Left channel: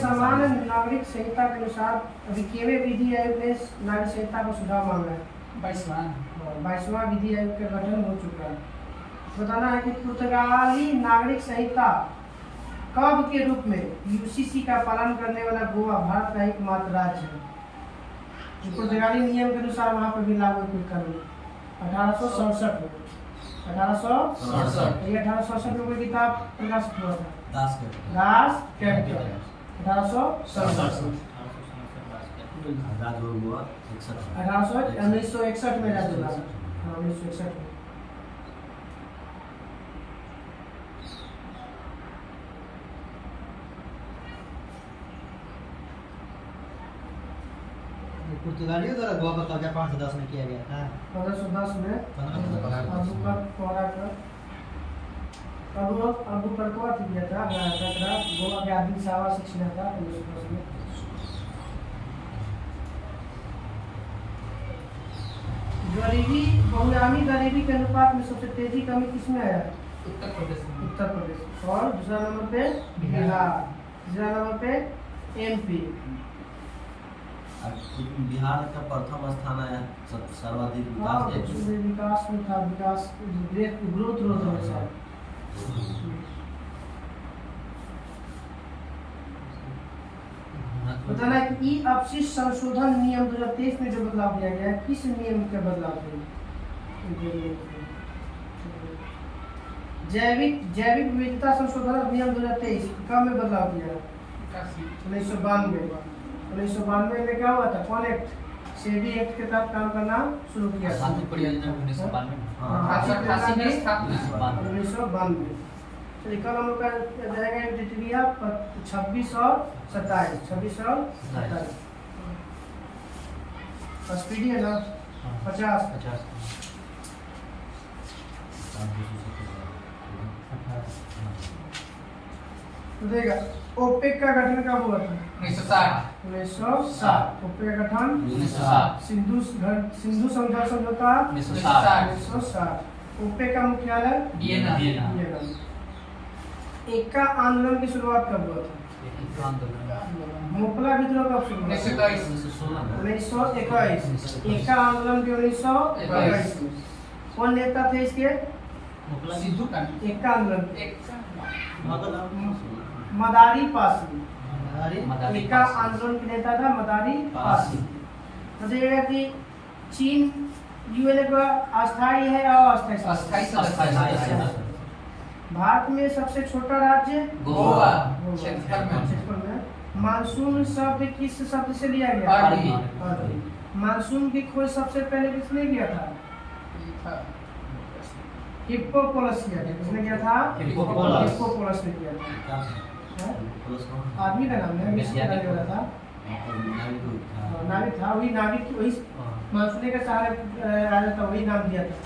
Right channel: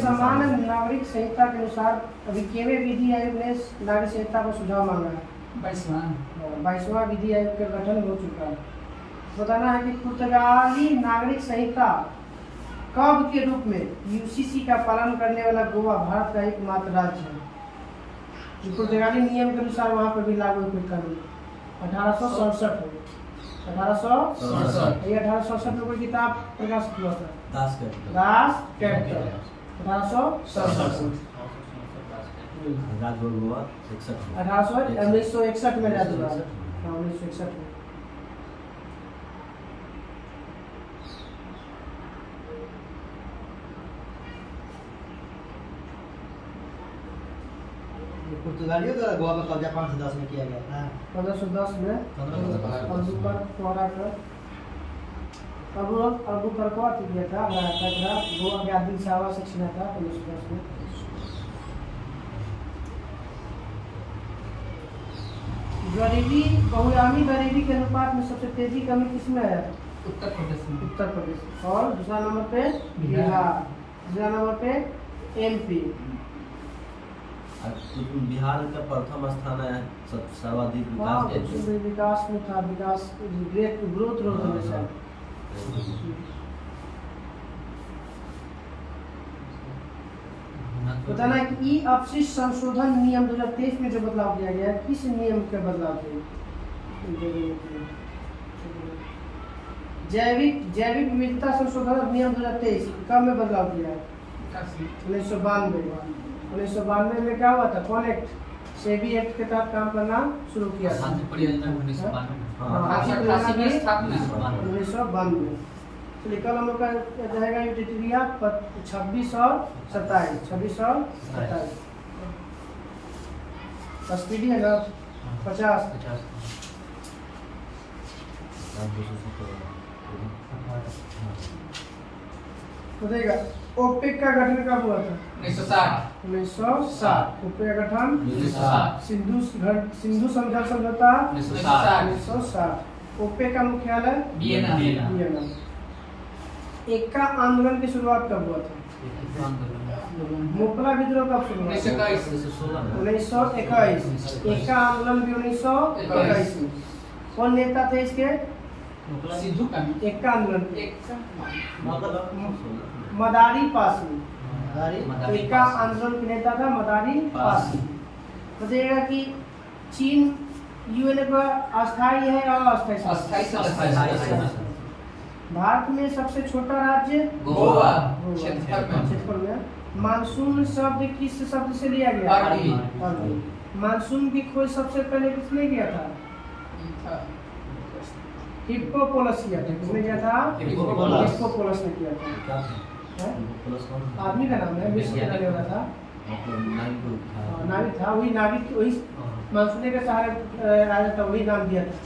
सामान्य नागरिक संहिता के अनुसार अभी केवे विधि आयोग ने नागरिक संहिता का सुझाव मांगा है। 22वां विधि आयोग का गठन हो चुका है। बताना है कि पुर्तगाली नागरिक संहिता कब के रूप में यूसीसी का पालन करने वाला गोवा भारत का एकमात्र राज्य है जो पुर्तगाली नियम के अनुसार वहाँ पर भी लागू कानून 1867 1867 में कोई किताब प्रकाशित हुआ था दास कैपिटल 1961 में राज्य हुआ 1961 में। पुर्तगालियों द्वारा गोवा पर कब्जा 1510 में किया गया था। 1510 में अबुबकर किया था गोवा के आदिल शाह से छीना था 1510 में। गरीबी बहुआयामी गरीबी के अनुपात में सबसे तेजी कमी किसमें है? उत्तर प्रदेश। और दूसरा नंबर पे बिहार, तीसरा नंबर पे एमपी। बिहार का प्रथम स्थान है सर्वाधिक विकास में था। विकास ग्रोथ रोड में था। बताना है कि ई अपशिष्ट संशोधन नियम 2023 में जो बदलाव किया गया है किस नियम के बदलाव किया? जैविक विविधता संशोधन नियम 2023 कब में बदलाव किया है? 1992 में क्या हुआ था? कौन एक्ट? सेबी एक्ट के तहत काम करना शुरू किया था। 1992। चलिए कल हम लोग का जाएगा इंटीरिया 26 और 27 स्पीडी है ना 50 तो देगा। ओपेक का गठन कब हुआ था? 1960। ओपेक का गठन 1960। सिंधु समझौता 1960। ओपेक का मुख्यालय वियना। एक्का आंदोलन की शुरुआत कब हुआ था? मोपला विद्रोह कब शुरू हुआ? 1921। एक्का आंदोलन भी 1921 में। कौन नेता थे इसके? एक्का आंदोलन मदारी पासी। एक्का आंदोलन के नेता था मदारी पासी। बताइएगा कि चीन यूएनए का अस्थायी है या अस्थायी? भारत में सबसे छोटा राज्य गोवा। क्षेत्रफल में। मानसून शब्द किस शब्द से लिया गया? मानसून की खोज सबसे पहले किसने किया था? हिप्पोपोलस किया था। किसने किया था? हिप्पोपोलस ने किया था। आदमी का नाम है, मिस्र का नाम था, नाविक था। वही नाविक वही मानसून के सहारे आया था, वही नाम दिया था,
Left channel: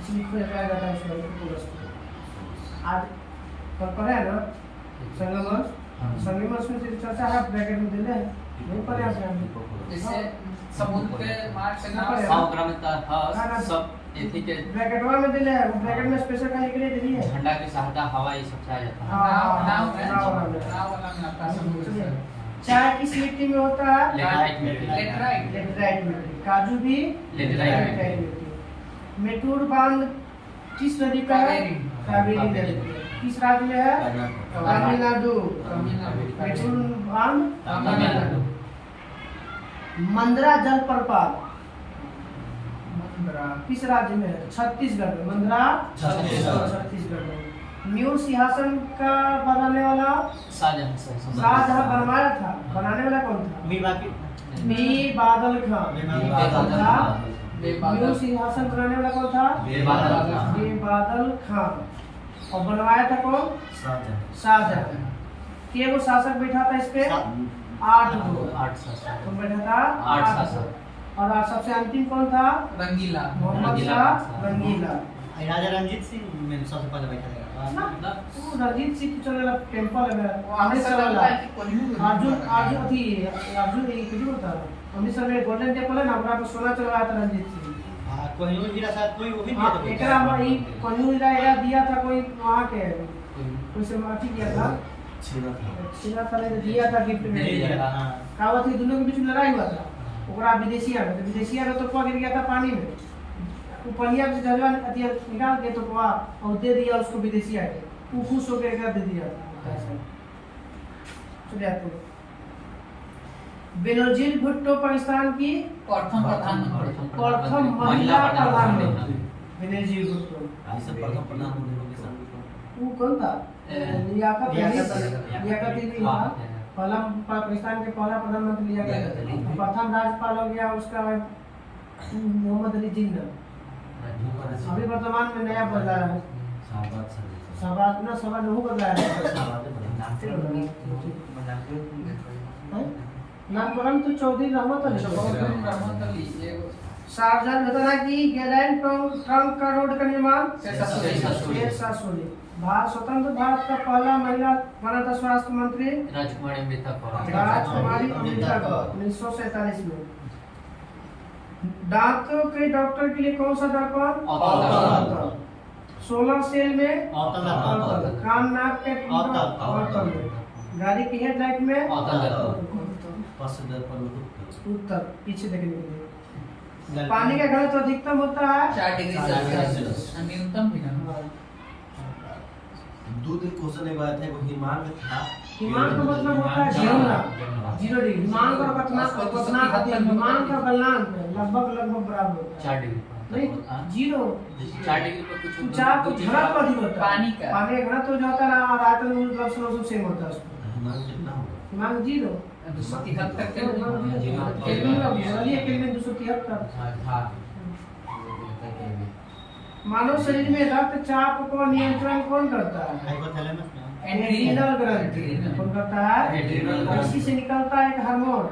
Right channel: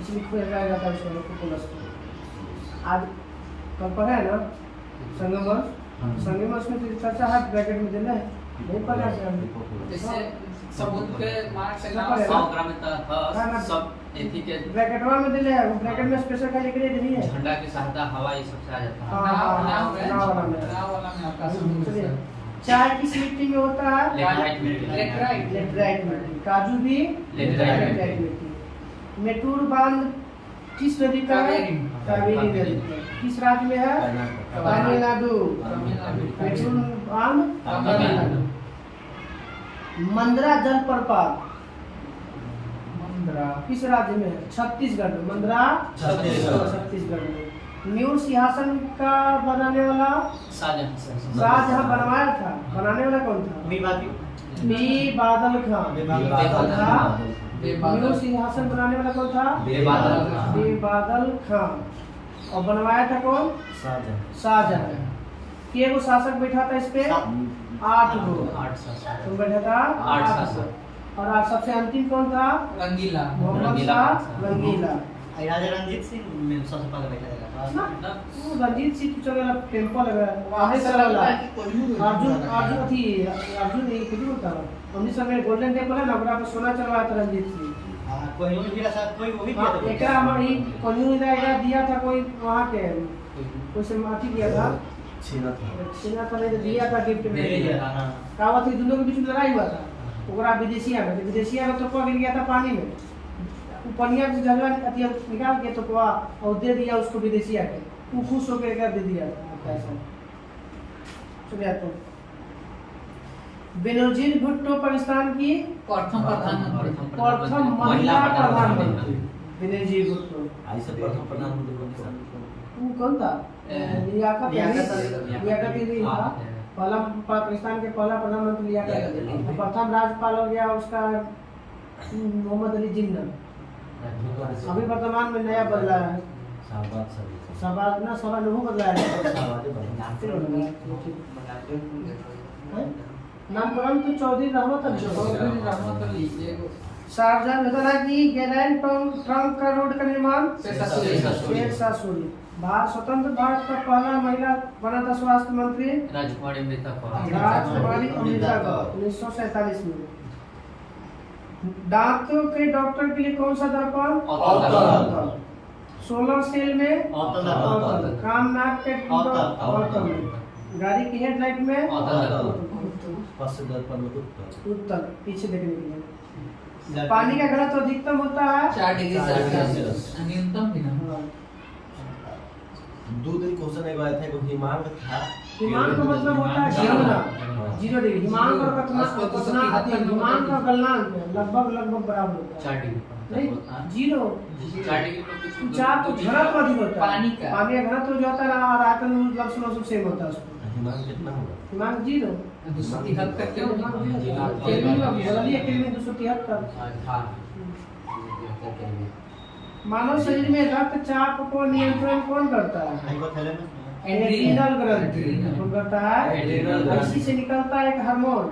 इसलिए कहा जाता है हिप्पोपोलस को। आज कल पढ़ा है ना संगम में चर्चा हाथ ब्रैकेट में दिले है नहीं पढ़े आप जैसे समुद्र के मार्ग से नाम सब एथी के ब्रैकेटवा में दिले है। ब्रैकेट में स्पेशल का एक लिए नहीं है। झंडा के सहायता हवाई सब से आ जाता है। नाम वाला में आपका समुद्र। चाय किस मिट्टी में होता है? लेटराइट मिट्टी। काजू भी लेटराइट मिट्टी। मेटूर बांध किस नदी का? कावेरी नदी। किस राज्य में है? तमिलनाडु। मेटूर बांध तमिलनाडु। मंदरा जलप्रपात किस राज्य में है? छत्तीसगढ़ में। मंदरा छत्तीसगढ़ में। न्यू सिंहासन का बनाने वाला शाहजहां बनवाया था। बनाने वाला कौन था? मीर बादल खान। न्यू सिंहासन बनाने वाला कौन था? बेबादल खान। और बनवाया था कौन? शाहजहां। के वो शासक बैठा था इस पे? 8 गो। तुम बैठा था 8। और आप सबसे अंतिम कौन था? रंगीला। मोहम्मद शाह रंगीला। राजा रणजीत सिंह में सबसे पहले बैठा था। वो रणजीत सिंह तो चलेगा टेंपल है अमृतसर वाला। अर्जुन ये किसी होता है अमृतसर में गोल्डन टेंपल है ना, वहाँ पे सोना चलवाया था रणजीत सिंह। कोहिनूर जिला शायद कोई वो भी हाँ, दिया एकरा हमारी कोहिनूर जिला दिया था कोई वहाँ के कोई से माफी किया था छीना था सीना था नहीं तो दिया था गिफ्ट में हां का बात है दोनों के बीच में लड़ाई हुआ था ओकरा विदेशिया में तो विदेशिया का तो पा गिर गया था पानी में वो पनिया से जलवा निकाल के तो पा और दे दिया उसको विदेशिया के वो खुश होकर कर दे दिया था ऐसा चलिए आपको बेनजीर भुट्टो पाकिस्तान की प्रथम प्रधानमंत्री प्रथम महिला प्रधानमंत्री बेनजीर भुट्टो आई से प्रथम प्रधानमंत्री पाकिस्तान में वो कौन था लियाकत लियाकत अली था पहला पाकिस्तान के पहला प्रधानमंत्री लियाकत अली प्रथम राज्यपाल हो गया उसका मोहम्मद अली जिन्ना अभी वर्तमान में नया बदला है शाहबाज सलीम शहबाज ना शहबाज नहीं बदला है नामकरण तो चौधरी रहमत अली शाहजहां बता रहा कि गैलेंड ट्रंक का रोड का निर्माण शेर शाह सूरी भारत स्वतंत्र भारत का पहला महिला बना था स्वास्थ्य मंत्री राजकुमारी अमृता राजकुमारी अमृता कौर 1947 में दांतों के डॉक्टर के लिए कौन सा दर्पण औतल। 16 सेल में औतल। औतल। कान नाक के औतल में गाड़ी की हेडलाइट में पश्चिम दर्पण में उत्तर पीछे देखने के लिए पानी का घनत्व अधिकतम होता है 4 डिग्री सेल्सियस न्यूनतम भी ना दो दिन क्वेश्चन एक आया था वो हिमांक था हिमांक का मतलब होता है जीरो ना 0 डिग्री हिमांक और कतना अधिक हिमांक का गलनांक लगभग बराबर होता है 4 डिग्री नहीं जीरो 4 डिग्री पे कुछ ऊंचाई तो घनत्व अधिक होता है पानी का पानी का घनत्व जो होता है ना और आयतन लगभग सेम होता है उसको हिमांक कितना होगा हिमांक जीरो 273 केल्विन का बदलिए केल्विन 273 मानव शरीर में रक्तचाप को नियंत्रण कौन करता है हाइपोथैलेमस एड्रीनल ग्रंथि कौन करता है इसी से निकलता है एक हार्मोन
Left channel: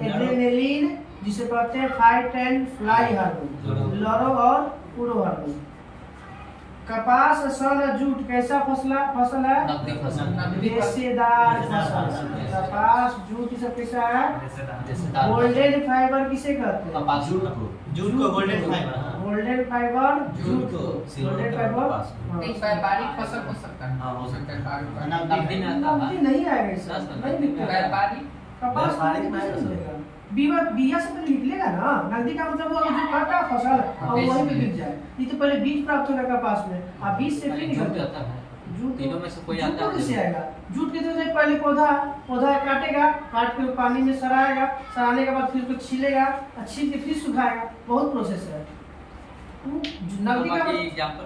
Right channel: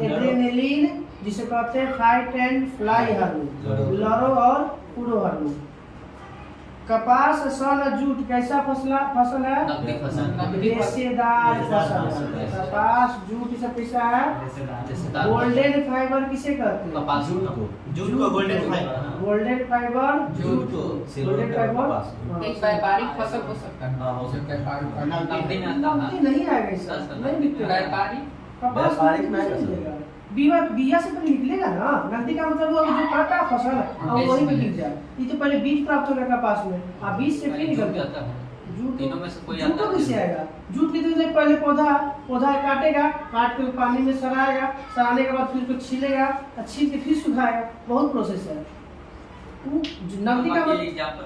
एड्रेनलिन जिसे कहते हैं फाइट एंड फ्लाई हार्मोन लरो और पुरो हार्मोन कपास सन जूट कैसा फसल है नकदी फसल रेशेदार फसल कपास जूट सब कैसा है रेशेदार गोल्डन फाइबर किसे कहते हैं कपास जूट को golden fibre golden fibre jute को गोल्डन फाइबर एक व्यापारिक फसल हो सकता है हाँ, हो सकता है नकदी में आता है नहीं आएगा इसका नहीं निकलेगा व्यापारिक कपास व्यापारिक में नहीं निकलेगा बिया से पहले निकलेगा ना नकदी का मतलब वो जो काटा फसल और वहीं पे गिर जाए ये तो पहले बीज प्राप्त होगा कपास में आ बीज से फिर जूट निकलता आता है जूट तीनों में से कोई जूट आता तो है कैसे आएगा जूट के तो पहले पौधा काटेगा काट के पानी में सड़ाएगा सड़ाने के बाद फिर उसको छीलेगा और छील के फिर सुखाएगा बहुत प्रोसेस है नकदी का एग्जांपल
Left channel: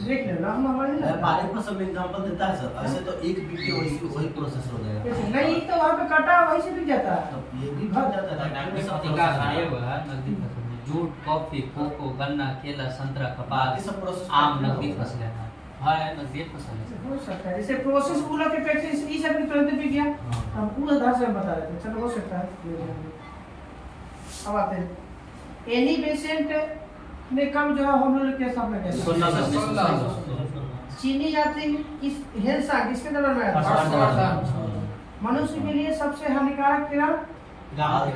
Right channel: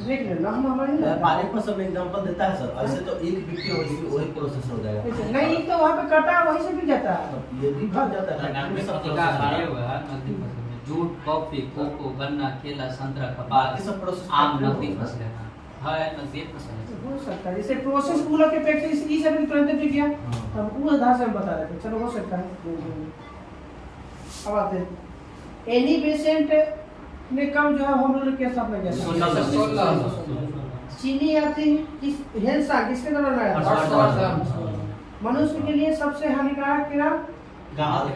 देख लो ना हम हमारे व्यापारिक पर सब एग्जांपल देता है सर ऐसे तो एक वीडियो वही प्रोसेस हो जाएगा नहीं तो वहाँ पे कटा वहीं से बिक जाता है तो ये भी भर जाता है नकदी शब्द का प्रयोग है नकदी फसल में जूट कॉफी कोको गन्ना केला संतरा कपास सब प्रोसेस आम नकदी फसल है नकदी फसल है हो सकता है जैसे प्रोसेस कूलर के फैक्ट्री से ई सब भी तुरंत बिक गया हम वो आधार से हम बता रहे थे चलो हो सकता है अब आते हैं एनी बेसेंट ने कब जो है होम रूल की स्थापना किया चीनी यात्री किस हिंसा किसके दौरान आया मनुष्य के लिए सबसे हानिकारक किरण गामा किरण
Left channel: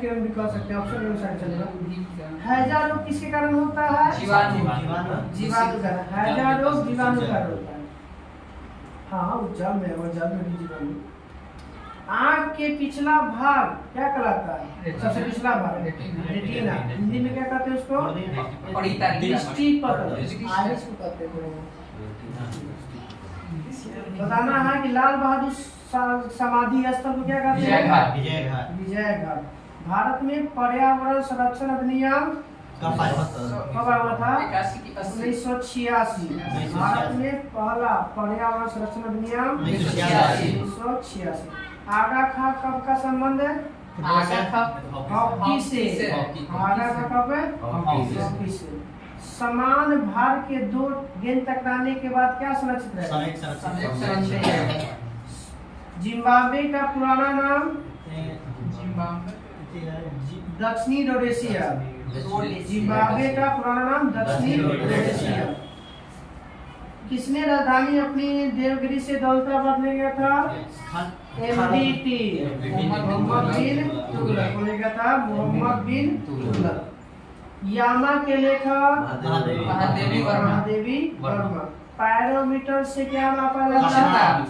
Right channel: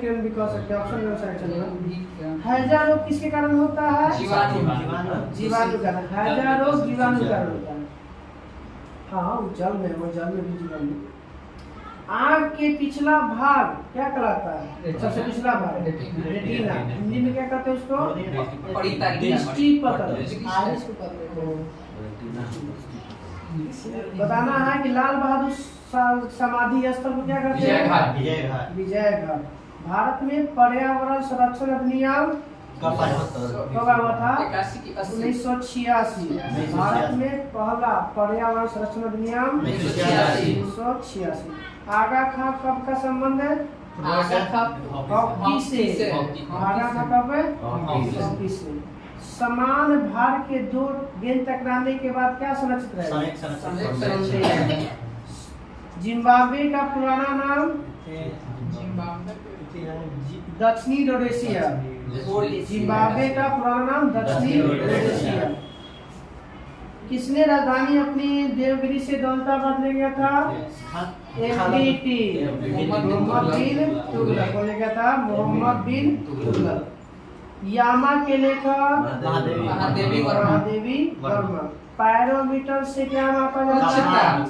किरण भी कह सकते हैं ऑप्शन में साइड चलेगा हैजा रोग किसके कारण होता है जीवाणु कारण हैजा रोग जीवाणु कारण होता है हाँ वो जल में और जल में भी जीवाणु आँख के पिछला भाग क्या कहलाता है सबसे पिछला भाग रेटिना हिंदी में क्या कहते हैं उसको दृष्टि पटल आइरिस को कहते हैं बताना है कि लाल बहादुर समाधि स्थल को क्या कहते हैं विजय घाट भारत में पर्यावरण संरक्षण अधिनियम कब आया था 1986 भारत में पहला पर्यावरण संरक्षण अधिनियम 1986 आगा खा कब का संबंध है हॉकी से आगा खा कब है हॉकी से समान भार के दो गेंद टकराने के बाद क्या सुरक्षित रहेगा जिम्बाब्वे का पुराना नाम दक्षिणी रोडेशिया जिम्बाब्वे का पुराना नाम दक्षिणी रोडेशिया किसने राजधानी अपनी देवगिरी से दौलताबाद ले गया था MBT मोहम्मद बिन तुगलक बोलेगा था मोहम्मद बिन तुगलक। यामा के लेखक महादेवी वर्मा। महादेवी वर्मा। पायरोमीटर से क्या मापा जाता है?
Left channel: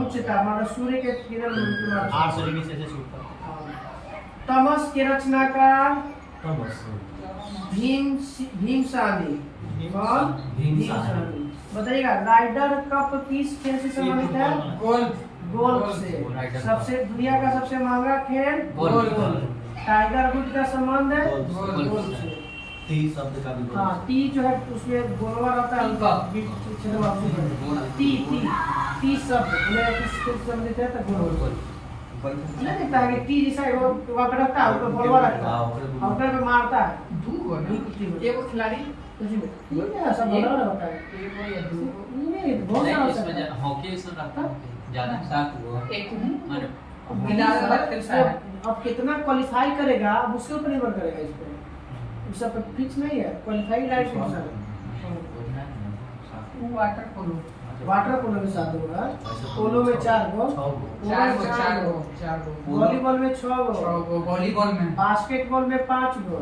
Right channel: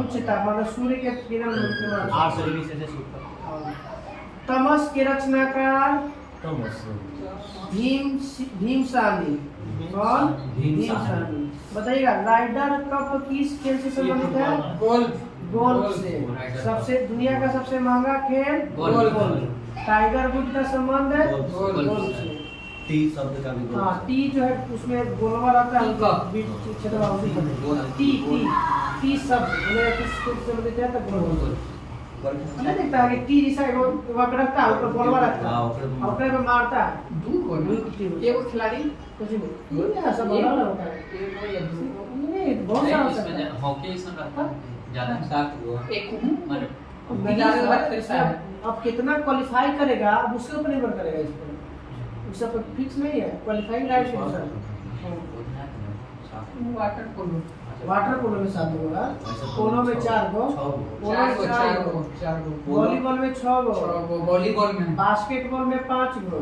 उच्चता मतलब सूर्य के किरण के मापा। 800 डिग्री सेल्सियस ऊपर। तमस के रचनाकार भीमसानी। कौन? भीमसानी। बताइएगा राइडर कप किस खेल से संबंधित है? गोल्फ से। सबसे दुनिया का सबसे महंगा खेल गोल्फ। टाइगर वुड का संबंध है गोल्फ से। टी शब्द का भी हाँ टी जो है उसमें गोलवा रहता है टी टी टी शब्द बोले किस संबंधित है तो गोल नहीं देखता है कि टी जैसा वहाँ पे रखता है ऊपर गोलवा रहता है और ऊपर पे मारता है एक खिलाड़ी कुछ भी ये ऐसा बोला होता है ये बहुत सारा होता है हॉकी इसमें करता है ज्यादा साथ वो एक अब कितना क्वालिफाई करेगा अब उसके ऊपर निर्भर करेगा इस पर सब पे फिक्स नहीं है क्वालिफाइंग लाइट है सर वाटर पोलो में 7 गो है पोलो में 4 गो वॉलीबॉल में 6 गो वॉलीबॉल में बास्केटबॉल में 5 गो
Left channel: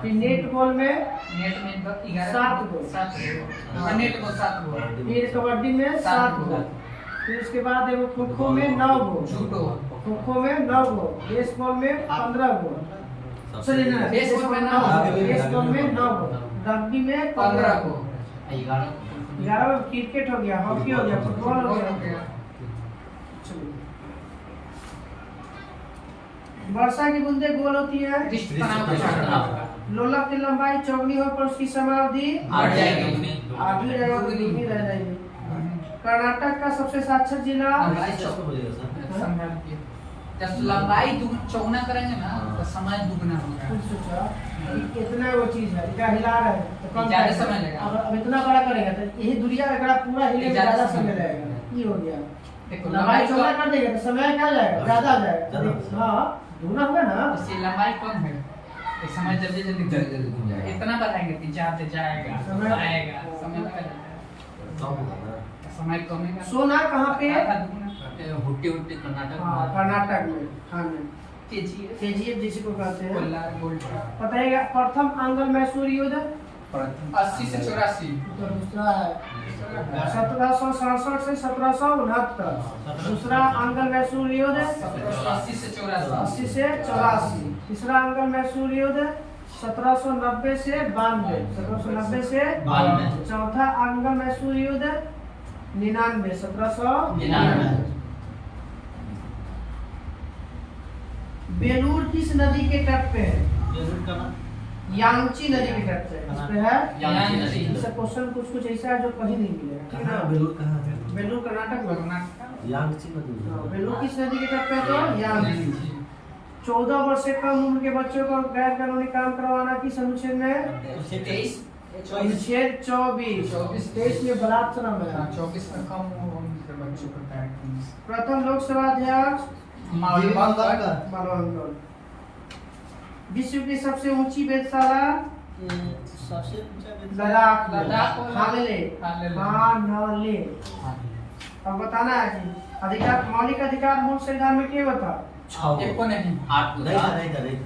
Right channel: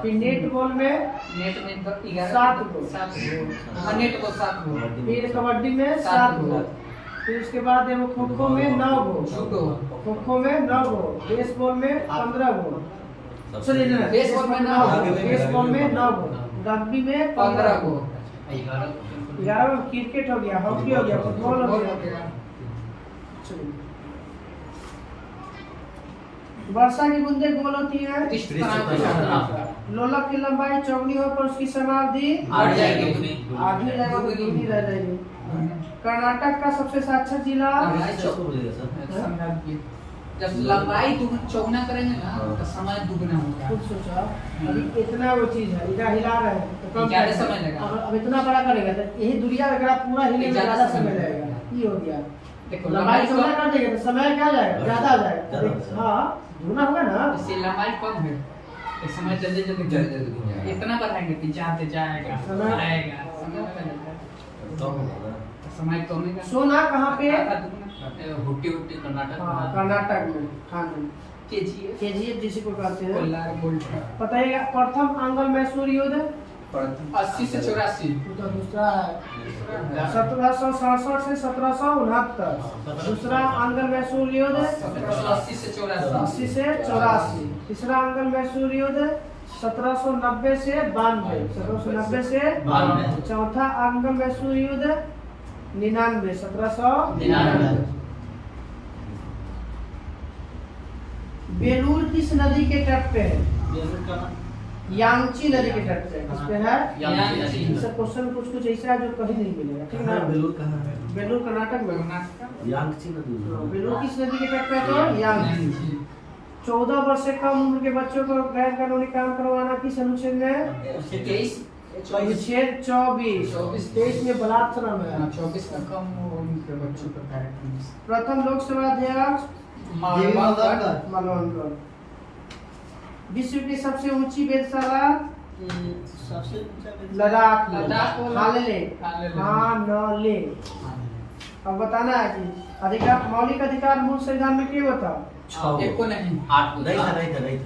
फिर नेट बॉल में 7 गो नेट बॉल 7 गो फिर कबड्डी में 7 गो फिर उसके बाद देखो खो खो में 9 गो खो खो में 9 गो बेसबॉल में 15 गो बेसबॉल में 9 गो रग्बी में 15 गो 11 में क्रिकेट हो गया हॉकी हो गया फुटबॉल हो गया। वर्षा की बूंदें गोल होती है लोलक की लंबाई चौगनी हो पर उसकी समाधि आधी रहेगा दुगनी रह जाएगी। कर्नाटक का सबसे साक्षर जिला जब लंबाई चौगुना करेंगे ना तो समय दुगना होगा। कुछ सोचा अभी इतना वो चीज है इधर हिला रहे हैं तो कम ज्यादा समय लगेगा। अब इतना बड़ा करेगा तो यही दुनिया अगर आप पूरा हिले में ज्यादा समय लगेगा ये हो गया। देखो लंबाई चौड़ा कर देंगे तो समय क्या जाएगा ज्यादा आ जाएगा। हाँ दुगना होगा ना इससे लंबाई कम है तो समय जल्दी जल्दी इतना बढ़ाएंगे कि जाते जाएगा आएगा समय लगेगा समय कम है। सोना कहाँ पे? हुट्टी हुट्टी कर्नाटक हाँ कर्नाटक में हाँ केजीएफ जिसे को कहते हैं बताइएगा। प्रथम आंग्ल मैसूर युद्ध 80 से 84 तो दूसरा है 1767 से 1769। दूसरा आंग्ल मैसूर युद्ध 80 से 84 से 84। तीसरा आंग्ल मैसूर युद्ध 1790 से 92 1790 से 92। चौथा आंग्ल मैसूर युद्ध 99 1799। बेलूर किस नदी के तट पे है? यांगची नदी के तट पे इस पे है यांगची। इसका क्वेश्चन कुछ ऐसा है जो कहीं नहीं मिलेगा ठीक है ना। बेलूर कहाँ है? बेलूर कर्नाटक में। यांगची नदी। बेलूर किस नदी के तट पे है? तो यांगची। 14 वर्ष से कम उम्र के बच्चों को गैर कानूनी काम करवाना किस अनुच्छेद में? अनुच्छेद 24। 23 में बलात्कार है। 24 का कम उम्र के बच्चों का प्रथम लोकसभा अध्यक्ष मालवंकर। विश्व की सबसे ऊंची वेधशाला सबसे लद्दाख हालेले। अब बताना है कि अधिकार मौलिक अधिकार मूल संविधान में क्या बता? एक को नहीं 8 नहीं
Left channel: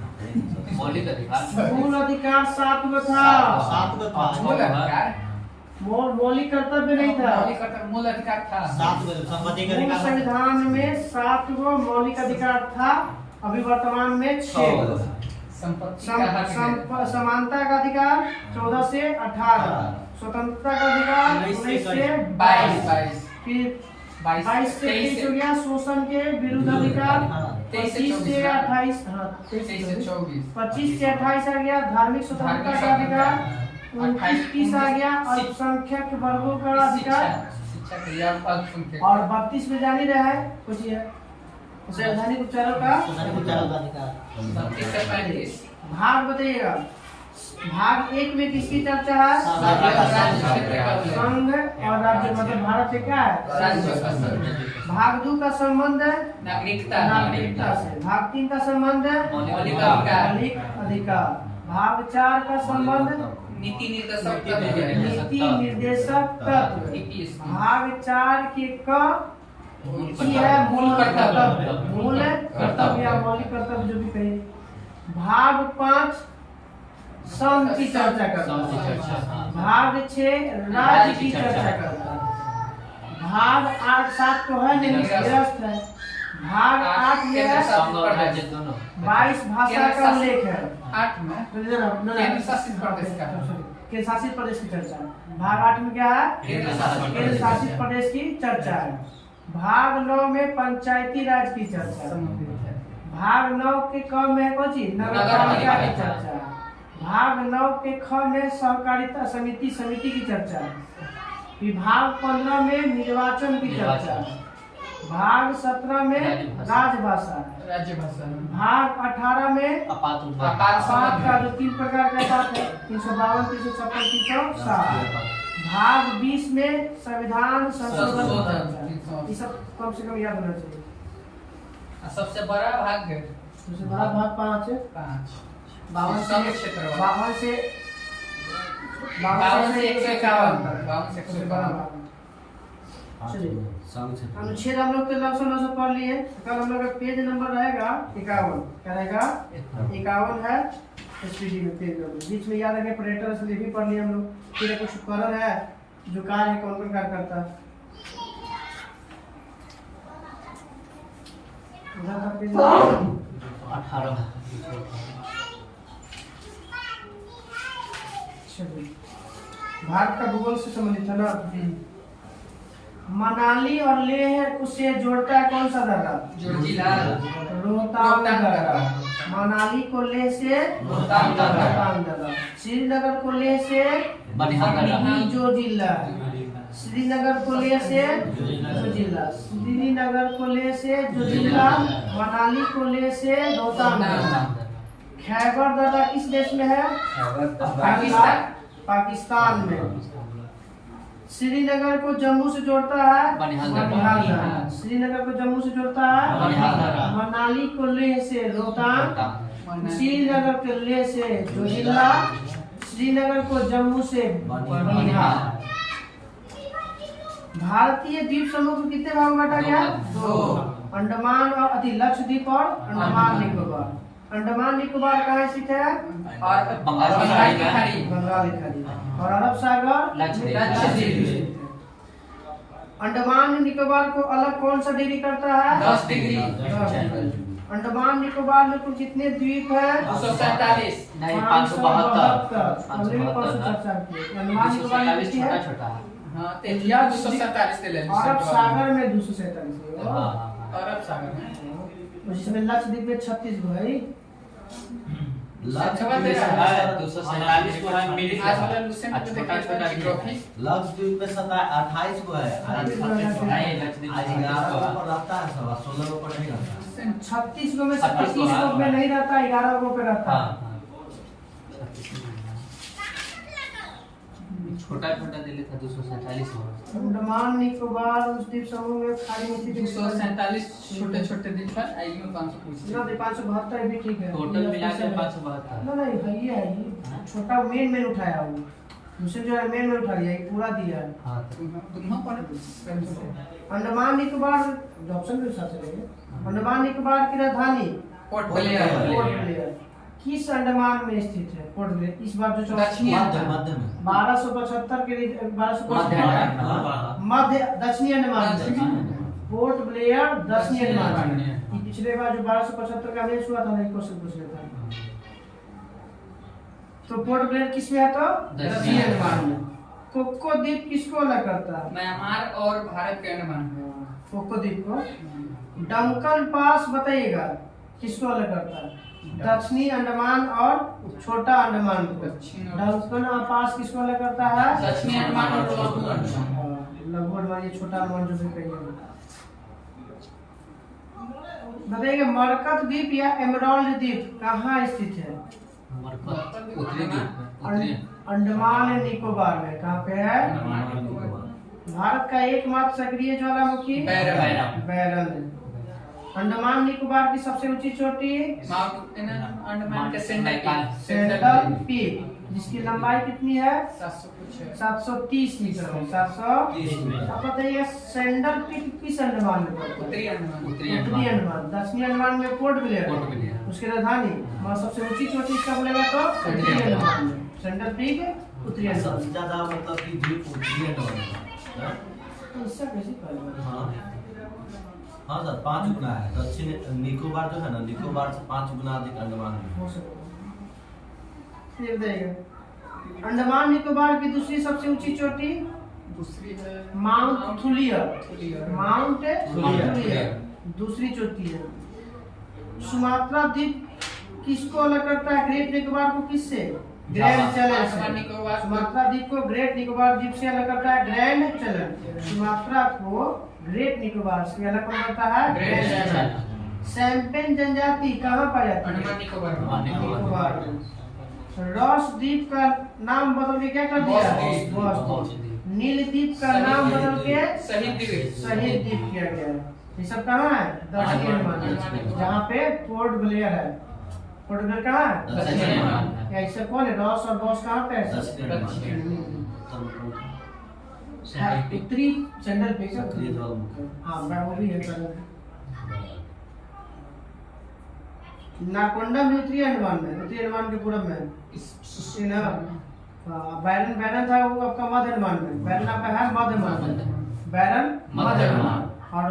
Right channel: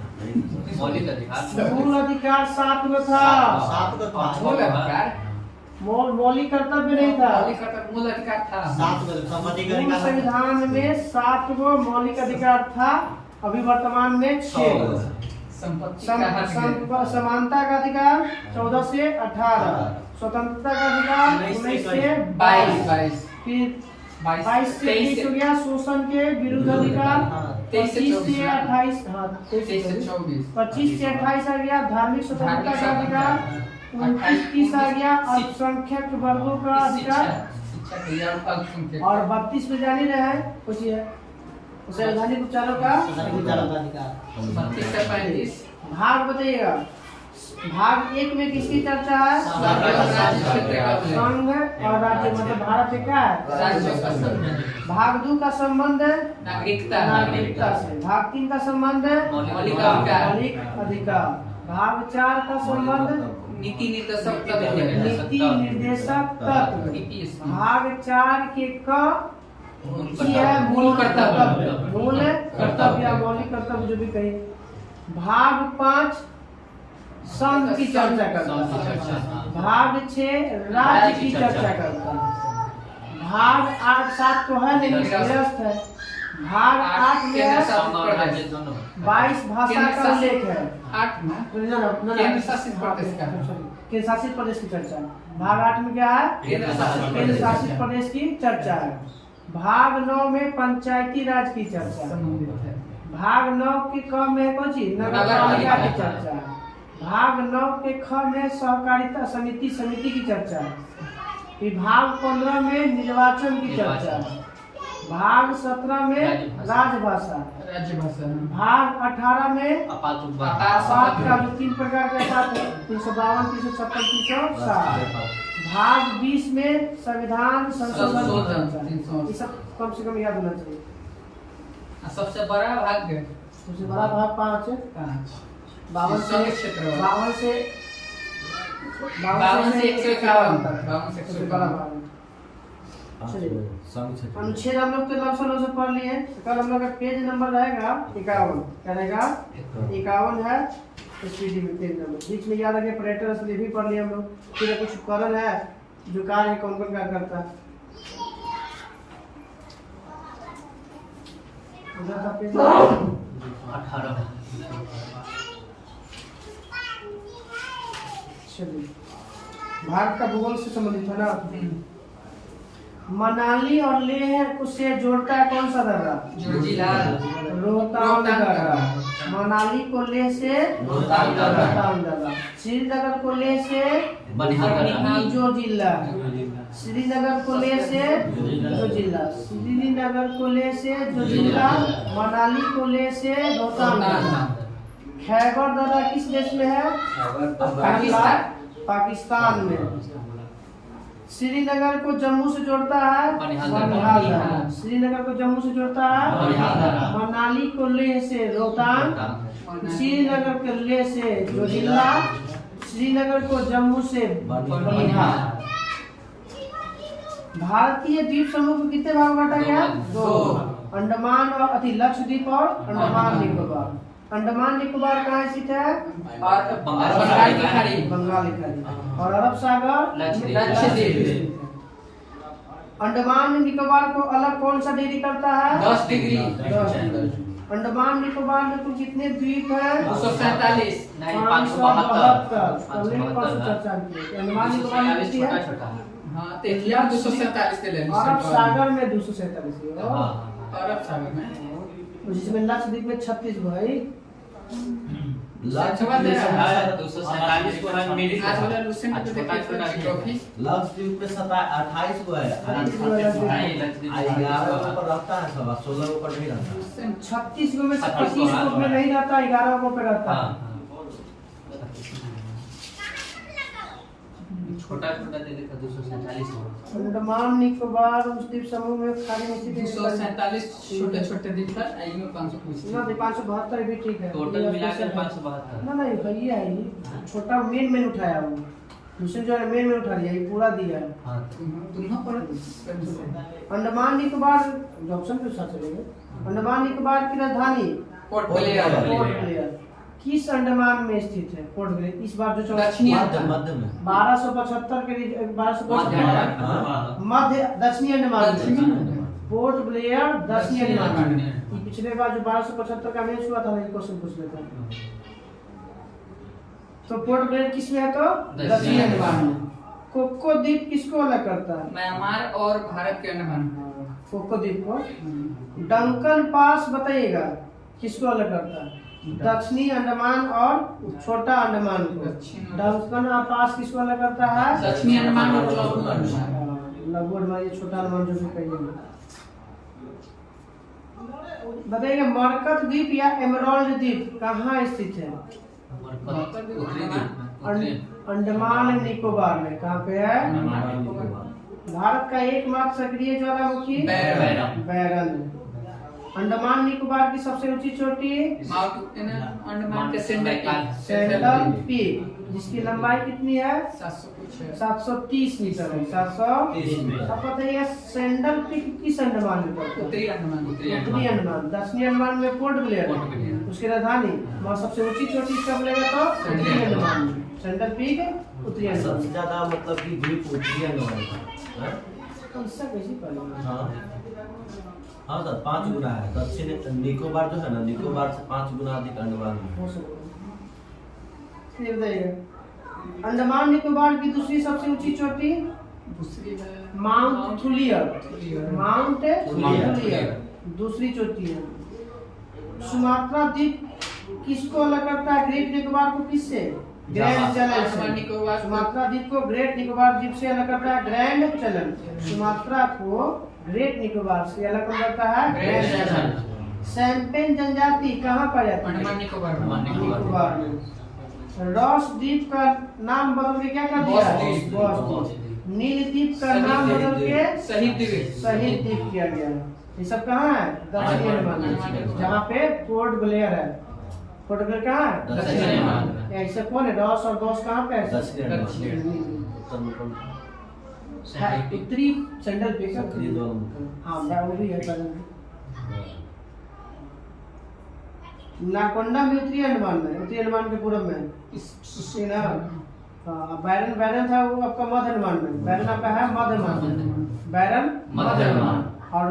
मौलिक अधिकार मूल अधिकार 7 में था। 7 का था। मूल अधिकार मौलिक कर्तव्य नहीं था। मूल अधिकार था 7 में संपत्ति का मूल अधिकार। संविधान में 7 गो मौलिक अधिकार था अभी वर्तमान में 6। संपत्ति का हक समानता का अधिकार 14 से 18। स्वतंत्रता का अधिकार 19 से 22। फिर 22 से 23 हो गया। शोषण के विरुद्ध अधिकार 23 से 28। हाँ 23 से 24। 25 से 28 आ गया। धार्मिक स्वतंत्रता का अधिकार 29 आ गया। अल्पसंख्यक वर्गों का अधिकार और 32 में जानी रहे कुछ संवैधानिक उपचारों का अधिकार। 32 से 35। भाग बताइएगा। भाग 1 में किसकी चर्चा है? संघ और राज्य मतलब भारत से क्या है? भाग 2 का संबंध है नागरिकता से। भाग 3 का संबंध है मौलिक अधिकार। भाग 4 का संबंध नीति निर्देशक तत्व। भाग 4 के क की है मूल कर्तव्य, मूल कर्तव्य या मौलिक कर्तव्य जो भी कहे। भाग 5 संघ की चर्चा करता है। भाग 6 राज्य की चर्चा करता है। भाग 8 7 तो है नहीं, निरस्त है। भाग 8 में 22 भाषा का उल्लेख है। 8 में केंद्र शासित प्रदेश का केंद्र शासित प्रदेश की चर्चा है। भाग 8 में क्या है? केंद्र शासित प्रदेश की चर्चा है। भाग 9 में पंचायती राज की चर्चा है। भाग 9 के क में कौन चीज? नगर पालिका की चर्चा है। भाग 9 के ख में सहकारिता समिति की चर्चा है। विभाग 15 में निर्वाचन की चर्चा है। भाग 17 में राजभाषा, भाग 18 में अपात का जो 3 प्रकार का अपात है, 352, 356, 360। भाग 20 में संविधान संशोधन, ये सब कम से कम याद होना चाहिए। सबसे बड़ा भाग, सबसे बड़ा भाग 5 है। 52 से 151 तक। अनुच्छेद हम लोग तो लगभग पढ़ लिए। कल हम लोग का पेज नंबर रहेगा 51। क्या रहेगा? 51 है एसपीडी में पेज नंबर। बीच में याद रखिए पर्यटन से भी पढ़ लिए हम लोग। फिर कुछ उपकरण है जो कार्य है, कौन कौन कार्य करता है। उधर का पेज 18। भारत का भूगोल से संबंधित है ना। मनाली और लेह से जोड़ता है कौन सा दर्रा? रोहतांग दर्रा। मनाली को लेह से रोहतांग दर्रा। श्रीनगर को लेह से जो जिला, श्रीनगर को लेह से जो जिला, श्रीनगर को लेह से जो जिला, मनाली को लेह से रोहतांग दर्रा। खैबर दर्रा किस देश में है? पाकिस्तान में। श्रीनगर को जम्मू से जोड़ता है बनिहाल दर्रा। श्रीनगर को जम्मू से जोड़ता है मनाली को लेह से रोहतांग। श्रीनगर को लेह से जोजिला, श्रीनगर को जम्मू से बनिहाल। भारतीय द्वीप समूह को कितने भाग में बांटा गया? 2। अंडमान और लक्षद्वीप और अंडमान निकोबार। अंडमान निकोबार कहाँ स्थित है? बंगाल की खाड़ी। और अरब सागर लक्षद्वीप। अंडमान निकोबार को अलग कौन सा डिग्री करता है? 10 डिग्री। अंडमान निकोबार में कुल कितने द्वीप है? 247। 572। अंडमान निकोबार में कितनी है? हाँ, 247 के ले। अरब सागर में 247 है। अरब सागर में, जिसमें लक्षद्वीप में 36 गो है। लक्षद्वीप में 28 को है। 11 ऊपर रहता है, 16 ऊपर नहीं रहता। 36 गो में से 25 गो में नहीं रहता, 11 गो पे रहता है। छोटा दिल्ली था 247। अंडमान निकोबार उस द्वीप समूह में खाड़ी में स्थित 247 छोटे द्वीप है। आई में 500 ना 572 भी ठीक है। टोटल मिला के 572। ना नहीं भई है, छोटा मेन उठाया वो। दूसरे जो है मेन उठा लिया, ये पूरा दिया। हां, तुम पर अंडमान निकोबार ऑप्शन के साथ चलेंगे। अंडमान निकोबार की राजधानी पोर्ट ब्लेयर किस अंडमान में स्थित है? पोर्ट ब्लेयर इस बार जो दक्षिणी मध्य में 1275 के 1275 मध्य दक्षिणी अंडमान। पोर्ट ब्लेयर दक्षिणी अंडमान। ये पिछले बार जो 1275 का मैच हुआ था ना, क्वेश्चन पूछ लेता। तो पोर्ट ब्लेयर किस में है? तो दक्षिणी अंडमान में। कोको द्वीप किसको अलग करता है? म्यांमार और भारत के अंडमान। कोको द्वीप को। डंकन पास बताइएगा किसको अलग करता है? दक्षिणी अंडमान और छोटा अंडमान को। डंकन पास किसको अलग करता है? दक्षिणी अंडमान और लघु अंडमान। लघु अंडमान, ये छोटा अंडमान जो भी कहिए। बताइए मरकत द्वीप या एमराल्ड द्वीप कहाँ स्थित है? अंडमान निकोबार में। कहाँ पे है? भारत का एकमात्र सक्रिय ज्वालामुखी बैरन। अंडमान निकोबार की सबसे ऊंची चोटी माउंट अंडमान के सेंट्रल पीक, जिसकी लंबाई कितनी है 700 कुछ है। 730 मीटर है। 730 अब बताइए सेंट्रल पीक किस अंडमान में पड़ता है? उत्तरी अंडमान। उत्तरी अंडमान। दक्षिणी अंडमान में पोर्ट ब्लेयर, उसकी राजधानी वहाँ सबसे ऊंची चोटी इसका बोलेगा तो उत्तरी अंडमान में। सेंट्रल पीक उत्तरी सबसे अंडमान। ज्यादा मतलब कि द्वीप उत्तरी अंडमान का है। तो इससे कैसे पड़ेगा? हाँ हाँ सर 5 गुना है। दक्षिण निकोबार जो है ना, निकोबार से 5 गुना अधिक अंडमान में हो सकता है। ये बताइएगा अंडमान निकोबार की दूसरी सबसे ऊंची चोटी दूसरी है माउंट थुलियर। माउंट थुलियर दूसरी चोटी है। सुमात्रा द्वीप किसको अलग करता है? ग्रेट निकोबार को किससे? ग्रैंड चलन अंडमान से। निकोबार सुमात्रा द्वीप को ग्रेट निकोबार द्वीप से अलग करता है ग्रैंड चलन। सुमात्रा को ग्रेट निकोबार से अलग कौन करता है? ग्रैंड ग्रैंड चलन। सैम्पेन जनजाति कहाँ पाई जाती है? अंडमान निकोबार। निकोबार में। रॉस द्वीप का नाम बदल के क्या कर दिया? बॉस द्वीप। नील द्वीप का नाम बदल के शहीद द्वीप। शहीद द्वीप किया गया। ये सब कहाँ है? दक्षिणी अंडमान में, जहाँ पे पोर्ट ब्लेयर है। पोर्ट ब्लेयर कहाँ है? दक्षिणी अंडमान। ऐसे कौन है? रॉस और बॉस कहाँ पे है? दक्षिण अंडमान। उत्तर में कौन सा? उत्तरी सेंट्रल पे क्या? उत्तरी ज्वालामुखी। हाँ वो भी है कल। नारकोंडा भी उत्तरी अंडमान में, उत्तरी अंडमान के पूर्व में। इसी ना बैरन बैरन था वो आपका मध्य अंडमान में। बैरन आपका है मध्य अंडमान में। बैरन मध्य अंडमान और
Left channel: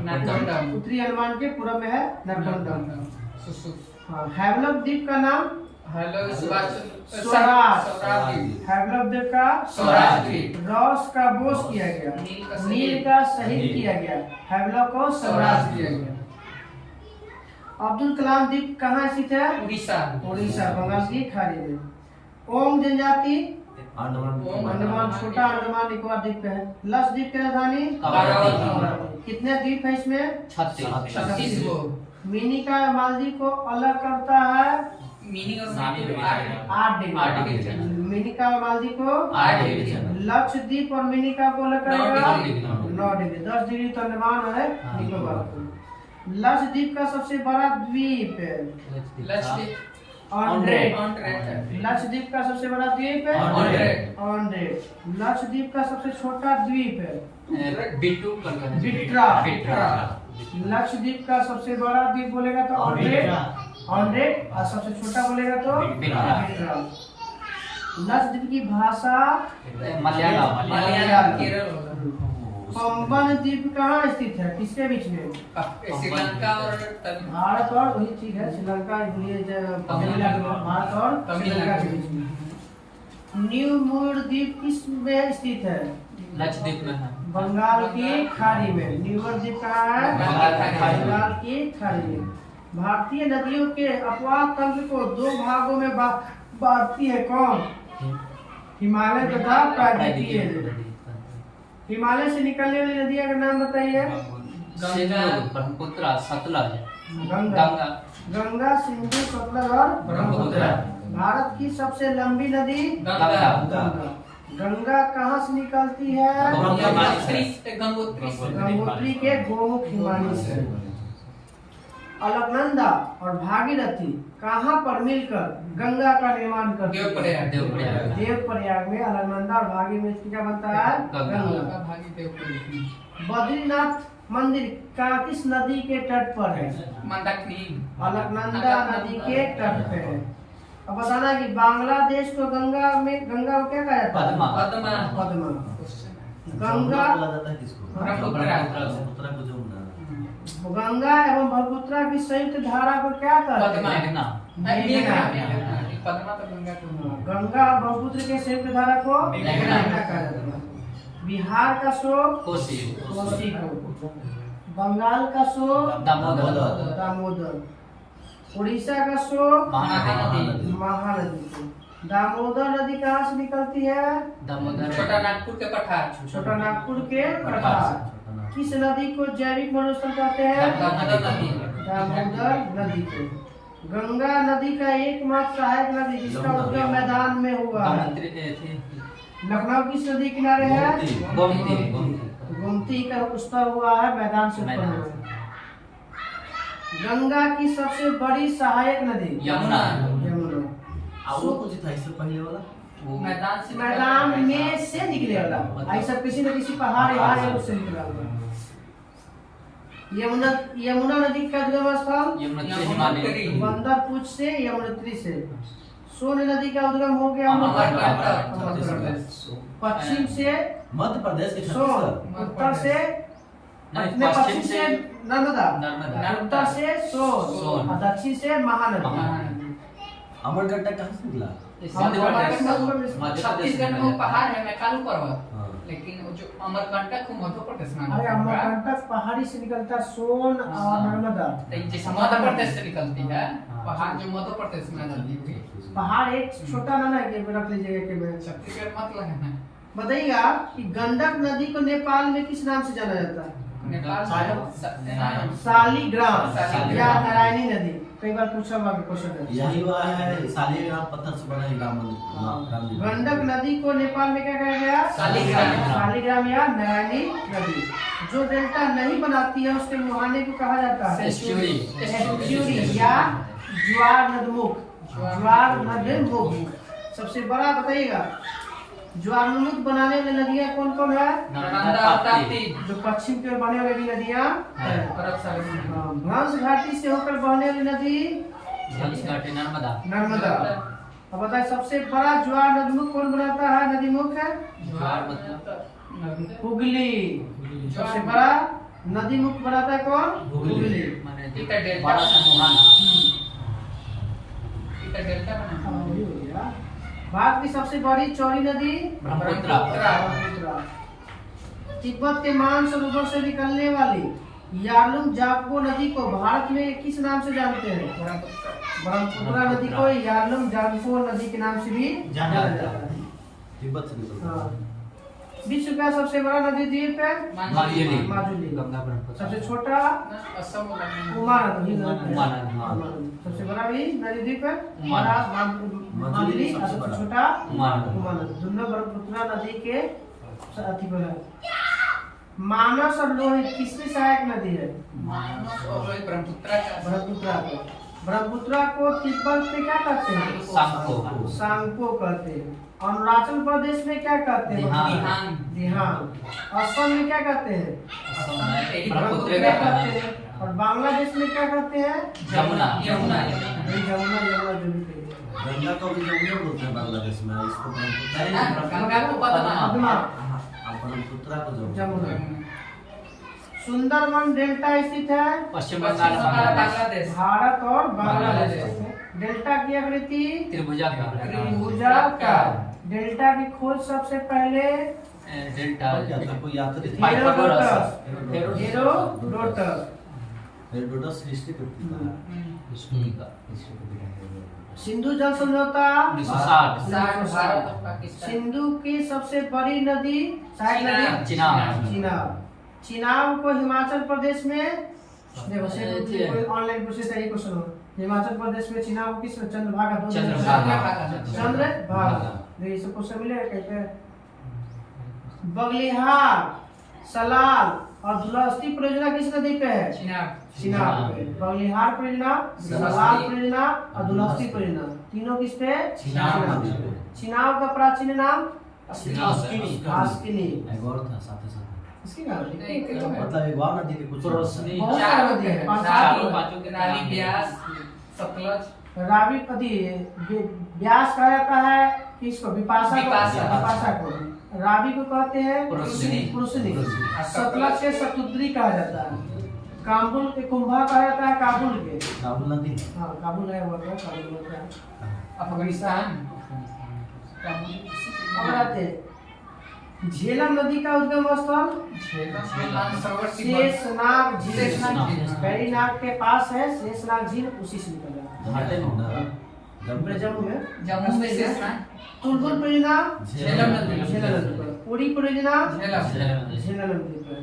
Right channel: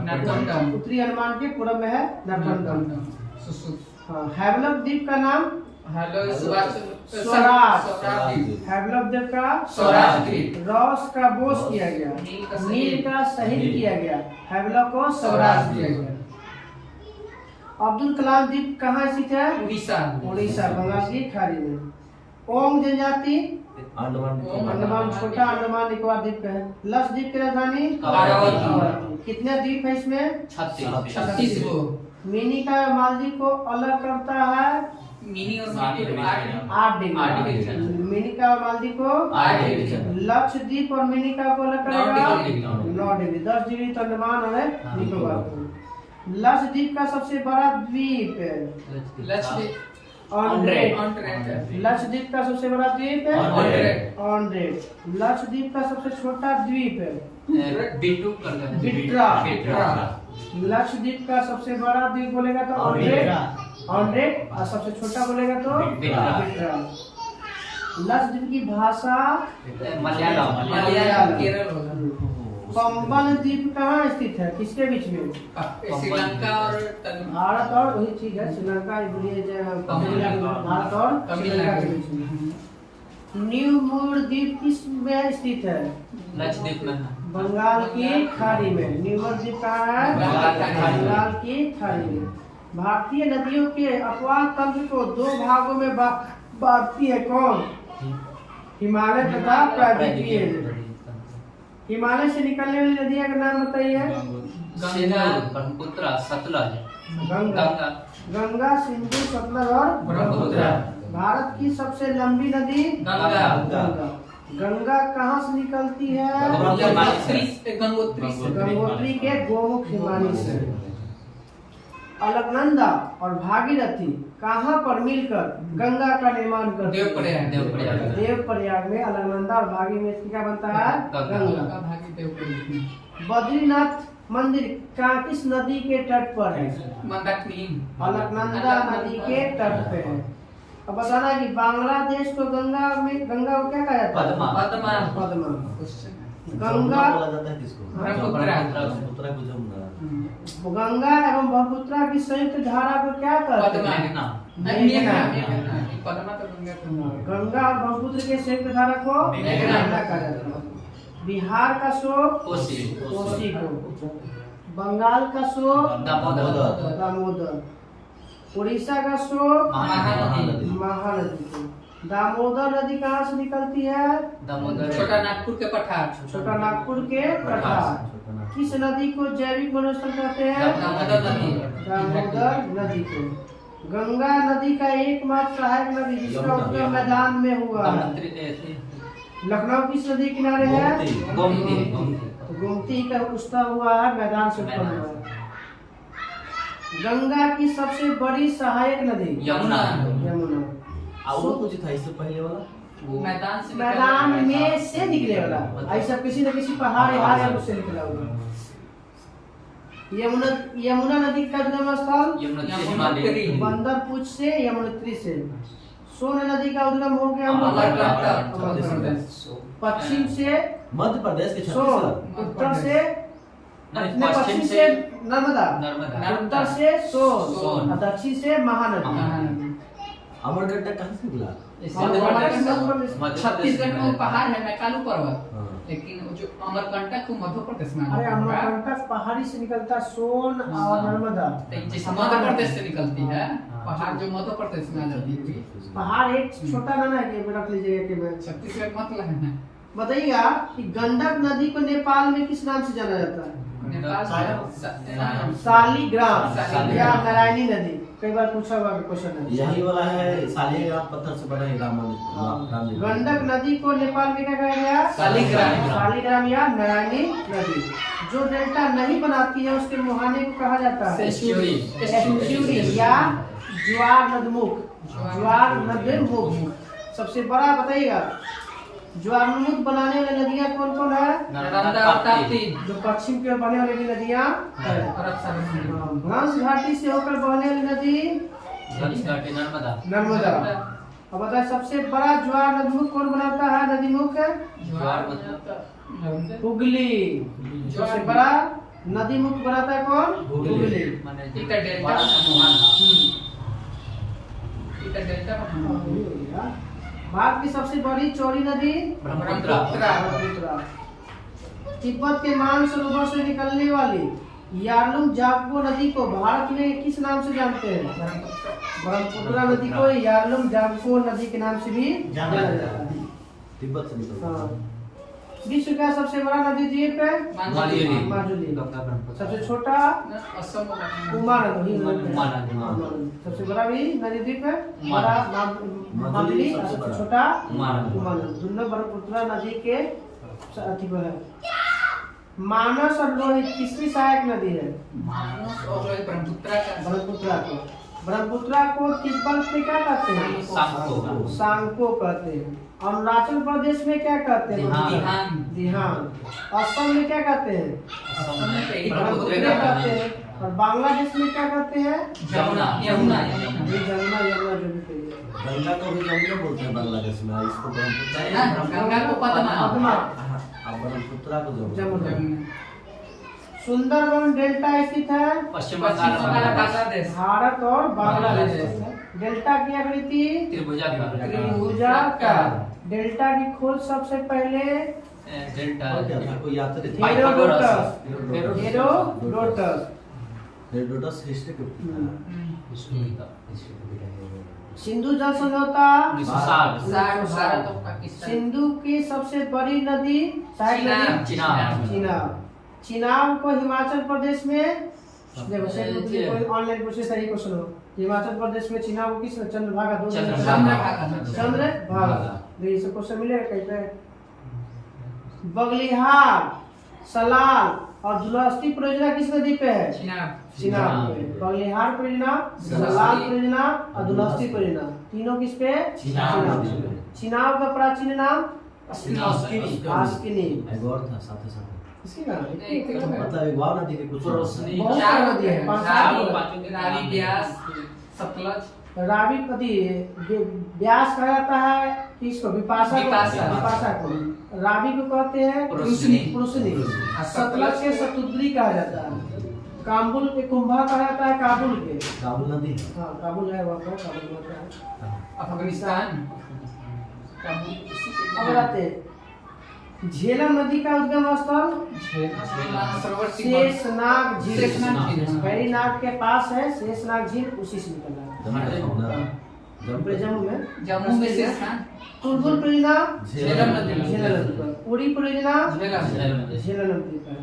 नारकोंडा उत्तरी अंडमान के पूर्व में है नारकोंडा। हाँ हैवलॉक द्वीप का नाम हेलो स्वराज। हैवलॉक द्वीप का स्वराज द्वीप। रॉस का बोस किया गया, नील का शहीद किया गया, हैवलॉक को स्वराज किया गया। अब्दुल कलाम द्वीप कहाँ स्थित है? उड़ीसा। उड़ीसा बंगाल की खाड़ी में। ओंग जनजाति अंडमान छोटा अंडमान निकोबार द्वीप पे है। लक्षद्वीप की राजधानी अमरावती। कितने द्वीप है इसमें? 36 गो। मिनी का मालदीव को अलग करता है मिनी और मालदीव 8 डिग्री। मिनी का मालदीव को 8 डिग्री। लक्षद्वीप और मिनी का को अलग करेगा 9 डिग्री। 9 डिग्री। 10 डिग्री तो अंडमान और निकोबार। लक्षद्वीप का सबसे बड़ा द्वीप लक्षद्वीप ऑन्ड्रेट। लक्षद्वीप का सबसे बड़ा द्वीप है ऑन्ड्रेट। ऑन्ड्रेट। लक्षद्वीप का सबसे छोटा द्वीप है बिट्रा। लक्षद्वीप का सबसे बड़ा द्वीप बोलेगा तो ऑन्ड्रेट और सबसे छोटा बोलेगा तो बिट्रा। लक्षद्वीप की भाषा मलयालम केरल। पंबन द्वीप कहाँ स्थित है? किसके बीच में? श्रीलंका और भारत और वही चीज है श्रीलंका भारत और श्रीलंका के बीच में। न्यू मूर द्वीप किस में स्थित है? लक्षद्वीप में। बंगाल की खाड़ी में। न्यू मूर द्वीप कहाँ है? बंगाल की खाड़ी में। भारतीय नदियों के अपवाह तंत्र को 2 भागों में बांटती है। कौन? हिमालय तथा प्राकृतिक। हिमालय से निकलने वाली नदियां का नाम बताइए। ब्रह्मपुत्र, सतलज, गंगा। गंगा, सिंधु, सतलज और ब्रह्मपुत्र। भारत की सबसे लंबी नदी गंगा। गंगा कहाँ से निकलती है? गंगोत्री के गोमुख हिमालय से। अलकनंदा और भागीरथी कहाँ पर मिलकर गंगा का निर्माण करते हैं? देवप्रयाग में अलकनंदा और भागीरथी क्या बनता है? गंगा। बद्रीनाथ मंदिर का किस नदी के तट पर है? अलकनंदा नदी के तट पे है। अब बताना है कि बांग्लादेश को गंगा को क्या कहा जाता है? पद्मा। गंगा गंगा एवं ब्रह्मपुत्र की संयुक्त धारा को क्या कहते हैं? गंगा और ब्रह्मपुत्र के संयुक्त धारा को मेघना कहा जाता है। बिहार का शोक कोसी को, बंगाल का शोक दामोदर, उड़ीसा का शोक महानदी को। दामोदर नदी कहाँ से निकलती है? छोटा नागपुर के पठार। छोटा नागपुर के पठार। किस नदी को जैविक मरुस्थल कहते हैं? दामोदर नदी को। गंगा नदी का एकमात्र सहायक नदी जिसका उद्गम मैदान में हुआ है। लखनऊ किस नदी किनारे है? गोमती का उद्गम हुआ है मैदान से उत्पन्न हुआ है। गंगा की सबसे बड़ी सहायक नदी यमुना। यमुना। और वो कुछ था इससे पहले वाला वो मैदान से मैदान में से निकले वाला ऐसा किसी न किसी पहाड़ या उससे निकला हुआ। यमुना यमुना नदी का उद्गम स्थल यमुनोत्री। बंदरपुर से यमुनोत्री से। सोन नदी का उद्गम हो गया अमरकंटक। पश्चिम से मध्य प्रदेश के सोन, छत्तीसगढ़ उत्तर से पश्चिम से नर्मदा, उत्तर से सोन और दक्षिण से महानदी। अमरकंटक कहाँ से निकला? छत्तीसगढ़ में वो पहाड़ है मैकालू पर्वत, हाँ। लेकिन वो जो अमरकंटक को मध्य प्रदेश में अरे अमरकंटक पहाड़ी से निकलता सोन और नर्मदा। जैसे मध्य प्रदेश से निकलती है पहाड़ जो मध्य प्रदेश में आ जाती है। पहाड़ एक छोटा ना है कि रख लीजिएगा कि मैं छत्तीसगढ़ मतलब है बताइएगा कि गंडक नदी को नेपाल में किस नाम से जाना जाता है? नेपाल शालिग्राम शालिग्राम। या नारायणी नदी। कई बार पूछा हुआ क्वेश्चन है। यही वाला है शालिग्राम पत्थर से बना है राम मंदिर। गंडक नदी को नेपाल में क्या कहा गया? शालिग्राम। शालिग्राम या नारायणी नदी। जो डेल्टा नहीं बनाती है उसके मुहाने को कहा जाता है एस्चुरी या ज्वार नदमुख। ज्वार नदमुख सबसे बड़ा बताइएगा ज्वारनदमुख बनाने वाली नदियाँ कौन कौन है? नर्मदा और ताप्ती। जो पश्चिम की ओर बहने वाली नदियाँ भ्रंश घाटी से होकर बहने वाली नदी नर्मदा। अब बताए सबसे बड़ा ज्वार नदमुख कौन बनाता है? नदीमुख हुगली। सबसे बड़ा नदी मुख बनाता है कौन? हुगली। भारत की सबसे बड़ी चौड़ी नदी ब्रह्मपुत्र। तिब्बत के मानसरोवर से निकलने वाली यारलुंग जापो नदी को भारत में किस नाम से जानते हैं? ब्रह्मपुत्र नदी को यारलुंग जापो नदी के नाम से भी जाना जाता है। तिब्बत से निकलता है। विश्व का सबसे बड़ा नदी द्वीप है माजुली। सबसे छोटा उमा नदी। सबसे बड़ा भी नदी द्वीप है बड़ा माजुली और सबसे छोटा उमा नदी। दोनों ब्रह्मपुत्र नदी के अति पर है। मानस और लोहित किसकी सहायक नदी है? ब्रह्मपुत्र को तिब्बत में क्या कहते हैं? सांगपो कहते हैं। अरुणाचल प्रदेश में क्या कहते हैं? दिहान। असम में क्या कहते हैं? ब्रह्मपुत्र कहते हैं। और बांग्लादेश में क्या कहते हैं? यमुना। यमुना जो भी कहिए। गंगा को भी जमुना बोलते हैं बांग्लादेश में। इसको गंगा को पद्मा। ब्रह्मपुत्र को जमुना। सुंदरबन डेल्टा स्थित है पश्चिम बंगाल बांग्लादेश। भारत और बांग्लादेश में। डेल्टा की आकृति त्रिभुजाकार। डेल्टा की खोज सबसे पहले हेरोडोटस हिस्ट्री सिंधु जल समझौता। भारत और पाकिस्तान। सिंधु की सबसे बड़ी नदी चिनाब। चिनाब को हिमाचल प्रदेश में देखो ऑनलाइन पूछे सही क्वेश्चन हो। हिमाचल प्रदेश में चिनाब किस चंद्रभागा ये सब क्वेश्चन मिलेगा कहीं पे। बगलिहार सलाल और दुलस्ती परियोजना किस नदी पे है? चिनाब पे। बगलिहार परियोजना, सलाल परियोजना और दुलस्ती परियोजना तीनों किस पे? चिनाब। चिनाब का प्राचीन नाम आस्किनी। इसकी क्या मतलब एक बार नदी के कुछ बहुत नदी है। रावी, ब्यास, सतलज। रावी नदी ब्यास कहा जाता है किसको? विपाशा को। रावी को कहते हैं पुरुषनी। सतलज के सतुद्री कहा जाता है। काबुल के कुंभा कहा जाता है काबुल के। काबुल नदी हाँ काबुल है वो काबुल होता है अफगानिस्तान। अब आते झेलम नदी का उद्गम स्थल शेषनाग झील। बैरीनाग के पास है शेषनाग झील, उसी से निकला। जम्मू में शेषनाग। तुलबुल परियोजना झेलम नदी पर। पूरी परियोजना झेलम नदी पर।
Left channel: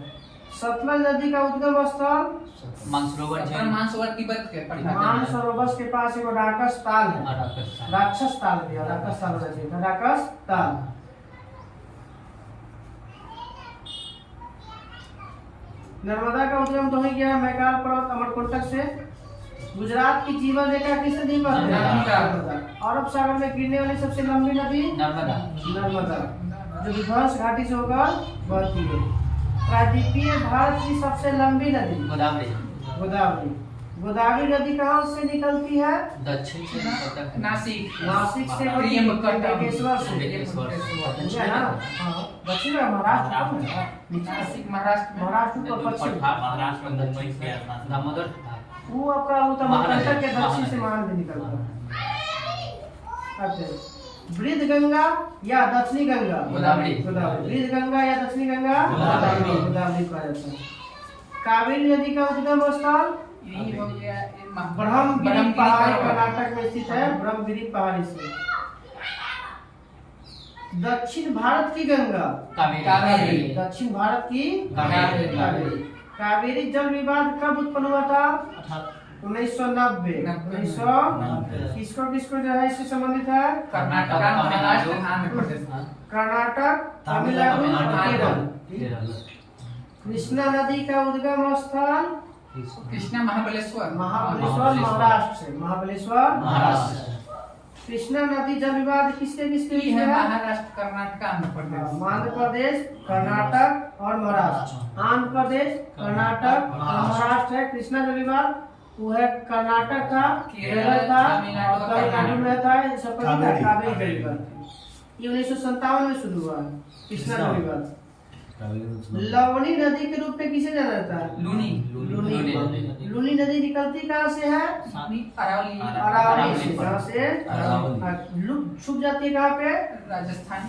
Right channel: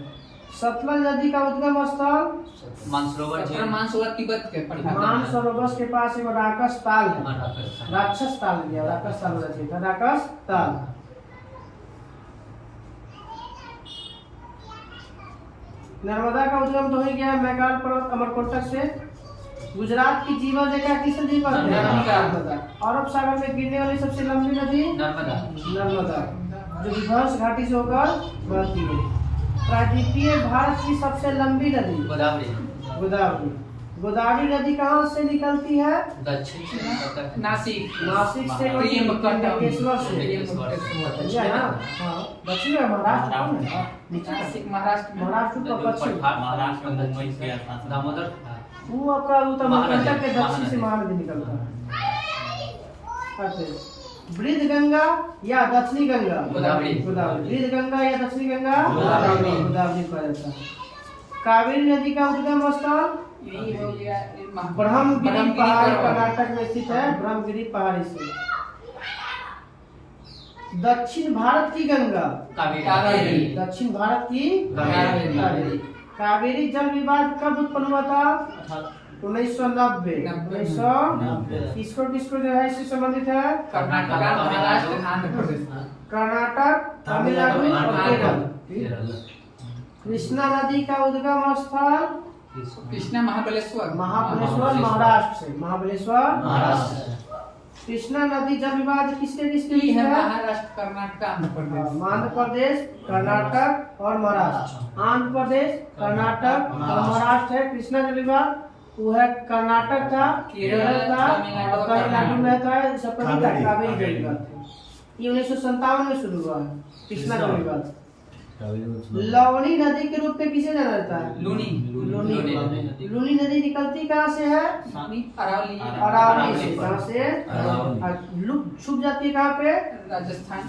सतलज नदी का उद्गम स्थल मानसरोवर तिब्बत के मानसरोवर के पास एक राकस ताल है। राक्षस ताल भी है। राकस ताल होना चाहिए था। राकस ताल। नर्मदा का उद्गम तो हो गया मैकाल पर्वत अमरकंटक से। गुजरात की जीवन रेखा किस नदी पर है? नर्मदा। अरब सागर में गिरने वाली सबसे लंबी नदी नर्मदा। नर्मदा, जो विध्वंस घाटी से होकर बहती है। प्रायद्वीपीय भारत की सबसे लंबी नदी गोदावरी। गोदावरी। गोदावरी नदी कहाँ से निकलती है? दक्षिण से नासिक। नासिक से त्र्यंबकेश्वर समझा ना? हाँ, दक्षिण में महाराष्ट्र में है। नासिक महाराष्ट्र। महाराष्ट्र तो पश्चिम, महाराष्ट्र में मुंबई से दामोदर। वो आपका उत्तर मणिकंटक के दक्षिण से महानदी निकलता है। अच्छा, वृद्ध गंगा या दक्षिणी गंगा? गोदावरी। गोदावरी। वृद्ध गंगा या दक्षिणी गंगा? गोदावरी। गोदावरी कहा जाता है। कावेरी नदी का उद्गम स्थल यही हो गया ब्रह्मगिरी पहाड़ी कर्नाटक में स्थित है। ब्रह्मगिरी पहाड़ी से। दक्षिण भारत की गंगा कावेरी। दक्षिण भारत की कावेरी। कावेरी जल विवाद कब उत्पन्न हुआ था? 1990। 1990। किसको जो है इससे संबंधित है? कर्नाटक, महाराष्ट्र, आंध्र प्रदेश। कर्नाटक, तमिलनाडु और केरल। कृष्णा नदी का उद्गम स्थल कृष्णा महाबलेश्वर। महाबलेश्वर महाराष्ट्र से। महाबलेश्वर महाराष्ट्र। कृष्णा नदी जल विवाद किसके ये बीच है है? महाराष्ट्र, कर्नाटक, आंध्र प्रदेश। आंध्र प्रदेश, कर्नाटक और महाराष्ट्र। आंध्र प्रदेश, कर्नाटक और महाराष्ट्र है कृष्णा जल विवाद। वो है कर्नाटक था, केरल था और तमिलनाडु में था। सब पर कावेरी जल विवाद। ये 1957 में शुरू हुआ है कृष्णा जल विवाद। लवणी नदी के रूप में किसे जाना जाता है? लूनी। लूनी नदी निकलती कहाँ से है? अरावली। अरावली से। कहाँ से? अरावली। लुक छुप जाती है कहाँ पे? राजस्थान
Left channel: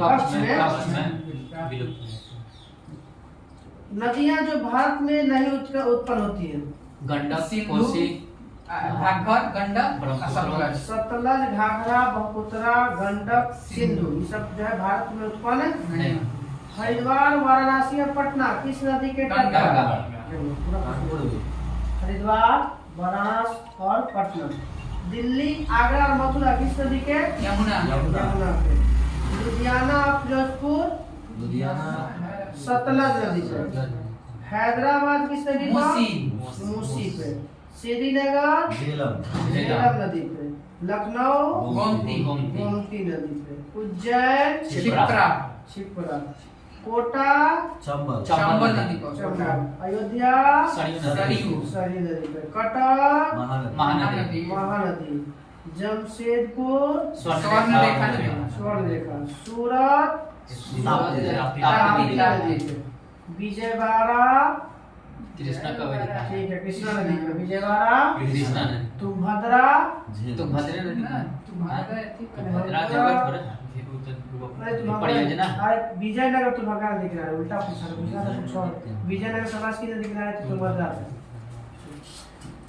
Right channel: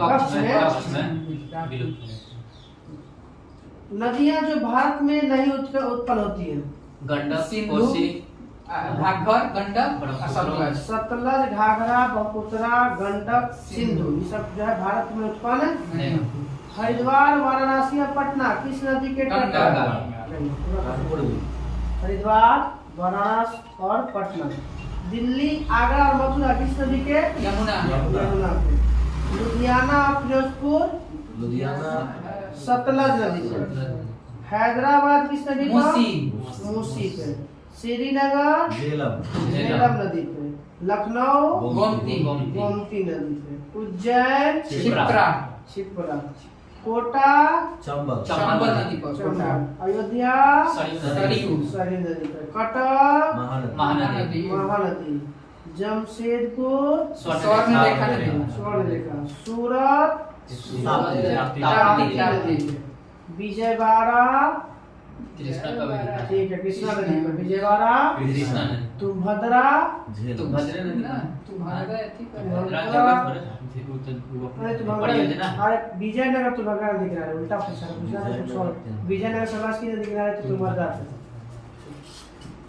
कच्छ में। नदियाँ जो भारत में नहीं उत्पन्न होती है? गंडक, सिंधु, कोसी, घाघर, गंडक और सतलज। सतलज, घाघरा, ब्रह्मपुत्र, गंडक, सिंधु, ये सब जो है भारत में उत्पन्न नहीं। हरिद्वार, वाराणसी और पटना किस नदी के तट पर? हरिद्वार, वाराणसी और पटना। दिल्ली, आगरा और मथुरा किस नदी के? यमुना। यमुना के। लुधियाना और फिरोजपुर सतलज नदी से। हैदराबाद किस नदी पर? मूसी पे। श्रीनगर झेलम नदी पे। लखनऊ गोमती नदी पे। उज्जैन शिप्रा। कोटा चंबल नदी पर। अयोध्या सरयू नदी पे। कटक महानदी। महानदी। जमशेदपुर स्वर्णरेखा नदी। स्वर्णरेखा। सूरत ताप्ती नदी पे। विजयवाड़ा कृष्णा कावेरी, ठीक है कृष्णा नदी पे। विजयवाड़ा। कृष्णा नदी, तुम्भद्रा तो भद्रा नदी ना तुम्हारा ठीक है। भद्रा जगह पर अरे परियोजना। अरे विजयनगर तुम्भद्रा नदी किनारे उल्टा पूछा। विजयनगर सबास्की नदी किनारे तो तुम्भद्रा है।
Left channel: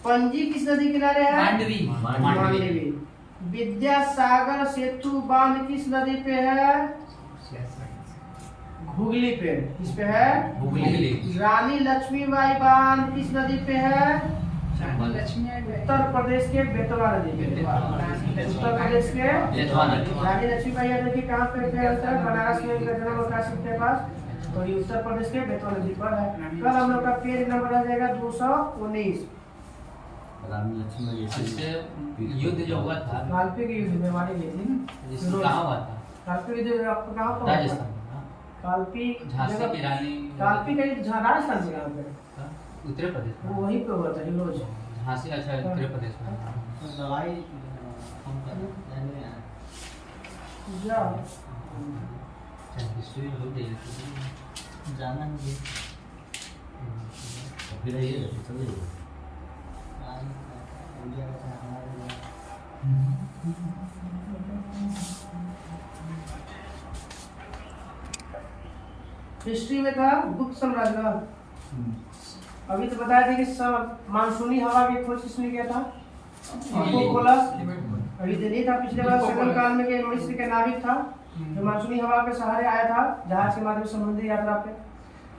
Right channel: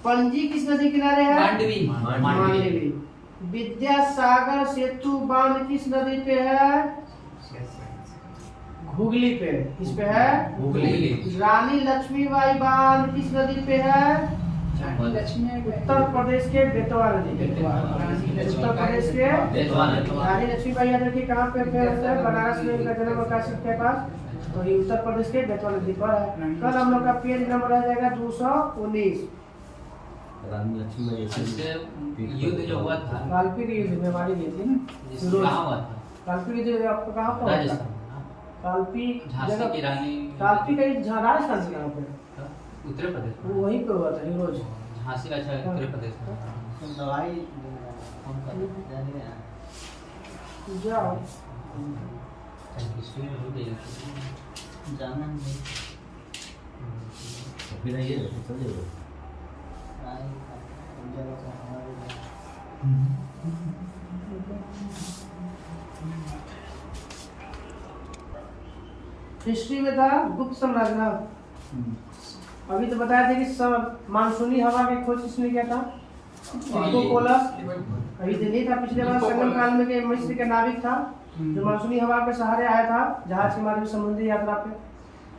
पणजी किस नदी किनारे है? मांडवी। मांडवी। विद्यासागर सेतु बांध किस नदी पे है? हुगली पे। किस पे है? हुगली। रानी लक्ष्मीबाई बांध किस नदी पे है? उत्तर प्रदेश के बेतवा नदी पे। उत्तर प्रदेश के रानी लक्ष्मीबाई यादव की कहाँ पे फेमस है? बनारस में उनका जन्म काशी के पास। तो ये उत्तर प्रदेश के बेतवा नदी पर है। कल हम लोग का पेज नंबर आ जाएगा 219। युद्ध जो हुआ था, काल्पनिक युद्ध में हमारी गई थी ना। कहाँ हुआ था? काल्पनिक युद्ध आपको कहाँ पर? राजस्थान, काल्पनिक झांसी की रानी, काल्पनिक का युद्ध राजस्थान से कहाँ पे? उत्तर प्रदेश में। वो वहीं पे हुआ था हिरोज। झांसी, अच्छा उत्तर प्रदेश में। दवाई जाओ हिस्ट्री हो गई जाना नहीं। फिर ये चलिए हिस्ट्री में था गुप्त साम्राज्य ना। अभी तो बताया था कि सब मानसूनी हवा की खोज किसने किया था? कोकोलस। अभी तो नहीं था पिछले बार संगम काल में के मिस्र के नाविक था जो मानसूनी हवा के सहारे आया था जहाज के माध्यम से समुद्री यात्रा पे।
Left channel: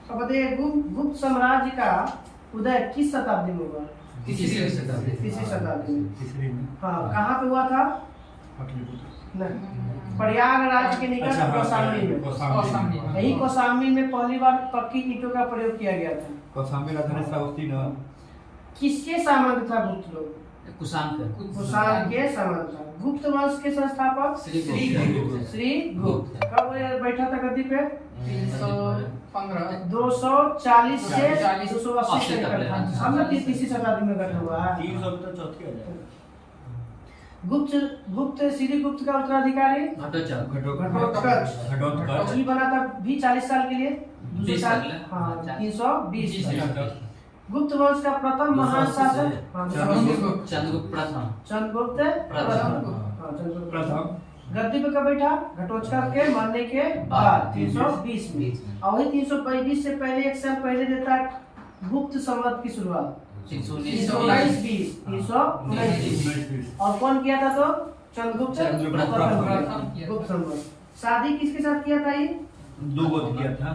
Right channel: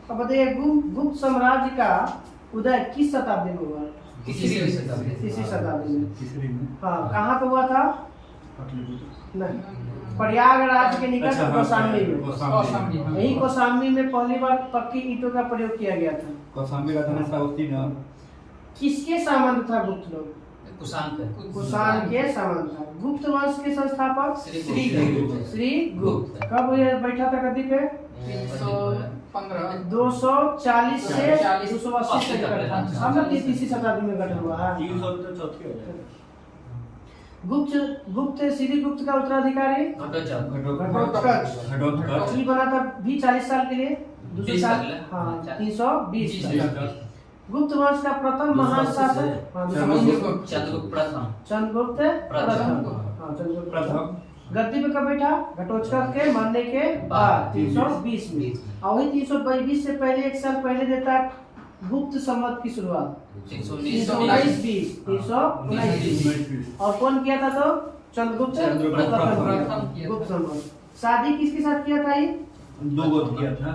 अब बताइए गुप्त साम्राज्य का उदय किस शताब्दी में हुआ? तीसरी शताब्दी। तीसरी शताब्दी में। हाँ, कहाँ पे हुआ था? नहीं, प्रयागराज के निकट कौशाम्बी में। यही कौशाम्बी में पहली बार पक्की ईंटों का प्रयोग किया गया था। कौशाम्बी राजधानी साउथी ना किसके सामंत था गुप्त लोग? कुशाण का कुषाण के सामंत था। गुप्त वंश के संस्थापक श्री गुप्त। श्री गुप्त कब बैठा था गद्दी पे? 315 240 से 40 280 तक। हम लोग तीसरी शताब्दी में गठन हुआ है। 300 तो चौथी हो जाएगा। गुप्त श्री गुप्त का उत्तराधिकारी घटोत्कच ये बना था भी 40 साल के लिए 200 साल। हाँ 320 तक। गुप्त वंश का प्रथम महान शासक चंद्रगुप्त चंद्रगुप्त प्रथम। चंद्रगुप्त प्रथम। गद्दी पे कब बैठा? घटोत्कच के मरने के बाद 320 में। और वही 322 से पहले 1 साल पहले देता है गुप्त संवत की शुरुआत 319 और कौन किया था? तो चंद्रगुप्त प्रथम। गुप्त संवत। शादी किसके साथ किया था? ये 2 गोत्र किया था।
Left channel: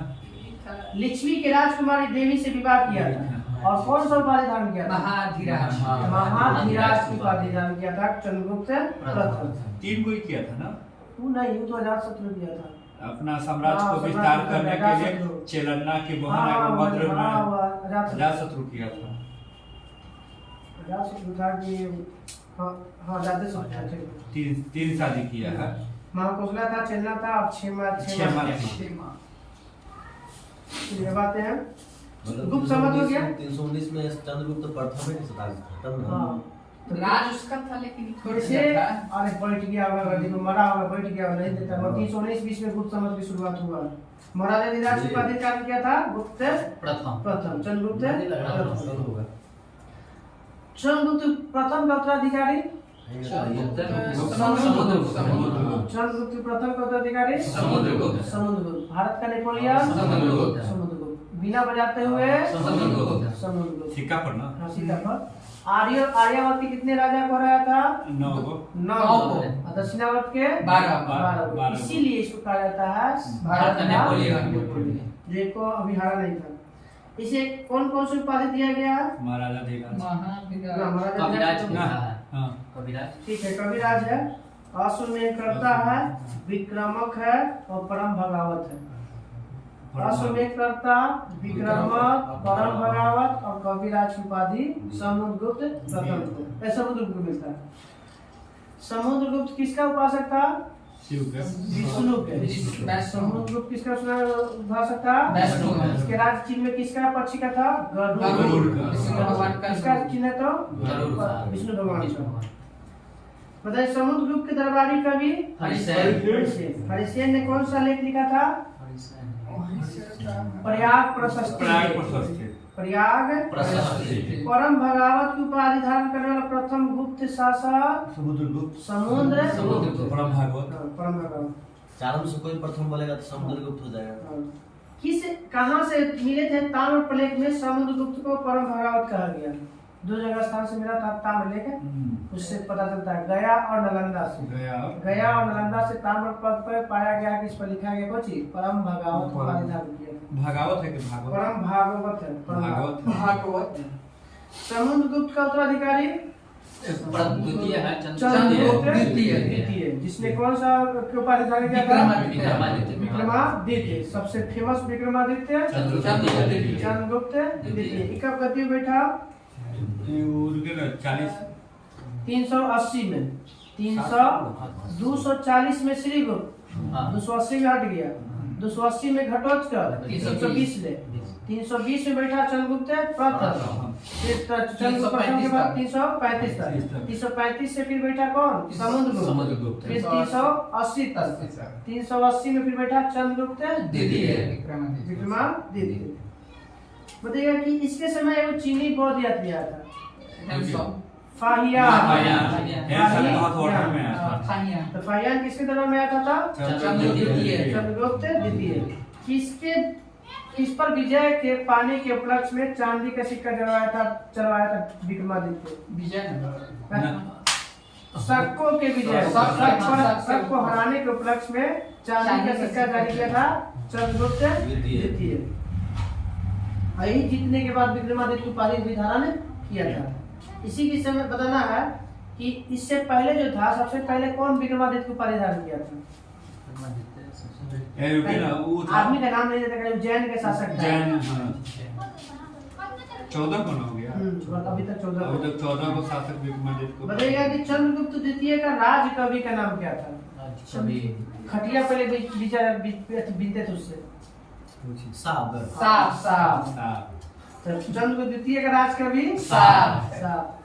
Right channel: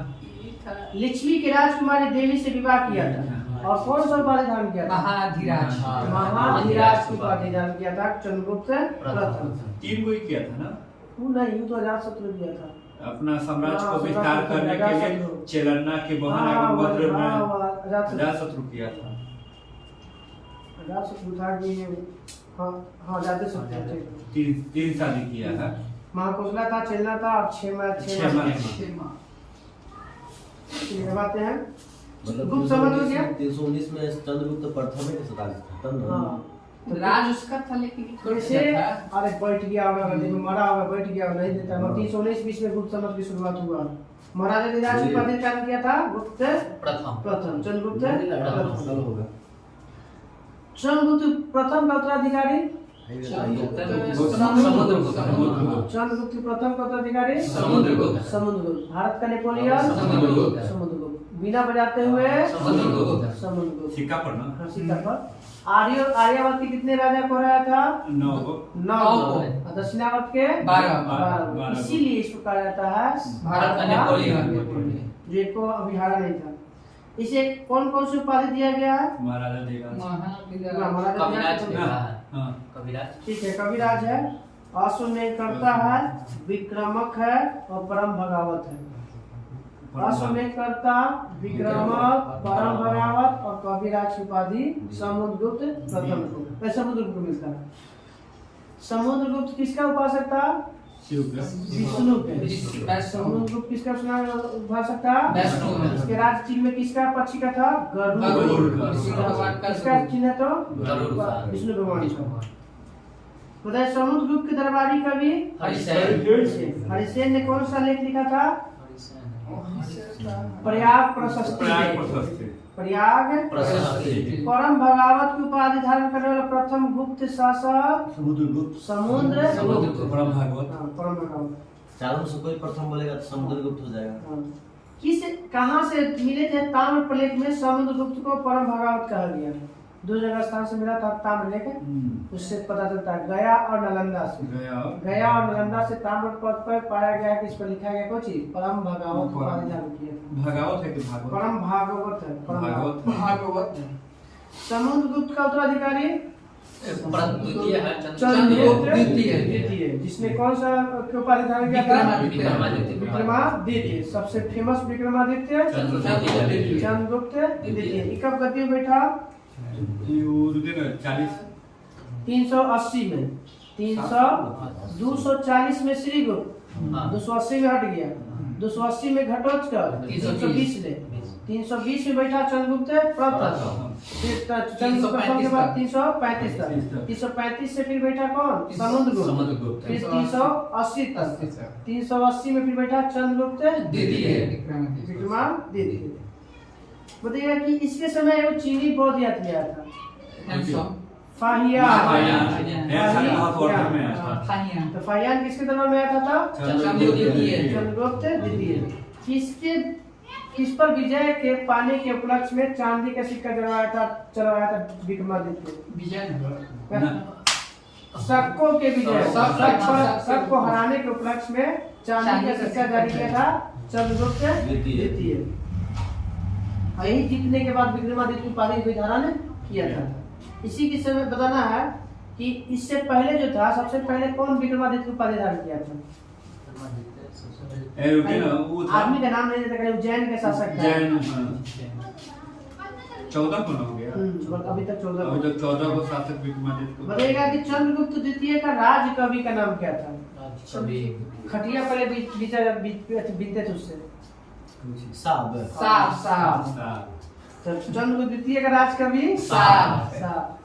लिच्छवी के राजकुमारी देवी से विवाह किया था। और कौन सा उपाधि धारण किया था? महाधीराज। महाधीराज की उपाधि धारण किया था चंद्रगुप्त प्रथम। 3 को ही किया था ना। वो नहीं, वो तो अजातशत्रु किया था। अपना साम्राज्य को विस्तार करने के लिए चेलन्ना के बहन आगमद्र में अजातशत्रु किया था। अजातशत्रु था कि हाँ अजातशत्रु थे। 3 शादी किया है। महाकोशला था, चेलना था, अब 6 माह ये बातें हैं। गुप्त संवत हो गया। 319 में चंद्रगुप्त प्रथम है 47 खत्म ना। हाँ राज उसका था लेकिन थोड़े कैसे? अरे बैठ गया होगा, गद्दी पे मरा होगा, बैठ गया होगा, नहीं देता। 319 में गुप्त संवत की शुरुआत हुआ। महाराजा धीराज की उपाधि कार्य किया था गुप्त प्रथम चंद्रगुप्त प्रथम। होगा चंद्रगुप्त प्रथम का उत्तराधिकारी समुद्रगुप्त। चंद्रगुप्त प्रथम का उत्तराधिकारी समुद्रगुप्त। भारत का नेपोलियन समुद्रगुप्त। बिना बजाते हुए समुद्रगुप्त। सिक्का पर ना। हाँ, सिक्का पर। आर्यावर्त के कितने राजा को हराया था? 9 को। 9 को। दक्षिणावर्त के 12। इसीलिए इसको कहा जाता है भारत का नेपोलियन। जो इसको अभी हारा नहीं था। इसे कौन कौन सी उपाधि दिया गया है? महाराजा धीराज। महाराजा कविराज। ठीक है, कविराज है, अश्वमेधकर्ता है, विक्रमक है और परम भगावत है। अश्वमेधकर्ता, विक्रमक, परम भगावत और कविराज की उपाधि समुद्रगुप्त प्रथम को समुद्रगुप्त को मिलता है। समुद्रगुप्त किसका उपासक था? शिव का। विष्णु के। समुद्रगुप्त किसका उपासक था? इसके राज चिन्ह में किसका पक्षी का था? गरुड़। किसका चिन्ह तो? विष्णु भगवान का। बताइए समुद्रगुप्त के दरबारी कवि हरिसेन ने कौन सा लेख लिखा था? प्रयाग प्रशस्ति। प्रयाग परम भगावत की उपाधि धारण करने वाला प्रथम गुप्त शासक समुद्र परम भागवत। परम भगावत। चारों में से कोई प्रथम बोलेगा तो समुद्रगुप्त हो जाएगा। किस कहाँ से मिले थे? ताम्रफलक में समुद्रगुप्त को परम भगावत कहा गया। 2 जगह स्थान से मिला था ताम्रफलक। उससे पता चलता है गया और नालंदा से। गया और नालंदा से ताम्रफलक पर पाया गया कि इस पर लिखा गया कुछ परम भगावत उपाधि धारण किया। भागवत है कि भागवत? परम भागवत है। भागवत। समुद्रगुप्त का उत्तराधिकारी द्वितीय है चंद्रगुप्त द्वितीय, जिसने कौन सा उपाधि धारण किया था? विक्रमादित्य। सबसे फेमस विक्रमादित्य चंद्रगुप्त द्वितीय। कब गद्दी में बैठा? 380 में। 240 में श्रीगुप्त, 280 में हट गया, 280 में घटोत्कच, 320 में। 320 में बैठा चंद्रगुप्त प्रथम। फिर चंद्रगुप्त प्रथम के बाद 335 तक। 335 से फिर बैठा कौन? समुद्रगुप्त। फिर 380 तक। 380 में फिर बैठा चंद्रगुप्त द्वितीय विक्रमादित्य। बताइएगा कि इसके समय वो चीनी बौद्ध यात्री आया था। फाहियान। तो फाहियान किसके दरबार में आया था? चंद्रगुप्त द्वितीय। किस पर विजय के पाने के उपलक्ष्य में चांदी का सिक्का चलवाया था विक्रमादित्य? शकों के विजय, शक को हराने के उपलक्ष्य में चांदी का सिक्का जारी किया था चंद्रगुप्त द्वितीय। यही जीतने के बाद विक्रमादित्य उपाधि धारण किया था। इसी के समय बताना है कि इससे पहले जो था सबसे पहले कौन विक्रमादित्य उपाधि धारण किया था? आदमी का नाम नहीं देता, उज्जैन के शासक थे। 14 कौन हो गया? अभी तक 14। अभी तक 14 को शासक विक्रमादित्य को बताइएगा कि चंद्रगुप्त द्वितीय का राज कवि का नाम क्या था? सभी खटिया पहले बीतते थे उससे। साब साफ तो चंद्रगुप्त द्वितीय का राज कवि साफ।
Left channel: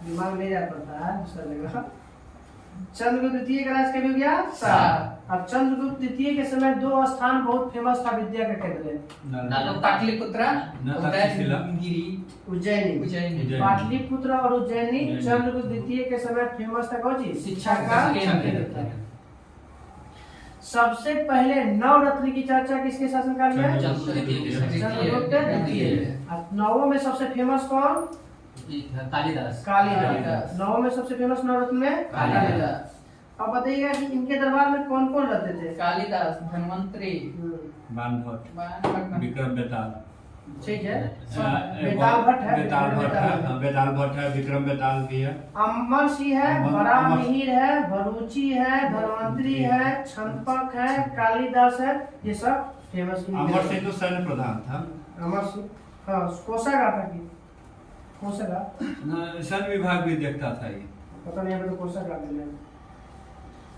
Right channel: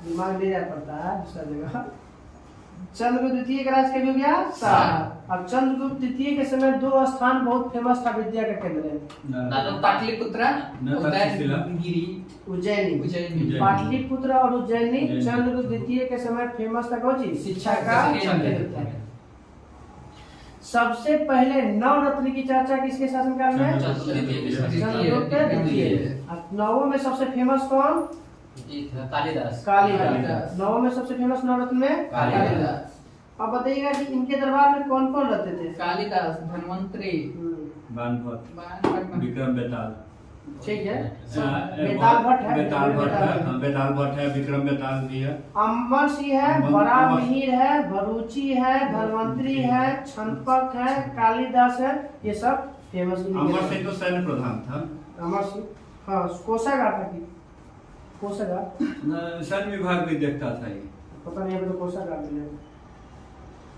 दिमाग में याद पड़ता है दूसरा जगह। चंद्रगुप्त द्वितीय का राज कवि हो गया साफ। अब चंद्रगुप्त द्वितीय के समय 2 स्थान बहुत फेमस था विद्या का केंद्र, पाटलिपुत्र उदयगिरी उज्जैनी। उज्जैनी पाटलिपुत्र और उज्जैनी चंद्रगुप्त द्वितीय के समय फेमस था कौन जी? शिक्षा का केंद्र था। सबसे पहले नवरत्न की चर्चा किसके शासनकाल में? चंद्रगुप्त द्वितीय। नवों में सबसे फेमस कौन? कालिदास। कालिदास। नवों में सबसे फेमस नवरत्न में कालिदास। अब बताइएगा कि इनके दरबार में कौन कौन रहते थे? कालिदास, धन्वंतरी, बानभट्ट, विक्रम बेताल। ठीक है। बेताल भट्ट है, बेताल भट्ट है, विक्रम बेताल भी है, अमर सिंह है, बड़ा मिहिर है, भरूची है, धन्वंतरी है, छनपक है, कालिदास है, ये सब फेमस। अमर सिंह तो सैन्य प्रधान था। अमर सिंह हाँ कोषागार था कि कोषागार सैन्य विभाग भी देखता था ये, पता नहीं अभी तो कोषागार मिलेगा।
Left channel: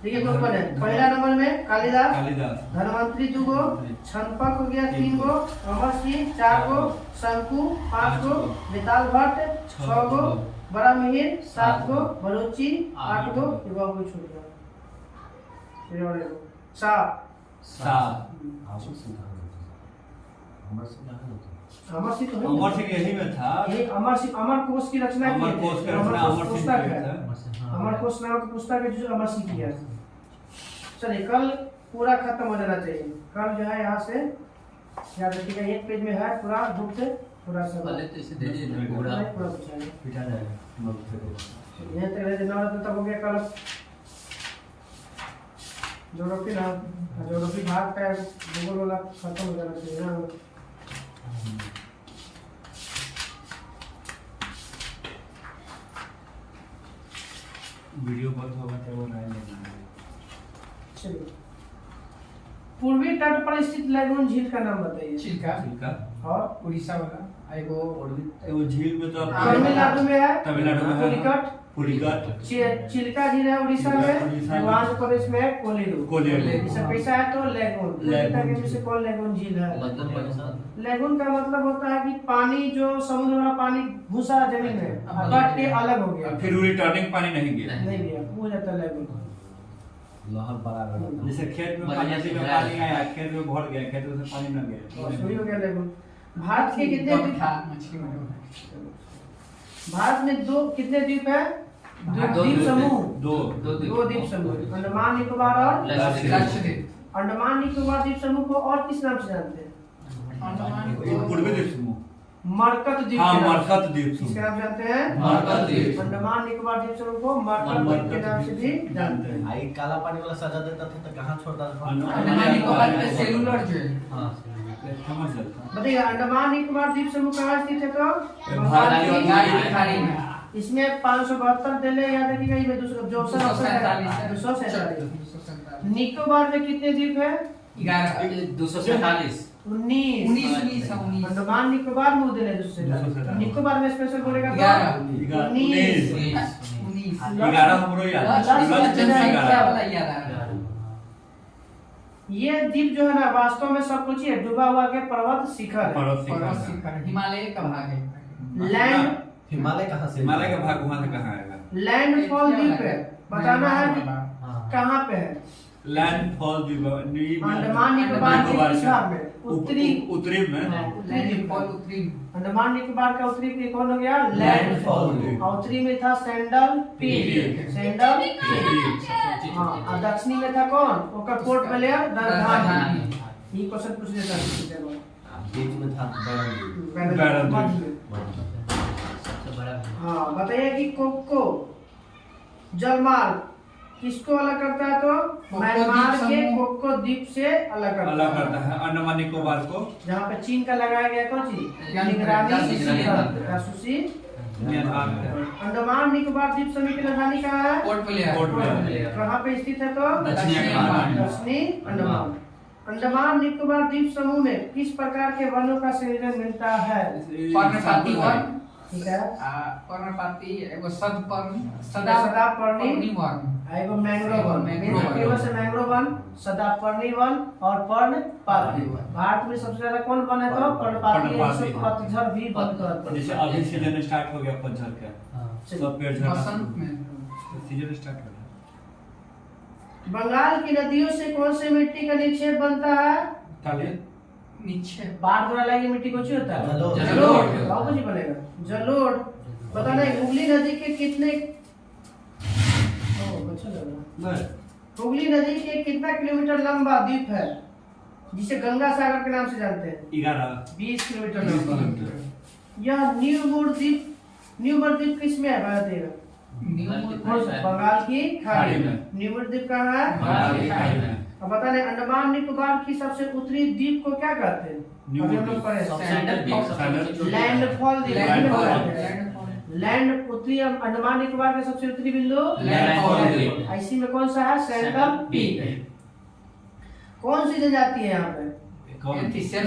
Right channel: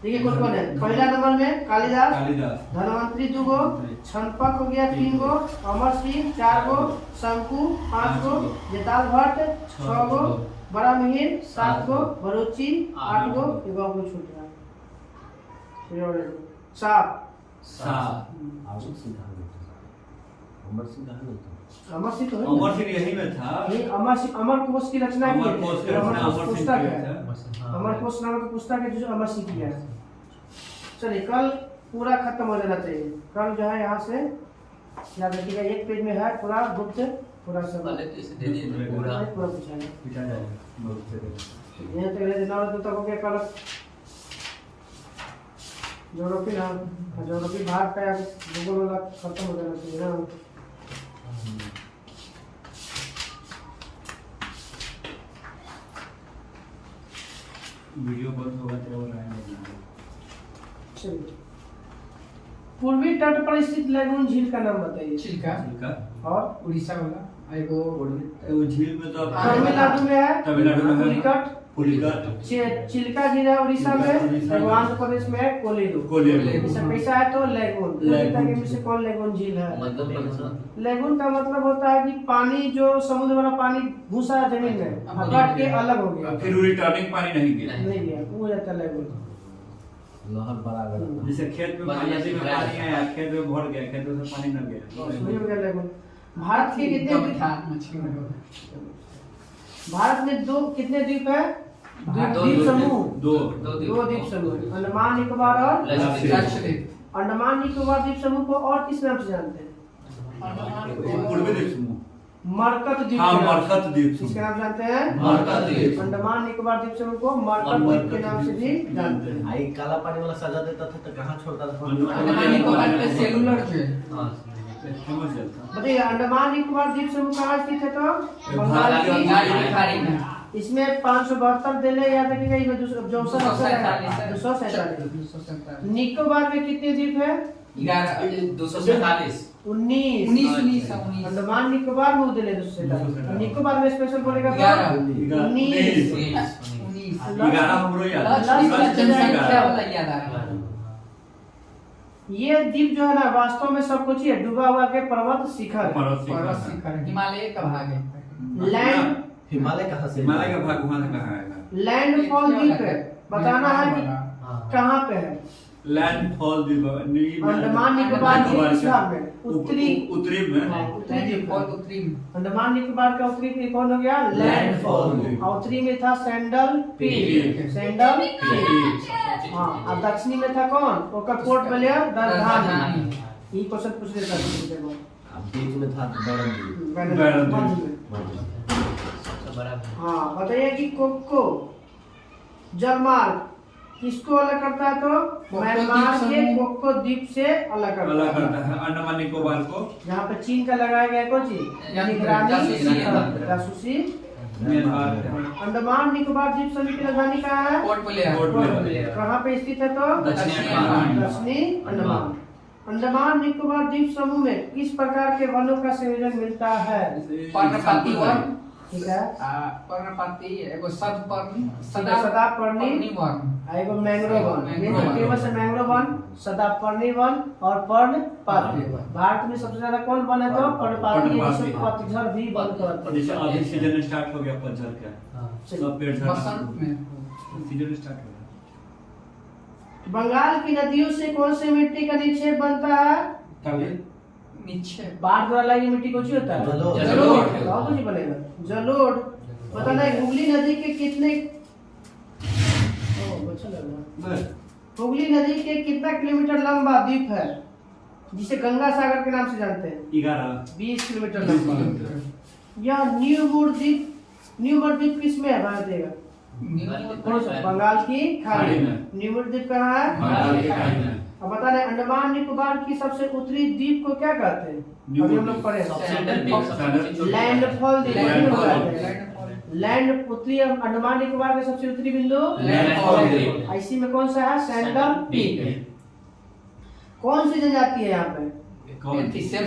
देखिए कौन कौन है? पहला नंबर में कालिदास, धन्वंतरी 2 गो, छनपक हो गया 3 गो, अमर सिंह 4 गो, शंकु 5 गो, बेताल भट्ट 6 गो, बड़ा मिहिर 7 गो, भरूची 8 गो, एगो को छूट गया। सात अमर सिंह तो अमर सिंह यही में था। ये अमर सिंह अमर कोश की रचना की है। अमर कोश की रचना अमर सिंह पुस्तक की है। है। अमर कोश नामक पुस्तक है जो अमर सिंह किया है। चलिए कल पूरा खत्म हो जाना चाहिए। कल जो है यहाँ से याद रखिएगा 1 पेज में है पूरा गुप्त पूरा सब पहले तो इसे दे दीजिए पूरा पूरा पूछेंगे। पिटा जाएगा। यहाँ तक रहे नवरत्न तक हो गया। कल ज्योग्राफी भाग का भूगोल वाला खत्म हो जाना चाहिए ना। वीडियो बंद होगा तो और आएंगे। चलिए पूर्वी तट पर स्थित लैगून झील का नाम बताइए। चिल्का और उड़ीसा वाला एगो वो झील में तो तमिलनाडु में है। तमिलनाडु में है। पुलिकट चिल्का झील है उड़ीसा में। उड़ीसा आंध्र प्रदेश में है कोलीरू। इसका पैसा है तो लैगून। पुलिकट के बीच से कौन लैगून झील है? लैगून का मतलब होता है कि पानी जो समुद्र वाला पानी घुसा जमीन में कट के अलग हो गया, फिर रिटर्निंग पानी नहीं गया। नहीं गया, वो जाता है लैगून। लहर बड़ा गया। जैसे खेत में पानी में पानी आया, खेत में भर गया, खेत में पानी न गया, वही हो गया लैगून। भारत के कितने भारत में कितने द्वीप है? द्वीप समूह दो द्वीप समूह, अंडमान निकोबार और लक्षद्वीप। अंडमान निकोबार द्वीप समूह को और किस नाम से जानते हैं? पूर्वी द्वीप समूह, मरकत द्वीप। हाँ, मरकत द्वीप समूह। किसके नाम से जानते हैं? मरकत द्वीप। अंडमान निकोबार द्वीप समूह को मरकत द्वीप के नाम से भी जानते हैं। आई काला पानी वाला सजा देता था तो कहाँ छोड़ता था? अंडमान निकोबार पे सेलुलर जो है हाँ समझ जाता। बताइए अंडमान निकोबार द्वीप समूह कहाँ स्थित है? तो बंगाल की खाड़ी में। इसमें 572 जिले याद रखिएगा। इसमें 247 निकोबार में कितने द्वीप है? 247 19 अंडमान निकोबार में जिले 247। निकोबार में स्पेशल बोलेगा तो 19 11 हमरो याद। ये द्वीप जो है ना वास्तव में सब कुछ ही है। डूबा हुआ के पर्वत शिखर है। पर्वत शिखर हिमालय का भाग है। लैंड हिमालय कहाँ से? हिमालय का भाग वहां से कहाँ आएगा? लैंडफॉल द्वीप है। बताना है कि कहाँ पे है? लैंडफॉल द्वीप अंडमान निकोबार के हिसाब में उत्तरी में अंडमान निकोबार का उत्तरी में कौन हो गया? लैंडफॉल। उत्तरी में था सैंडल पीक। हाँ, और दक्षिणी में था कौन? ओकर पोर्ट ब्लेयर राजधानी। ये क्वेश्चन पूछ लेता है। बीच में था हाँ बताइए कि कोको जलमार्ग किसको अलग करता है? तो म्यांमार के कोको द्वीप से अलग करता है। अंडमान निकोबार को जहाँ पे चीन का लगाया गया कौन चीज? जासूसी। अंडमान निकोबार द्वीप समूह की राजधानी कहाँ है? Port Blair. कहाँ पे स्थित है? तो दक्षिणी अंडमान। अंडमान निकोबार द्वीप समूह में किस प्रकार के वनों का संयोजन मिलता है? पर्णपाती वन, ठीक है पर्णपाती एगो सदपर्ण सदापर्णी वर्ण एगो मैंग्रोव वन, मैंग्रोव वन। केवल से मैंग्रोव वन, सदापर्णी वन और पर्णपाती वन। भारत में सबसे ज्यादा कौन वन है तो पर्णपाती, पर्णपाती। पतझड़ भी वन करते जैसे हैं। अभी सीजन स्टार्ट हो गया पतझड़ का, सब पेड़ झड़ना बसंत में सीजन स्टार्ट हो गया। बंगाल की नदियों से कौन सी मिट्टी का निक्षेप बनता है? काले नीचे बाढ़ द्वारा लगी मिट्टी को होता है जलोढ़। जलोढ़। और कुछ बनेगा जलोढ़। पता नहीं हुगली नदी के कितने बस हुगली नदी के कितना किलोमीटर लंबा द्वीप है जिसे गंगा सागर के नाम से जानते हैं? 11 20 किलोमीटर लंबा। यह न्यूमर द्वीप किस में है बताइएगा? बंगाल की खाड़ी में। न्यूमर द्वीप कहाँ है? बंगाल की खाड़ी में। अब बता रहे अंडमान निकोबार की सबसे उत्तरी द्वीप को क्या कहते हैं? अभी हम लोग पढ़े लैंडफॉल द्वीप। लैंड उत्तरी अंडमान निकोबार के सबसे उत्तरी बिंदु लैंडफॉल द्वीप। इसी में कौन सा है? सेंट्रल पीक है। कौन सी जनजाति है यहाँ पे? इसी में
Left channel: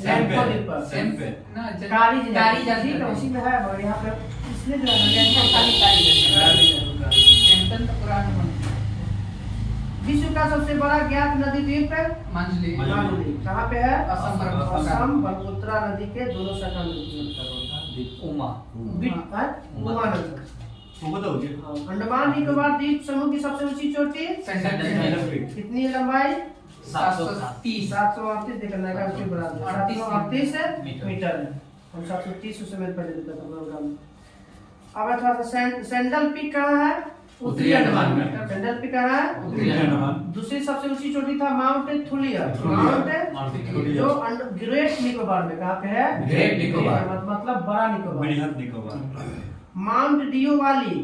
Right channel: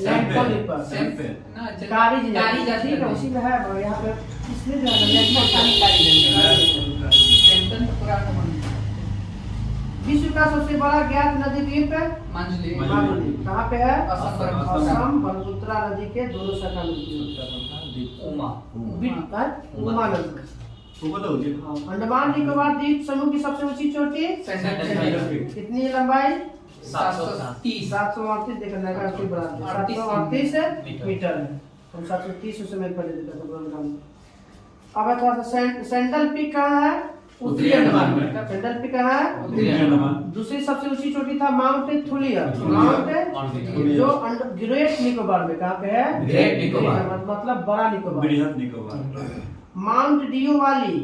लैंडफॉल द्वीप पर कारी जनजाति है, उसी में है। और यहाँ पे इसलिए जो है विश्व का सबसे बड़ा ज्ञात नदी द्वीप है मंजली मालदीव। कहाँ पे है? असम पर। असम ब्रह्मपुत्रा नदी के दोनों शाखा मिलती है। उमा उमा नदी। वो बताओगे अंडमान निकोबार द्वीप समूह की सबसे ऊंची चोटी कितनी है लंबाई? 730 738 देखना है उसके बराबर 738 मीटर है। हम 730 उस समय पढ़े थे तो अब थोड़ा सा सेंट्रल पीक कहाँ है? उत्तरी अंडमान में। सेंट्रल पीक कहाँ है? उत्तरी अंडमान। दूसरी सबसे ऊंची चोटी था माउंट थुलियर। माउंट जो ग्रेट निकोबार में कहाँ पे है? ग्रेट निकोबार। मतलब बड़ा निकोबार। बृहद निकोबार। माउंट डियोवाली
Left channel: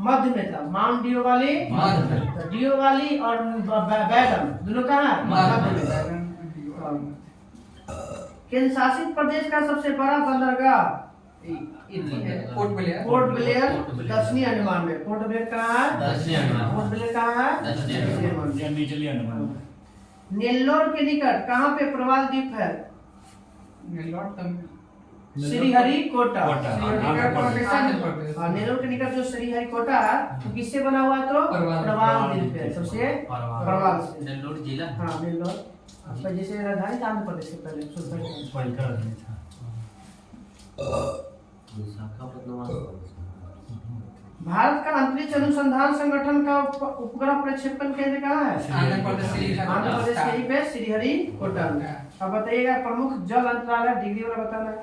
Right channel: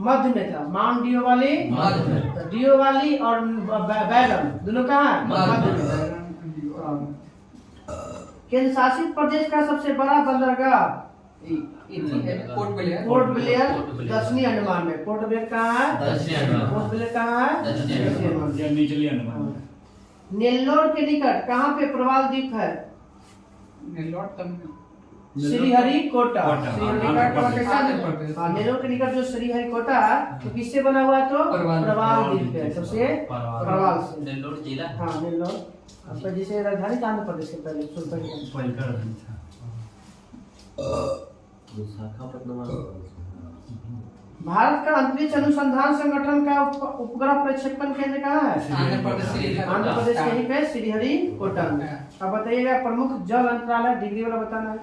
मध्य में था। माउंट डियोवाली मध्य। डियोवाली और बैरन दोनों कहाँ है? मध्य में। केंद्र शासित प्रदेश का सबसे बड़ा बंदरगाह पोर्ट ब्लेयर दक्षिणी अंडमान में। पोर्ट ब्लेयर कहाँ है? दक्षिणी अंडमान। पोर्ट ब्लेयर कहाँ है? दक्षिणी अंडमान। या निचली अंडमान। नेल्लोर के निकट कहाँ पे प्रवाल द्वीप है? श्रीहरिकोटा। हाँ, नेल्लोर के निकट जो श्रीहरिकोटा है तो किससे बना हुआ है? तो प्रवाल द्वीप है। तो से प्रवाल से। नेल्लोर जिला। हाँ नेल्लोर आपका जैसे राजधानी था आंध्र प्रदेश के पहले भारत का अंतरिक्ष अनुसंधान संगठन का उपग्रह प्रक्षेपण केंद्र कहाँ है? आंध्र प्रदेश के ही पे श्रीहरिकोटा में। अब बताइएगा प्रमुख जल अंतराल है डिग्री वाला बताना है।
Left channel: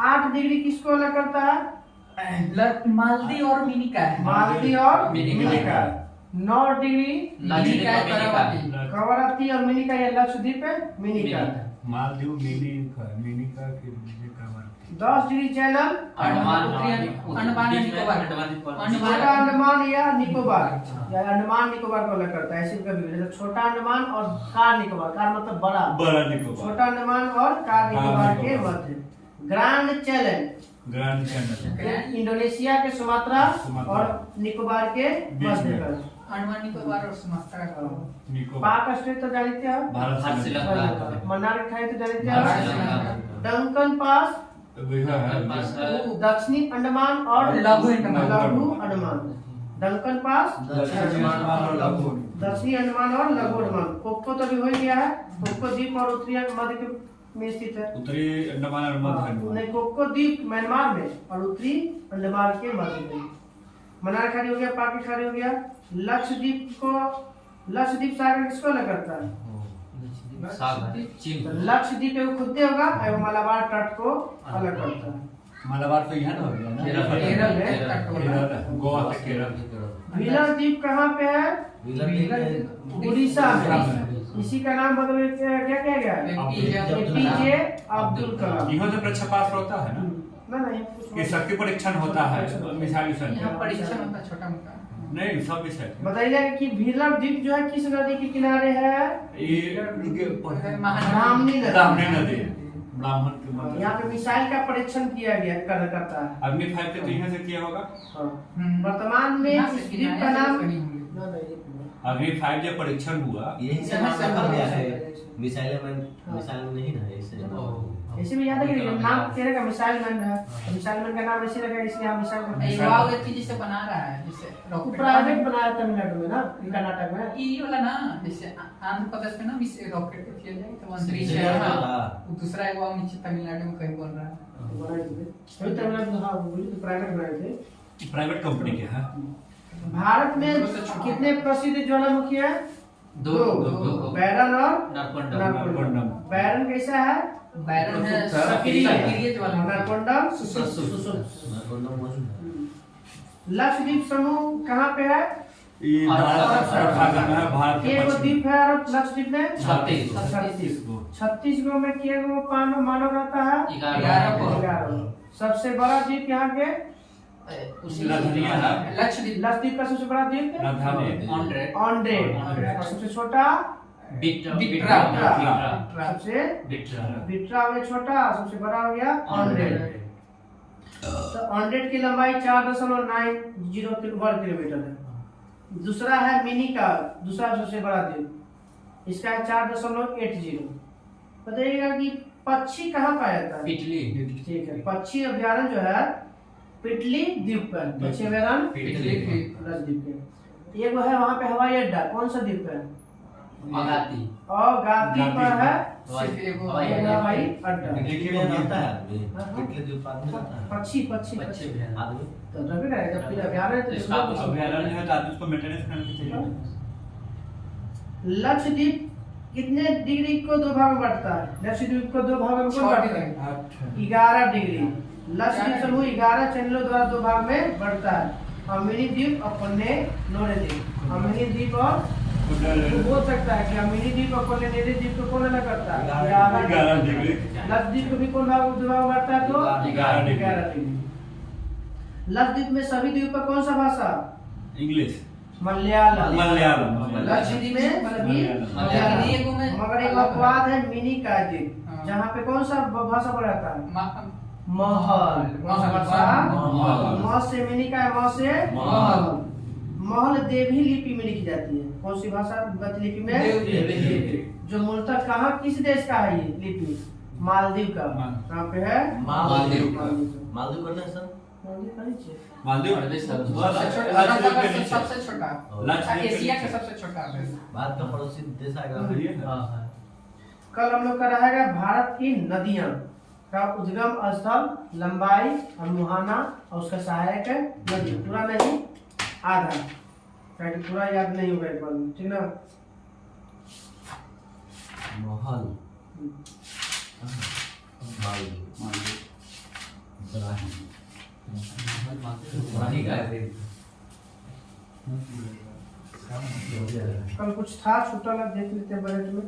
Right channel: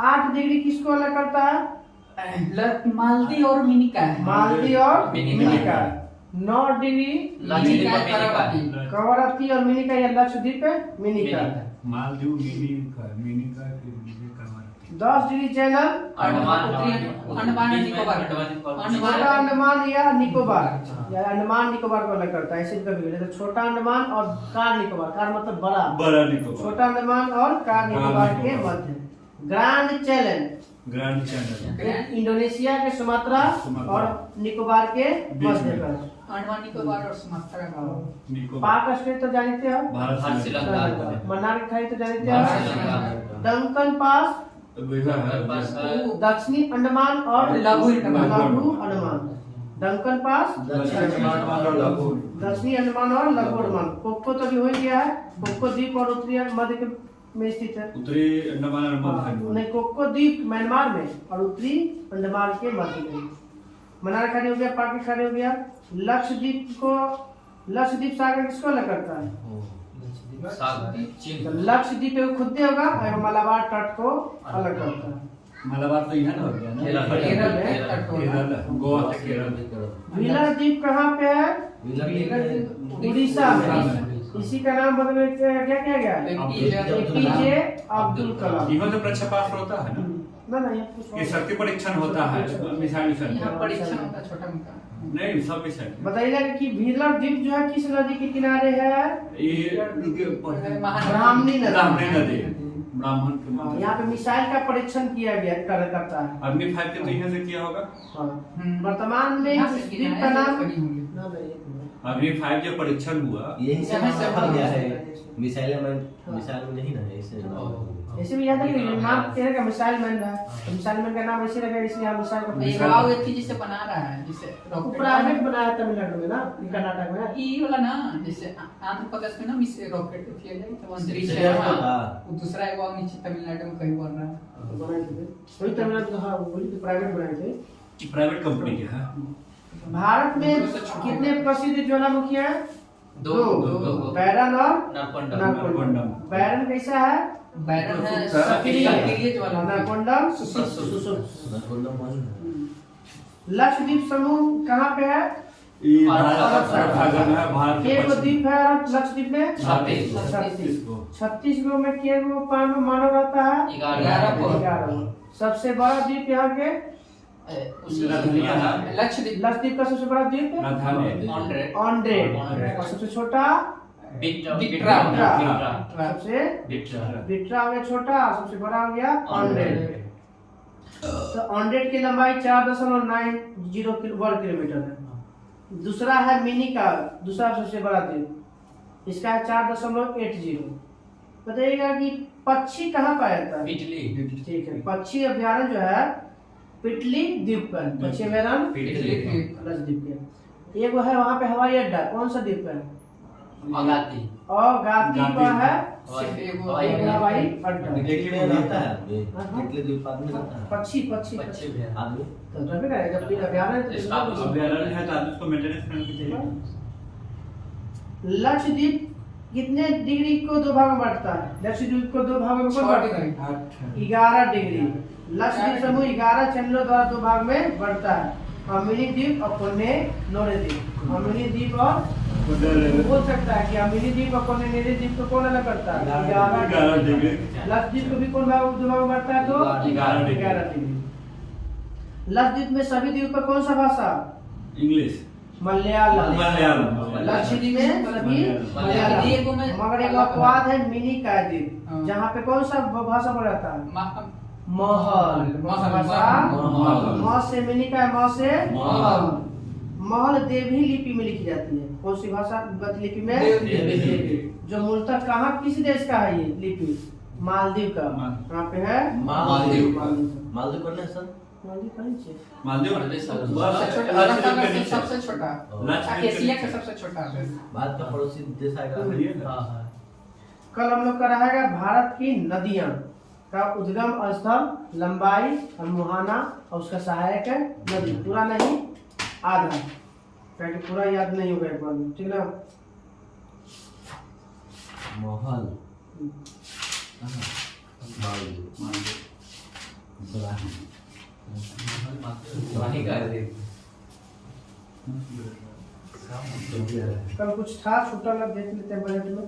8 डिग्री किसको अलग करता है? मालदीव और मिनिका है। मालदीव और मिनिका। 9 डिग्री कवरत्ती और मिनिका या लक्षद्वीप है मिनिका। मालदीव मिनिका के 10 डिग्री चैनल अंडमान निकोबार। छोटा अंडमान या निकोबार या अंडमान निकोबार को अलग करता है। ऐसे कभी तो छोटा अंडमान और कार निकोबार। कार मतलब बड़ा निकोबार। छोटा अंडमान और कार निकोबार के मध्य। ग्रैंड चैनल इंडोनेशिया के सुमात्रा और निकोबार के मध्य पर। अंडमान निकोबार और सुमात्रा पाक स्टेट तो जानते हो? भारत से लगा। मन्नार खाई तो जानते हो? डंकन पास दक्षिणी अंडमान और लघु अंडमान। डंकन पास दक्षिणी अंडमान और लघु अंडमान। कोको तो भी हो गया है। कोको द्वीप और उत्तरी मध्य के में स्थित है। उत्तरी अंडमान और मध्य नहीं कोको द्वीप म्यांमार में और उत्तरी अंडमान के मध्य में। मन्नार खाड़ी हो गया, पाक खाड़ी हो गया। लक्षद्वीप सागर किसको अलग करता है? लक्षद्वीप एवं खुदे होगा एवं मलाबार तट को अलग करता है। मलाबार तो यहाँ गोवा से केरल। व्हीलर द्वीप कहाँ पे है? उड़ीसा में। इसी का नाम बदल क्या किया गया? एपीजे अब्दुल कलाम। इन्हों से प्रक्षेपास्त्र होता है ना? ये शक्ति परीक्षण होता है मिसाइल परीक्षण होता है छोटा मोटा। नहीं सब मिसाइल। बताइए कि व्हीलर द्वीप जो है किस नदी के किनारे है? ब्राह्मणी नदी। ब्राह्मण के यहाँ पे मिसाइल का परीक्षण किया गया करता है। अग्नि 5 के तो यहाँ से किया होगा। वर्तमान में इस द्वीप का नाम अभी 5G परीक्षण हुआ। यही से नाम रखा गया है मिसाइल मैन, हाँ। मिसाइल में नहीं ना ऐसे ऐसे भी याद है कि नाम तेरे का मिसाइल मैन है, मिसाइल मैन का नाम ऐसे रखा इसलिए हम मिसाइल का ये वाव एक चीज जिसे बना रहा है जिसे रॉकेट प्राइवेट बनाया तमिलनाडु में ना, कर्नाटक में। ये वाला ना जैसे आंध्र प्रदेश में ना मिस रॉकेट किया जाए तो मंत्री से है होता। वो दूसरा एक वाव नीचे तमिलनाडु में कहीं बन रहा है। बनाए थे वही तमिलनाडु, हाँ बोली तो प्राइवेट बनाए थे। प्राइवेट कंपनी के है। भारत में कितने प्रसिद्ध ज्वालामुखी है? दो, बैरन और नरकुंडम। बैरन कैसा है? बैरन है सक्रिय, सक्रिय ज्वालामुखी। नरकुंडम सुसुप्त। नरकुंडम मौजूद है। लक्षद्वीप समूह कहाँ पे है? ये भारत भारत एक गो द्वीप है और लक्षद्वीप में 36 गो। 36 गो में के गो मानव रहता है? 11 पर 11। सबसे बड़ा द्वीप यहाँ के लक्षद्वीप लक्षद्वीप का सबसे बड़ा द्वीप है ऑन्ड्रेड। और सबसे छोटा बिट्रा सबसे बिट्रा में छोटा, सबसे बड़ा हो गया ऑन्ड्रेड। तो ऑन्ड्रेड की लंबाई 4.90 वर्ग किलोमीटर है। दूसरा है मिनी का, दूसरा सबसे बड़ा द्वीप, इसका है 4.80। बताइएगा कि पक्षी कहाँ पाया जाता है? ठीक है, पक्षी अभ्यारण्य जो है पिटली द्वीप पर, पक्षी अभ्यारण्य लक्षद्वीप के। एक है वहाँ पे हवाई अड्डा, कौन सा द्वीप है? और गाती पर है हवाई अड्डा। देखिए में रहता है आदमी, कितने द्वीप आदमी रहता है पक्षी आदमी। तो रहे रहेगा, जब फिर अभ्यारण्य अभ्यारण्य है तो आदमी उसको मेंटेनेंस करना चाहिए। लक्षद्वीप कितने डिग्री को दो भाग में बांटता है? लक्षद्वीप को दो भागों में 11 डिग्री। लक्षद्वीप समूह 11 चैनलों द्वारा दो भाग में बढ़ता है, अमिनी द्वीप और कोन्ने नोरे द्वीप। अमिनी द्वीप और बोल सकता है कि अमिनी द्वीप और कोन्ने नोरे द्वीप को कौन अलग करता है? 11 डिग्री। लक्षद्वीप को भी कौन भाग दो भाग में बढ़ता है? तो 11 डिग्री। लक्षद्वीप में सभी द्वीप का कौन सा भाषा? इंग्लिश मलयालम। लक्षद्वीप में सभी मलयालम। मगर एक अपवाद है मिनी का द्वीप, जहाँ पे कौन सा भाषा बोला जाता है? महल। म से मिनी का है, म से महल। महल देवी लिपि में लिखी जाती है। कौन सी भाषा लिपि में? देवी। जो मूलतः कहाँ किस देश का है ये लिपि? मालदीव का। कहाँ पे है? मालदीव करना है सर। मालदीव सबसे छोटा एशिया का सबसे छोटा देश। भारत का पड़ोसी देश आएगा। कल हम लोग का रहेगा भारत की नदियां का उद्गम स्थल, लंबाई और मुहाना और उसका सहायक नदी। पूरा नहीं, आधा, क्योंकि पूरा याद नहीं होगा एक बार में, ठीक ना? मोहल कल कुछ था छूटा लग, देख लेते हैं बजट में।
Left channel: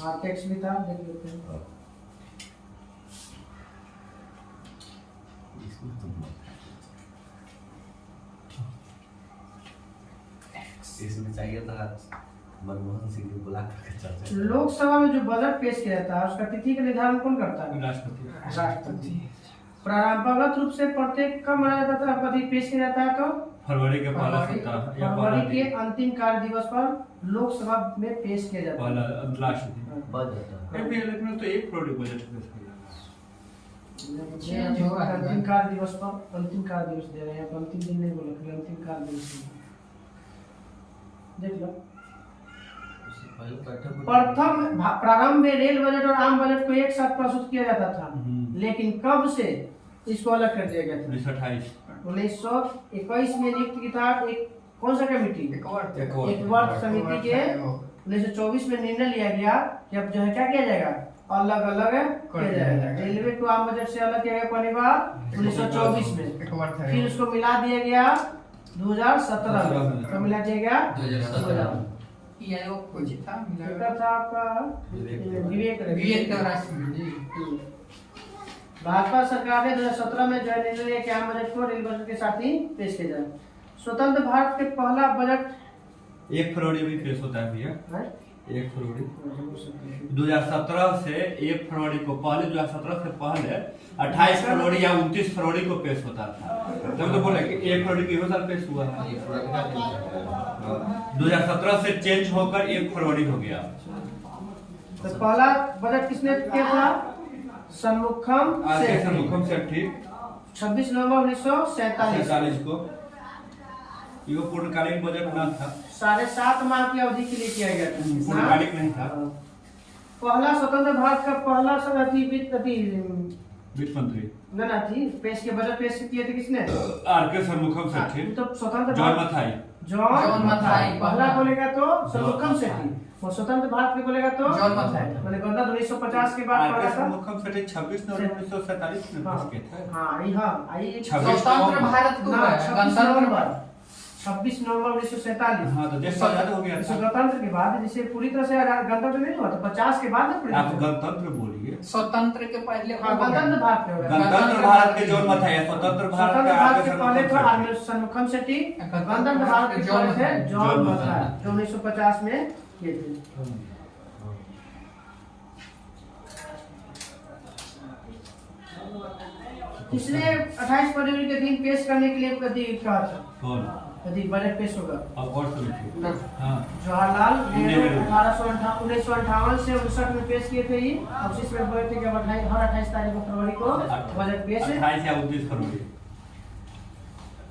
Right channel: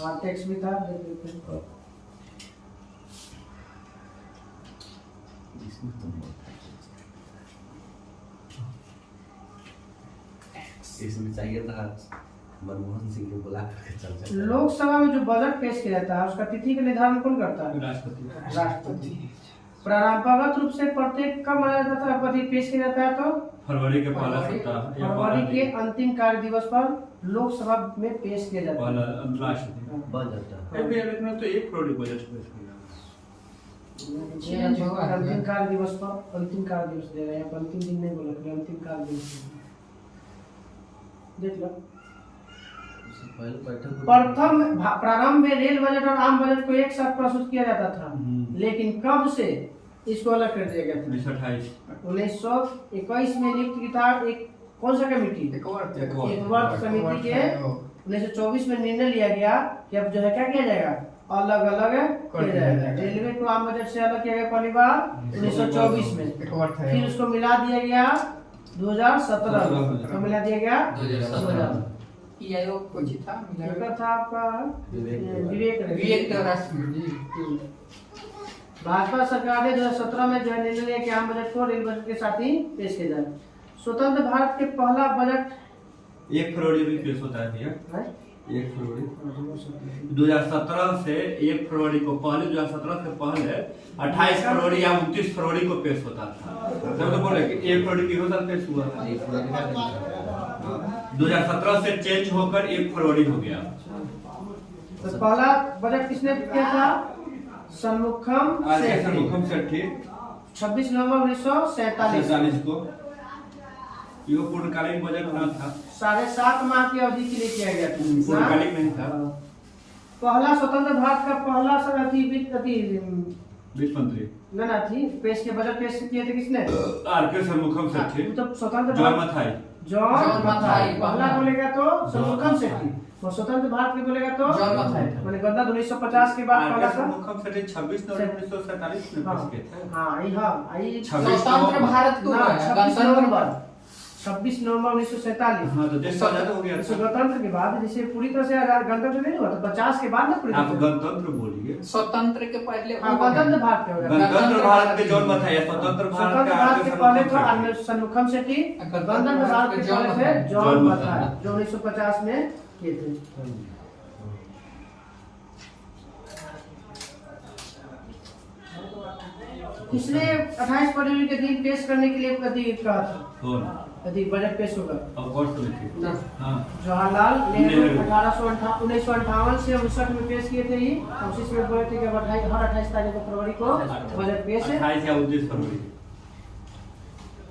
हाँ, टैक्स भी था, देख लेते हैं। इसमें चाहिए था मनमोहन सिंह को बुला करके चर्चा। लोकसभा में जो बजट पेश किया जाता है उसका तिथि का निर्धारण कौन करता है? राष्ट्रपति। परंपरागत रूप से प्रत्येक कब मनाया जाता है? पति पेश किया जाता है तो फरवरी के पहला सप्ताह या फरवरी के अंतिम कार्य दिवस पर लोकसभा में पेश किया जाता है। पहला लास्ट दिन। बजट लेकिन तो 1 फरवरी बजट पेश किया। अंतिम कार्य दिवस पर, अंतिम कार्य दिवस दे रहे हैं, अंतिम दिन नहीं बोले, फिर अंतिम कार्य दिवस देख लो। प्रथम प्रारंभ में रेल बजट और आम बजट को एक साथ प्रस्तुत किया जाता था, लेकिन कब से इसको अलग कर दिया गया था? 1921 में नियुक्त की था एक कौन सा कमेटी? एक वर्ग समिति के 1924 में निर्णय लिया गया कि अब जो है क्या किया जाएगा? अलग अलग किया जाएगा। रेलवे को आम बजट से अलग किया गया पहली बार 1924 में, फिर उसको मिला दिया गया 2017 में। कब मिला दिया गया? 2017। आयोग को जीता था आपका विवेक राष्ट्रपति। भाजपा सरकार ने 2017 में जो निर्णय लिया कि आम बजट को रेल बजट के साथ ही पेश किया जाए। स्वतंत्र भारत के पहला बजट 1 फरवरी भी पेश होता है भैया। 1 फरवरी 2017 से 1 फरवरी को पहले 2017 से पहले 28 फरवरी या 29 फरवरी को पेश होता था। जब तो बोले कि 1 फरवरी की साल पेश हुआ। 2017 से चेंज होकर 1 फरवरी हो गया। तो पहला बजट किसने किया था? सन्मुखम सन्मुखम सेठी 26 नवंबर 1947 47 को ये पूर्णकालिक बजट बना था। 7.5 माह की अवधि के लिए किया गया था। पूर्णकालिक नहीं था। पहला स्वतंत्र भारत का पहला वित्त मंत्री ना थी पेश के बजट पेश किए थे किसने? आर.के. सन्मुखम सेठी। तो स्वतंत्र जॉन भारत मथाई जॉन मथाई पहला बोलेगा तो सन्मुखम सेठी और स्वतंत्र भारत के बोलेगा तो जॉन मथाई। मैंने गणतंत्र 1950 के बाद आर.के. पहला था। सन्मुखम सेठी 26 नवंबर 1947 में पेश किए थे। आई 26 स्वतंत्र भारत को ना, है, 26 गणतंत्र नवंबर 1947। हाँ, तो देश आजाद हो गया था। गणतंत्र के बाद जैसे पूरी तरह से आजाद गणतंत्र नहीं हुआ तो 50 के बाद ना पूरी आप तरह से। गणतंत्र बोलिए। स्वतंत्र के पहले हाँ, गणतंत्र भारत के हो गया। गणतंत्र भारत के जॉन मथाई है, स्वतंत्र भारत स्वतंत्र के भारत आर.के. के पहले था सन्मुखम आर. सन्मुखम सेठी, गणतंत्र भारत के जॉन पहले थे मथाई। जॉन जॉन मथाई मथाई। जो 1950 में किए थे। इसने 28 फरवरी के दिन पेश करने के लिए कहा था कौन? बजट पेश होगा। अब और समिति। हाँ। जवाहरलाल नेहरू 1958 से 59 में पेश किए थे ये। और उसी में बोले थे कि अब हर 28 तारीख को फरवरी को बजट पेश है। 28 या 29 फरवरी।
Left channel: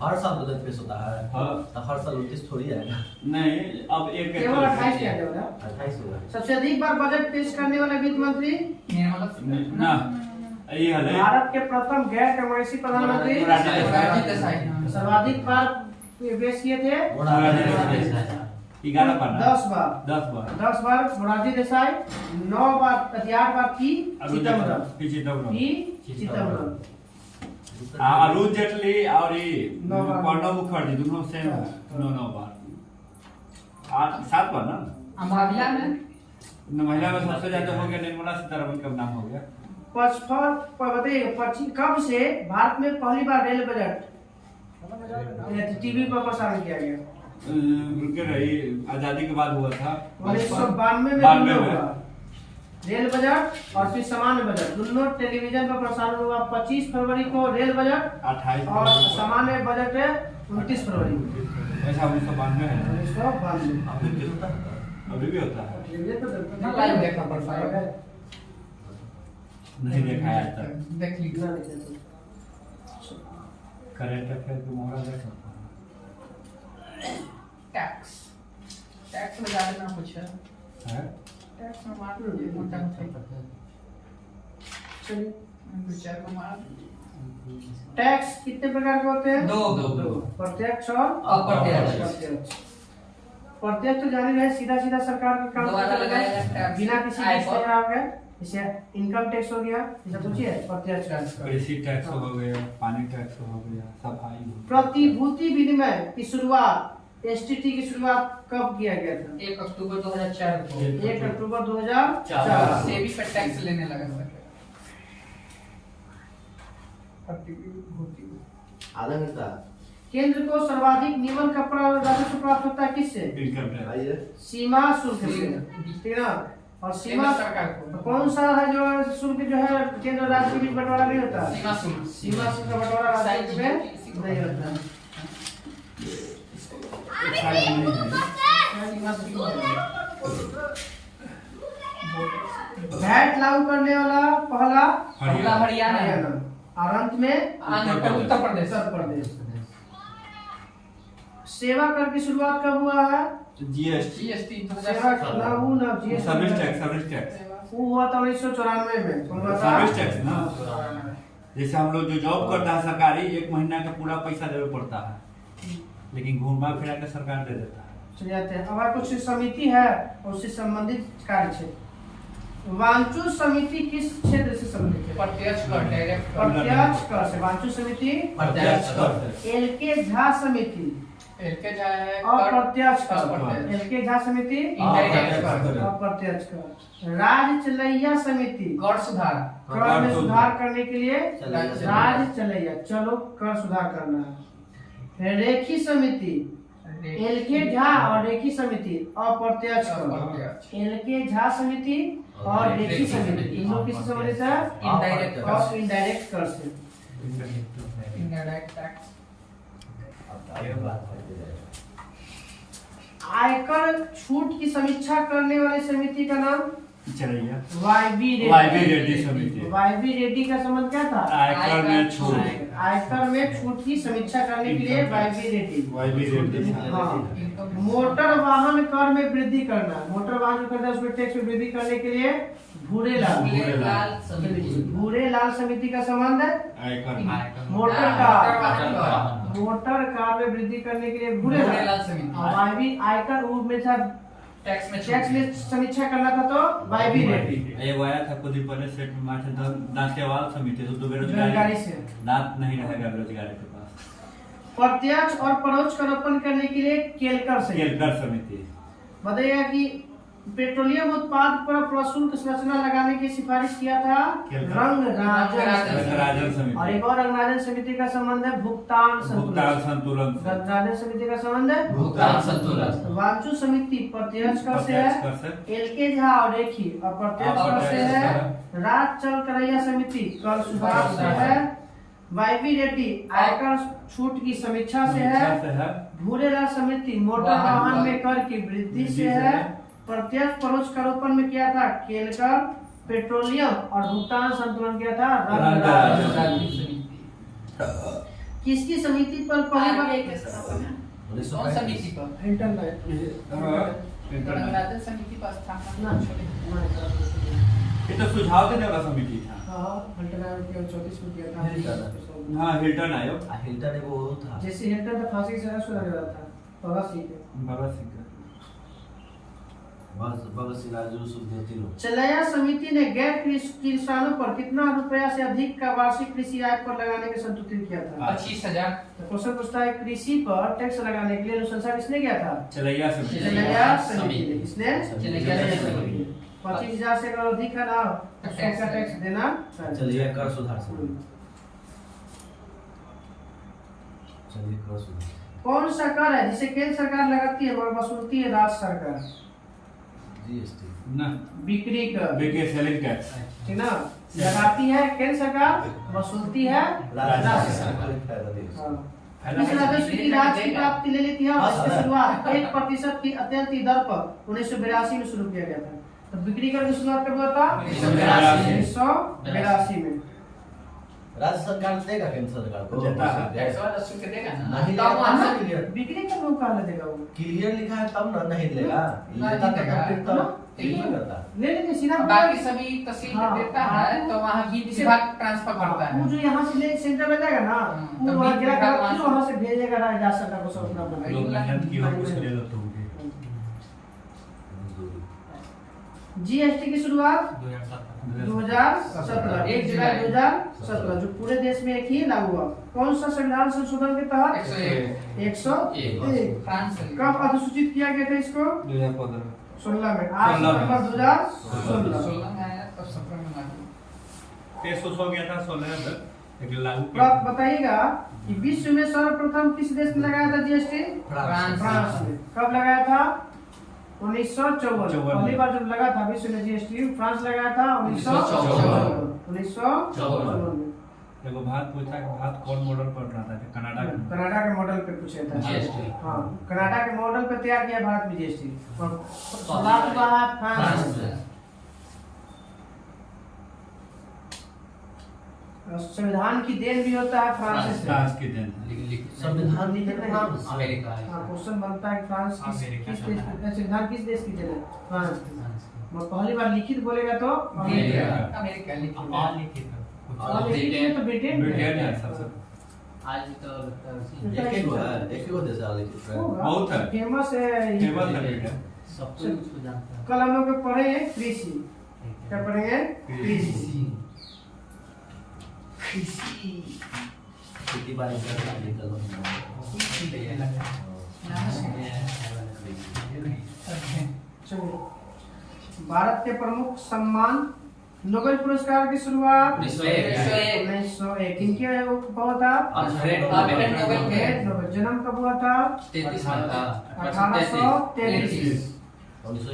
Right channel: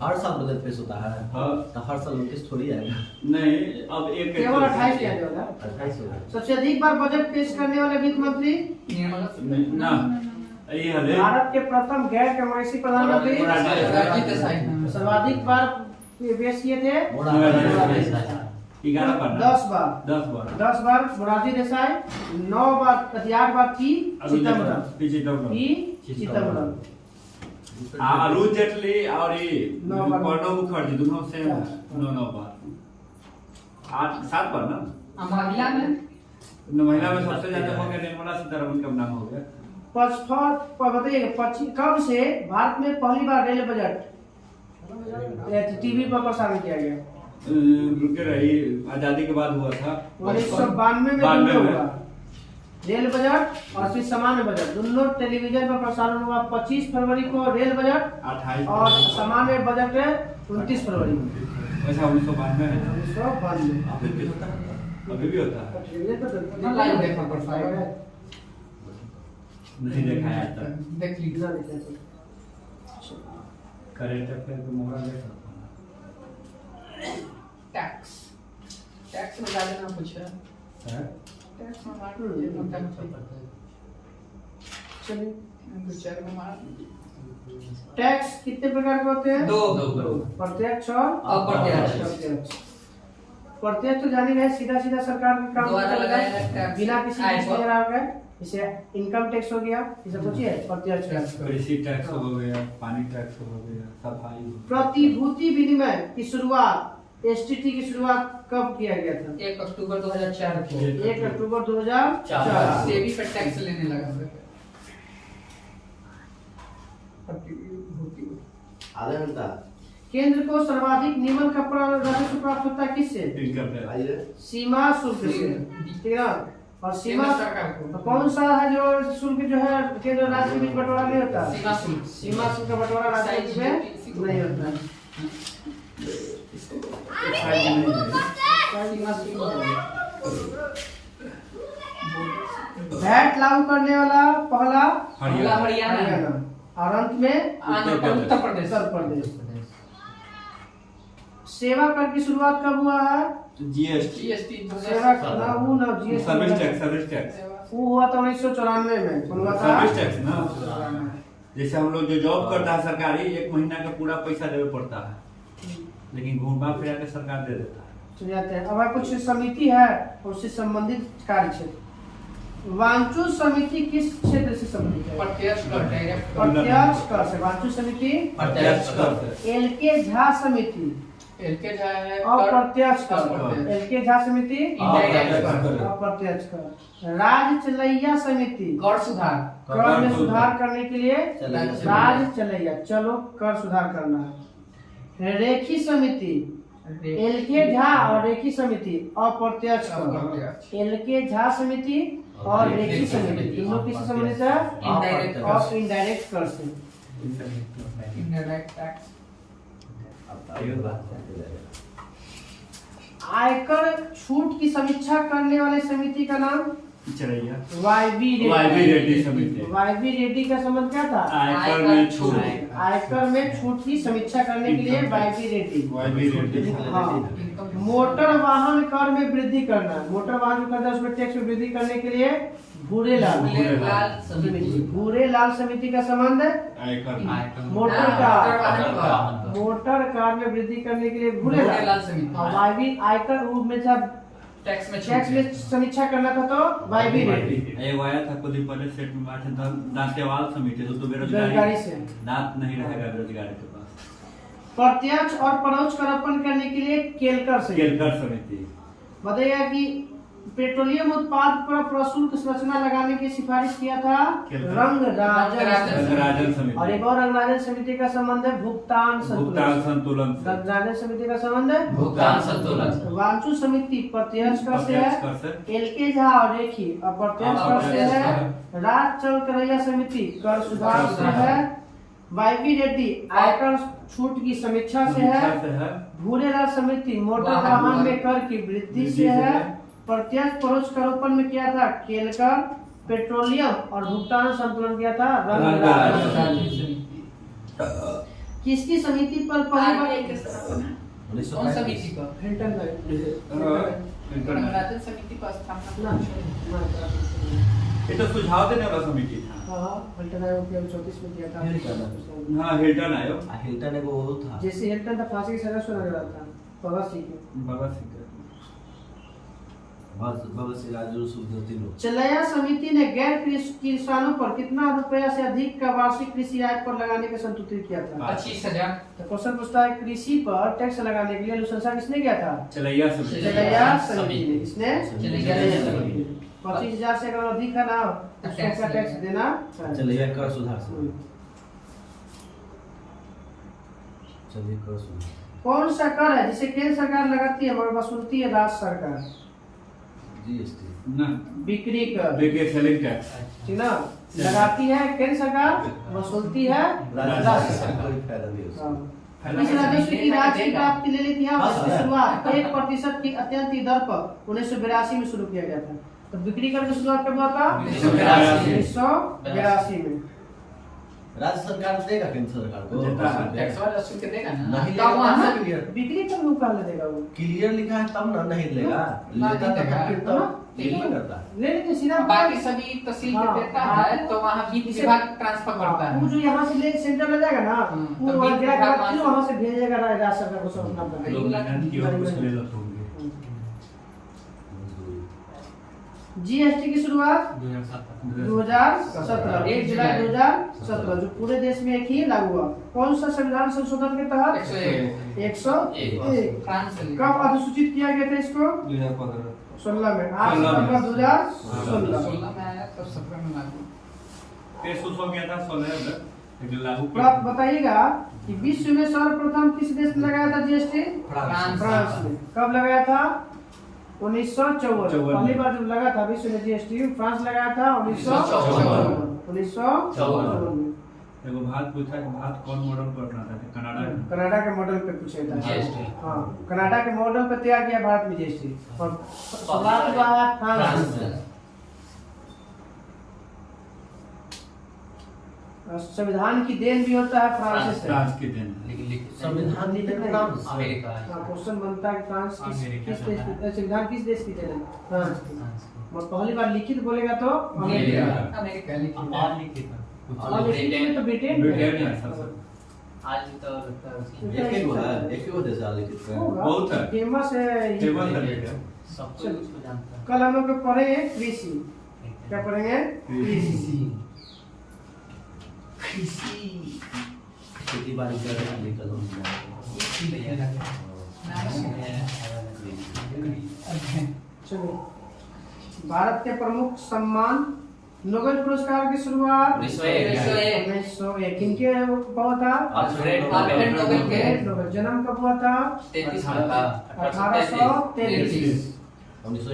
हर साल बजट पेश होता है। हाँ। तो हर साल 29 थोड़ी आएगा। नहीं, अब एक केवल 28 किया जाएगा। 28 होगा। सबसे अधिक बार बजट पेश करने वाले वित्त मंत्री ना ये हले भारत के प्रथम गैर कांग्रेसी प्रधानमंत्री मोरारजी देसाई। सर्वाधिक बार पेश किए थे 11 बार। 10 बार। 10 बार मोरारजी देसाई, 9 बार 8 बार की चिदम्बरम। अरुण जेटली और ये 9 बार। प्रणब मुखर्जी दोनों से 9 बार। 7 बार ना। महिला में महिला में सबसे ज्यादा हो गया निर्मला सीतारमण का नाम हो गया। बताइए कब से भारत में पहली बार रेल बजट टीवी पर प्रसारित किया गया? रुके रही, आजादी के बाद हुआ था 1992 में 92 हुआ रेल बजट और फिर सामान्य बजट दोनों टेलीविजन पर प्रसारण हुआ। 25 फरवरी को रेल बजट 28 और सामान्य बजट है 29 फरवरी ऐसा 1992 है। 1992 अभी भी होता है। टेलीविजन पर ना लाइव देखा पड़ता है। नहीं देखा है तक। देख लीजिए। इतना नहीं देखते। करेंट अफेयर को मोहरा देख सकता टैक्स में ज्यादा ना पूछा है। टैक्स में मार दीजिए मोटा मोटा। चलिए 2-4 को मार। टैक्स कितने प्रकार के होते हैं? दो। प्रत्यक्ष और अप्रत्यक्ष। प्रत्यक्ष तो जानी रहे सीधा सीधा सरकार का काम द्वारा लगाया टैक्स। बिना किसी आय टैक्स पर। वगैरह का। जैसे इनकम टैक्स हो गया, जैसे पूछिए प्रत्यक्ष टैक्स। कृषि टैक्स हो गया, पानी टैक्स हो गया, सफाई। प्रतिभूति विनिमय की शुरुआत एसटीटी की शुरुआत कब किया गया था? 1 अक्टूबर 2004 को 1 अक्टूबर 2004। सेबी पर टैक्स लेने लगा था। आधा घंटा। केंद्र को सर्वाधिक निम्न का राजस्व प्राप्त होता है किससे? Income tax. आइए। सीमा शुल्क से। ठीक है ना? और सीमा केंद्र सरकार को। कौन सा है जो शुल्क जो है केंद्र और राज्य के बीच बंटवारा नहीं होता? सीमा शुल्क। सीमा शुल्क का बंटवारा राज्य में नहीं होता। सीमा शुल्क वैट लागू करने वाला पहला हरियाणा। और अंत में उत्तर प्रदेश। उत्तर प्रदेश। सेवा कर की शुरुआत कब हुआ है? जीएसटी। सेवा कर ना वो ना जीएसटी सर्विस टैक्स वो हुआ था 1994 में। कौन हुआ था? सर्विस टैक्स ना। जैसे हम लोग जो जॉब करता है सरकारी, 1 महीना का पूरा पैसा देवे पड़ता है, लेकिन घूमा फिरा के सरकार दे देता है। चलिए आते हैं। अब कुछ समिति है उससे संबंधित कार्य क्षेत्र। वांचू समिति किस क्षेत्र से संबंधित है? प्रत्यक्ष कर डायरेक्ट प्रत्यक्ष कर से। वांचू समिति। प्रत्यक्ष कर। एलके झा समिति एलके झा है अप्रत्यक्ष कर। अप्रत्यक्ष। एलके झा समिति इनडायरेक्ट कर। अप्रत्यक्ष कर। राज चलैया समिति कर सुधार। कर में सुधार करने के लिए चलैया। राज चलैया चलो कर सुधार करना है। रेखी समिति एलके झा और रेखी समिति अप्रत्यक्ष कर। अप्रत्यक्ष। एलके झा समिति और रेखी समिति इन लोग किससे संबंधित है? इनडायरेक्ट कर। और इनडायरेक्ट कर से। Indirect tax. अब आगे बात करते जाएगा। आयकर छूट की समीक्षा करने वाली समिति का नाम चलिए वाईबी रेड्डी समिति। वाईबी रेड्डी का संबंध क्या था? आयकर में छूट, आयकर में छूट की समीक्षा करने के लिए वाईबी रेड्डी। हाँ। मोटर वाहन कर में वृद्धि करना, मोटर वाहन जो करता है उसमें टैक्स में वृद्धि करने के लिए भूरेलाल समिति का संबंध है आयकर मोटर कार में वृद्धि करने के लिए भूरेलाल समिति। वाईबी आयकर में था टैक्स में समीक्षा करना था तो वाईबी रेड्डी। एक आया था कुछ दिन पहले सेट में मार था दांतेवाल समिति, तो बेरोजगारी से दांत नहीं रहेगा बेरोजगारी के पास। प्रत्यक्ष और परोक्ष कर अर्पण करने के लिए केलकर समिति। बताइएगा कि पेट्रोलियम उत्पाद पर प्रशुल्क संरचना लगाने की सिफारिश किया था रंगराजन समिति। और एक और रंगराजन समिति का संबंध है भुगतान संतुलन। रंगराजन समिति का संबंध है भुगतान संतुलन। वांचू समिति प्रत्यक्ष कर से है, एलके झा और रेखी अप्रत्यक्ष कर से है। राज चल करैया समिति कर सुधार से है। वाईबी रेड्डी आयकर छूट की समीक्षा से है। भूरेलाल समिति मोटर वाहन में कर की वृद्धि से है। प्रत्यक्ष परोक्ष करोपन में किया था केलकर, पेट्रोलियम और भुगतान संतुलन किया था रंगराजन। किसकी समिति पर पहली बार कौन समिति को हिल्टन रंगराजन समिति को स्थापना ये तो सुझाव देने वाला समिति था। हाँ हिल्टन आयोग 34 में किया था। हाँ हिल्टन आयोग, हिल्टन एक वो था जैसे हिल्टन था फांसी की सजा सुनाने वाला था भगत सिंह। चलैया समिति ने गैर किसानों पर कितना रुपया से अधिक का वार्षिक कृषि आय पर लगाने का संतुलित किया था? 25,000। क्वेश्चन पूछता है कृषि पर टैक्स लगाने के लिए अनुशंसा किसने किया था? चलैया समिति ने। इसने 25,000 से अगर अधिक है ना उसका टैक्स देना चलैया कर सुधार कौन सा कर है जिसे केंद्र सरकार लगाती है मगर वसूलती है राज्य सरकार? जीएसटी ना बिक्री कर, सेलिंग टैक्स, ठीक ना? लगाती है केंद्र सरकार, वसूलती है राज्य सरकार। इस राजस्व की राज्य की प्राप्ति ले लेती है। इसकी शुरुआत 1% की अत्यंत दर पर 1982 में शुरू किया गया था। तो बिक्री कर की शुरुआत कब हुआ था? 1982 में। राज्य सरकार देगा केंद्र सरकार को टैक्स वाला रसूल के देगा ना, नहीं तब वहां से क्लियर बिक्री कर वो कहां देगा? वो क्लियर लिखा है तब ना नहीं देगा, लेता तो नहीं करता। ले लेंगे सीधा। बाकी सभी तहसील में देता है तो वहां भी विभाग ट्रांसफर करता है। वो जो यहाँ से ले सेंटर में जाएगा ना वो तब वहाँ भी गिरा विभाग फिर वहाँ से भेजेगा राज्य सरकार को सब अपना अपना। लोग मेहनत की और कुछ ले लो तुम जीएसटी की शुरुआत 2017 1 जुलाई 2017 जो पूरे देश में एक ही लागू हुआ। कौन सा संविधान संशोधन के तहत? 101। फ्रांस से कब अधिसूचित किया गया था इसको? 16 में। 8 सितंबर 2016 में आया तब 17 में लागू। पेश हो गया था 16 में लेकिन लागू तो आप बताइएगा कि विश्व में सर्वप्रथम किस देश ने लगाया था जीएसटी? फ्रांस ने। कब लगाया था? 1954। पहली बार जब लगा था विश्व में जीएसटी फ्रांस लगाया था 1954 में। देखो भारत पूछा कि भारत कौन मॉडल पर बनाता है? कनाडा के मॉडल पे पूछा था जीएसटी। हाँ कनाडा के मॉडल पे तैयार किया भारत में जीएसटी। और शुरुआत हुआ है फ्रांस में। संविधान की देन भी होता है फ्रांस से। फ्रांस की देन संविधान अमेरिका क्वेश्चन बनता है कि फ्रांस किस देश की संविधान किस देश की देन है? फ्रांस की। वो पहली बार लिखित बोलेगा तो अमेरिका लिखित और लिखित में तो ब्रिटेन है सबसे आज तो लगता है एक ही वो देश लिखित बहुत है फेमस है। फेमस है सब कुछ उसको जानता है। कल हम लोग पढ़ेंगे कृषि। क्या पढ़ेंगे? कृषि। खेती बाड़ी कर रहे हैं निकल चलिए भारत के प्रमुख सम्मान नोबेल पुरस्कार की शुरुआत 1901 किनके हुआ था? अल्फ्रेड नोबेल के। जन्म कब हुआ था? 1833।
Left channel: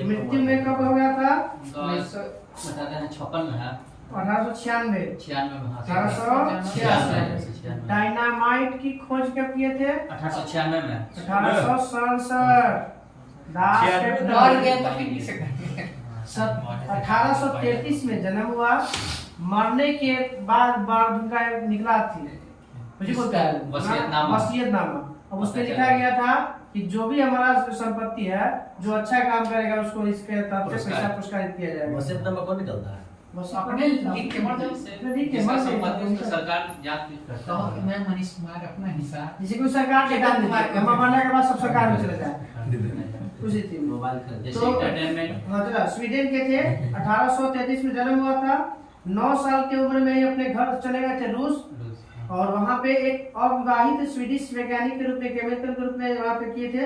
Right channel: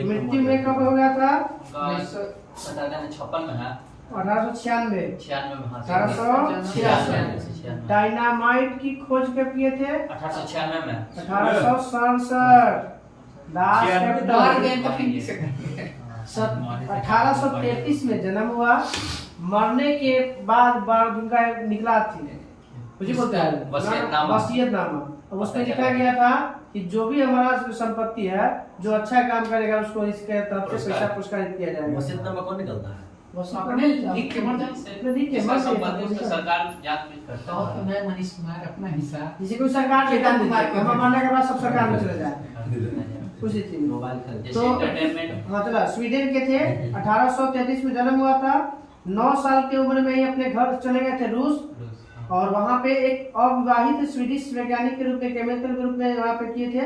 मृत्यु में कब हो गया था? 1956 में है 1896। 1896 डायनामाइट की खोज कब किए थे? 1896 में 1867। दास कैपिटल मर गए तो फिर किसे करेंगे? 1833 में जन्म हुआ। मरने के बाद उनका निकला थी, मुझे बोलता है वसीयतनामा। अब उसमें लिखा गया था कि जो भी हमारा संपत्ति है, जो अच्छा काम करेगा उसको इसके तरफ से पैसा पुरस्कारित किया जाएगा। वसीयतनामा कौन निकलता है? अपने लिख के मर जाओ। लिख के इसका मर संपत्ति जाओ। उसका सरकार जांच में करता तो है। मैं मनीष कुमार अपना हिस्सा जैसे कोई सरकार के दान देती है, मरने के बाद सब सरकार में चले जाए उसी चीज में। मोबाइल खरीद जैसे तो- एंटरटेनमेंट हाँ चला, स्वीडन के थे। 1833 में जन्म हुआ था। 9 साल की उम्र में ही अपने घर चले गए थे रूस, और वहाँ पे एक अविवाहित स्वीडिश वैज्ञानिक के रूप में, केमिकल ग्रुप में वहाँ पे किए थे,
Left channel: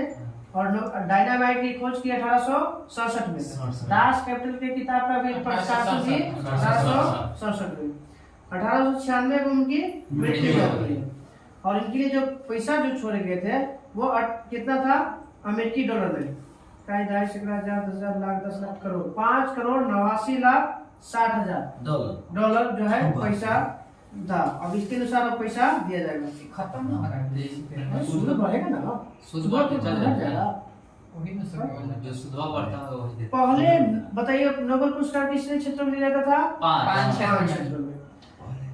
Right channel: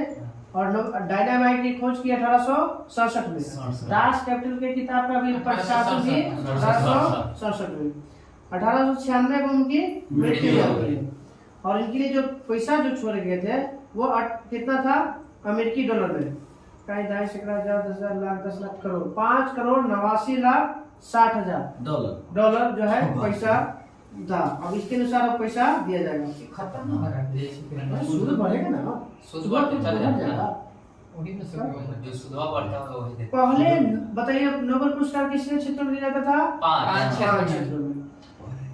और डायनामाइट की खोज की 1867 में। दास कैपिटल के किताब का भी प्रकाशन भी 1867 में। 1896 में उनकी मृत्यु हो गई। और इनके लिए जो पैसा जो छोड़े गए थे वो कितना था अमेरिकी डॉलर में? 2.5 10 लाख 10 लाख करोड़ 5 करोड़ 89 लाख 60 हजार डॉलर जो है पैसा था। अब इसके अनुसार अब पैसा दिया जाएगा। खत्म ना हो रहा है। सूद बढ़ेगा ना, सूद बढ़ते चल जाता है। वही में सब जो सुधवा बढ़ता है वो देते पहले बताइए नोबेल पुरस्कार किसने क्षेत्र में दिया जाता था? पाँच क्षेत्र में।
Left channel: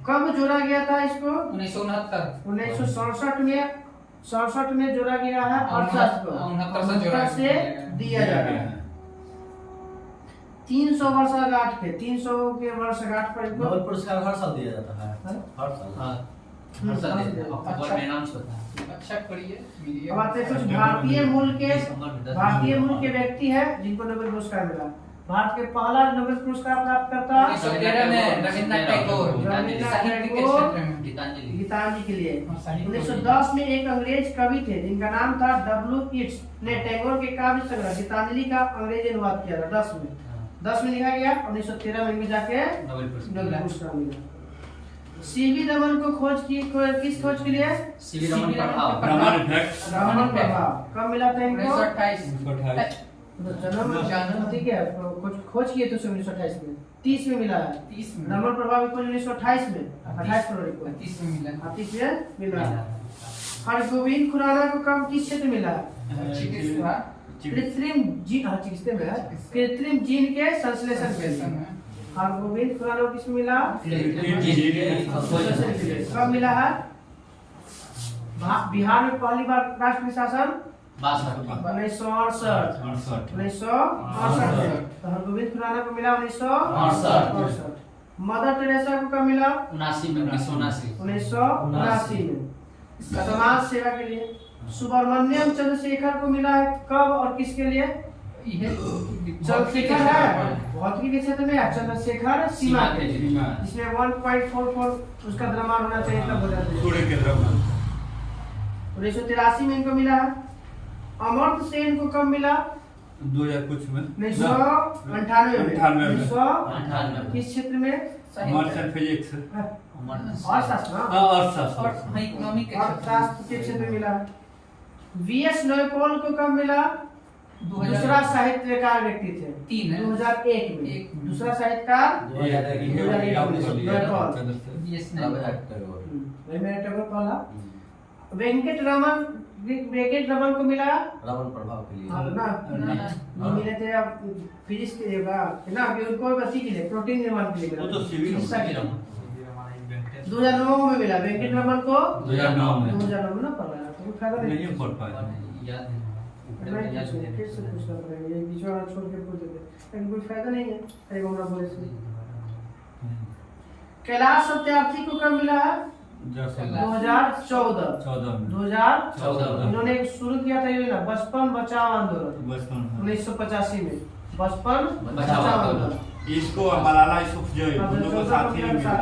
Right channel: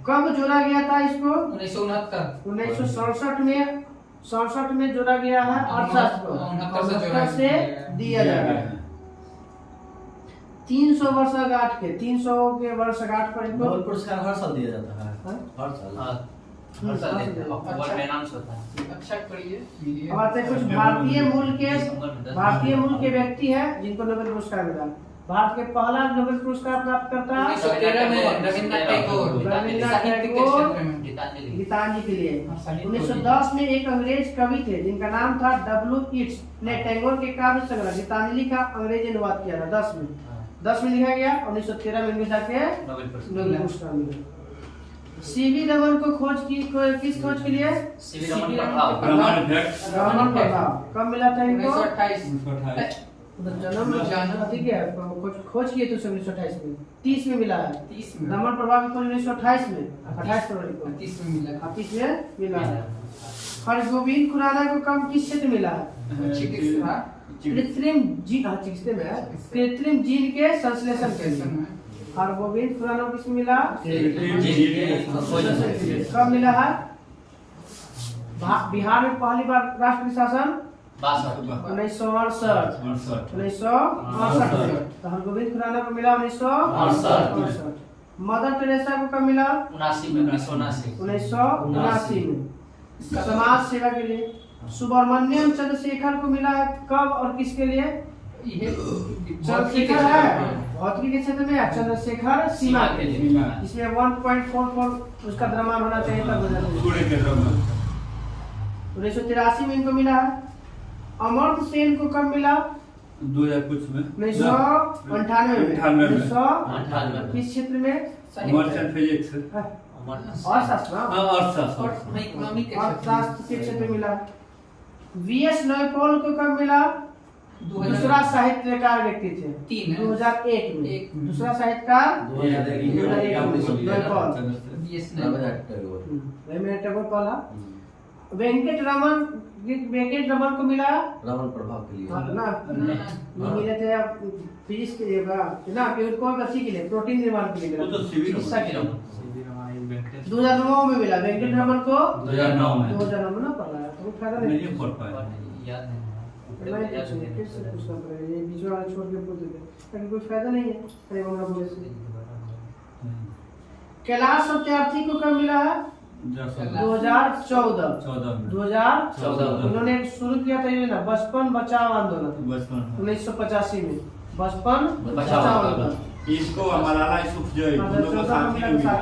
कब जोड़ा गया था इसको? 1969 1967 में। 67 में जोड़ा गया है। 68 को 69 से दिया जाएगा। 300 वर्षगांठ के 300 के वर्षगांठ पर इनको नोबेल पुरस्कार हर साल दिया जाता है। हाँ? हर साल। हर साल देते हैं। और अनाउंस होता है। अच्छा करिए मीडिया। अब आते हैं कुछ भारतीय मूल के व्यक्ति है जिनको नोबेल पुरस्कार मिला। भारत के पहला नोबेल पुरस्कार प्राप्त करता 1913 में रविन्द्रनाथ टैगोर साहित्य के क्षेत्र में गीतांजलि गीतांजलि के लिए। और साहित्य 1910 में एक अंग्रेज कवि थे जिनका नाम था W. Yeats ने टैगोर के काव्य संग्रह गीतांजलि का अंग्रेजी अनुवाद किया था 10 में लिखा गया। 1913 में भी जाके नोबेल पुरस्कार नोबेल पुरस्कार मिला। सीवी रमन को किस खोज के लिए? सीवी रमन प्रभाव ब्रह्मांड इफेक्ट रमन प्रभाव कब मिला था इनको? 1928 जन्म ठीक है, खोज किए थे 1928 में। 30 में मिला है। 30 में रमन प्रभाव की खोज 1928 में 28 फरवरी को 30 में मिला 30 में मिला है। हरगोविंद खुराना को कब किस क्षेत्र मिला? चिकित्सा कृत्रिम चिकित्सा में है। कृत्रिम जीन के संश्लेषण के लिए। में हरगोविंद खुराना को किस मिला? जी कब मिला है? बिहार में पहली बार राष्ट्रीय शासन 1968 में। तो हरगोविंद खुराना को मिला 1968। मदर टेरेसा को कब मिला? 1979 में समाज सेवा के लिए। सुब्रमण्यम चंद्रशेखर को मिला है कब और किसके लिए? ये चंद्रशेखर है भौतिकी के क्षेत्र में, चंद्रशेखर सीमा के लिए, जिसमें 1.44 उसका द्रव्यमान होना चाहिए तब हो जाता है। पूरे के द्रव्यमान 1983 में इनको मिला है। अमर्त्य सेन को कब मिला? 2000 कुछ में 1998 में। 98 किस क्षेत्र में? मर्चेंट फिजिक्स अर्थशास्त्र अर्थशास्त्र इकोनॉमिक के अर्थशास्त्र के क्षेत्र में मिला। वीएस नयपॉल को कब मिला? 2000 दूसरा साहित्यकार व्यक्ति थे 2001 में। एक में। दूसरा साहित्यकार 2001 बीएसएनएल रविन्द्रनाथ टैगोर पहला। वेंकट रमन को मिला रमन प्रभाव के लिए। ना ये मिले थे अब फिजिक्स के लिए ना कि उनको बच्ची के लिए प्रोटीन निर्माण के लिए मिला। वो तो सिविल चिकित्सा के लिए 2009 में मिला वेंकट रमन को। 2009 में 2009 में ना पढ़ा है तो फायदा नहीं। नहीं पढ़ पाए याद है कैसे पूछना पड़ेगा ये बीच वाला छोड़ के पूछ देते लेकिन कोई फायदा नहीं है। अरे बंगला बोले से कैलाश सत्यार्थी को कब मिला है? 2014 इन्होंने एक शुरू किया था ये ना बचपन बचाओ आंदोलन 1985 में। बचपन बचाओ आंदोलन इसको मलाला यूसुफजई दोनों को साथ ही मिला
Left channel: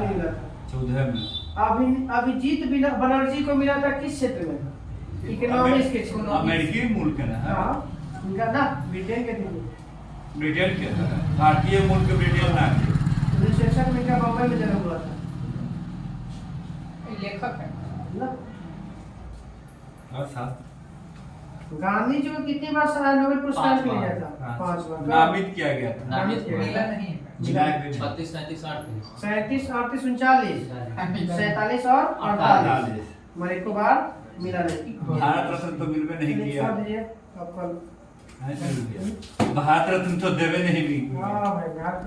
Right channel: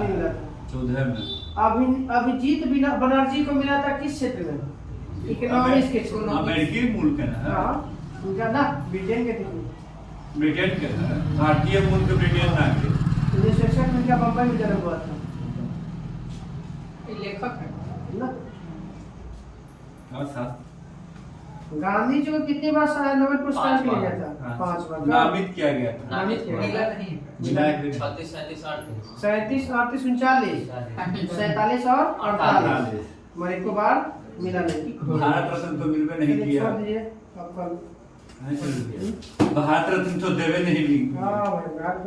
14 में। अभिजीत बनर्जी को मिला था किस क्षेत्र में? इकोनॉमिक्स के क्षेत्र में। अमेरिकी मूल के ना हाँ उनका ना ब्रिटेन के थे। ब्रिटेन के भारतीय मूल के ब्रिटेन ना है 1961 में इनका बम्बई में जन्म हुआ था लेखक है ना। और साथ गांधी जी को कितनी बार नोबेल पुरस्कार मिल गया था? 5 बार। नामित किया गया था नामित किया मिला गया। नहीं मिला के 36 37 38 37 38 39 47 और 48 मेरे को बार मिला नहीं। भारत रत्न तो मिलवे नहीं किया छोड़ दीजिए आपका भारत रत्न तो देवे नहीं भी हाँ भाई भारत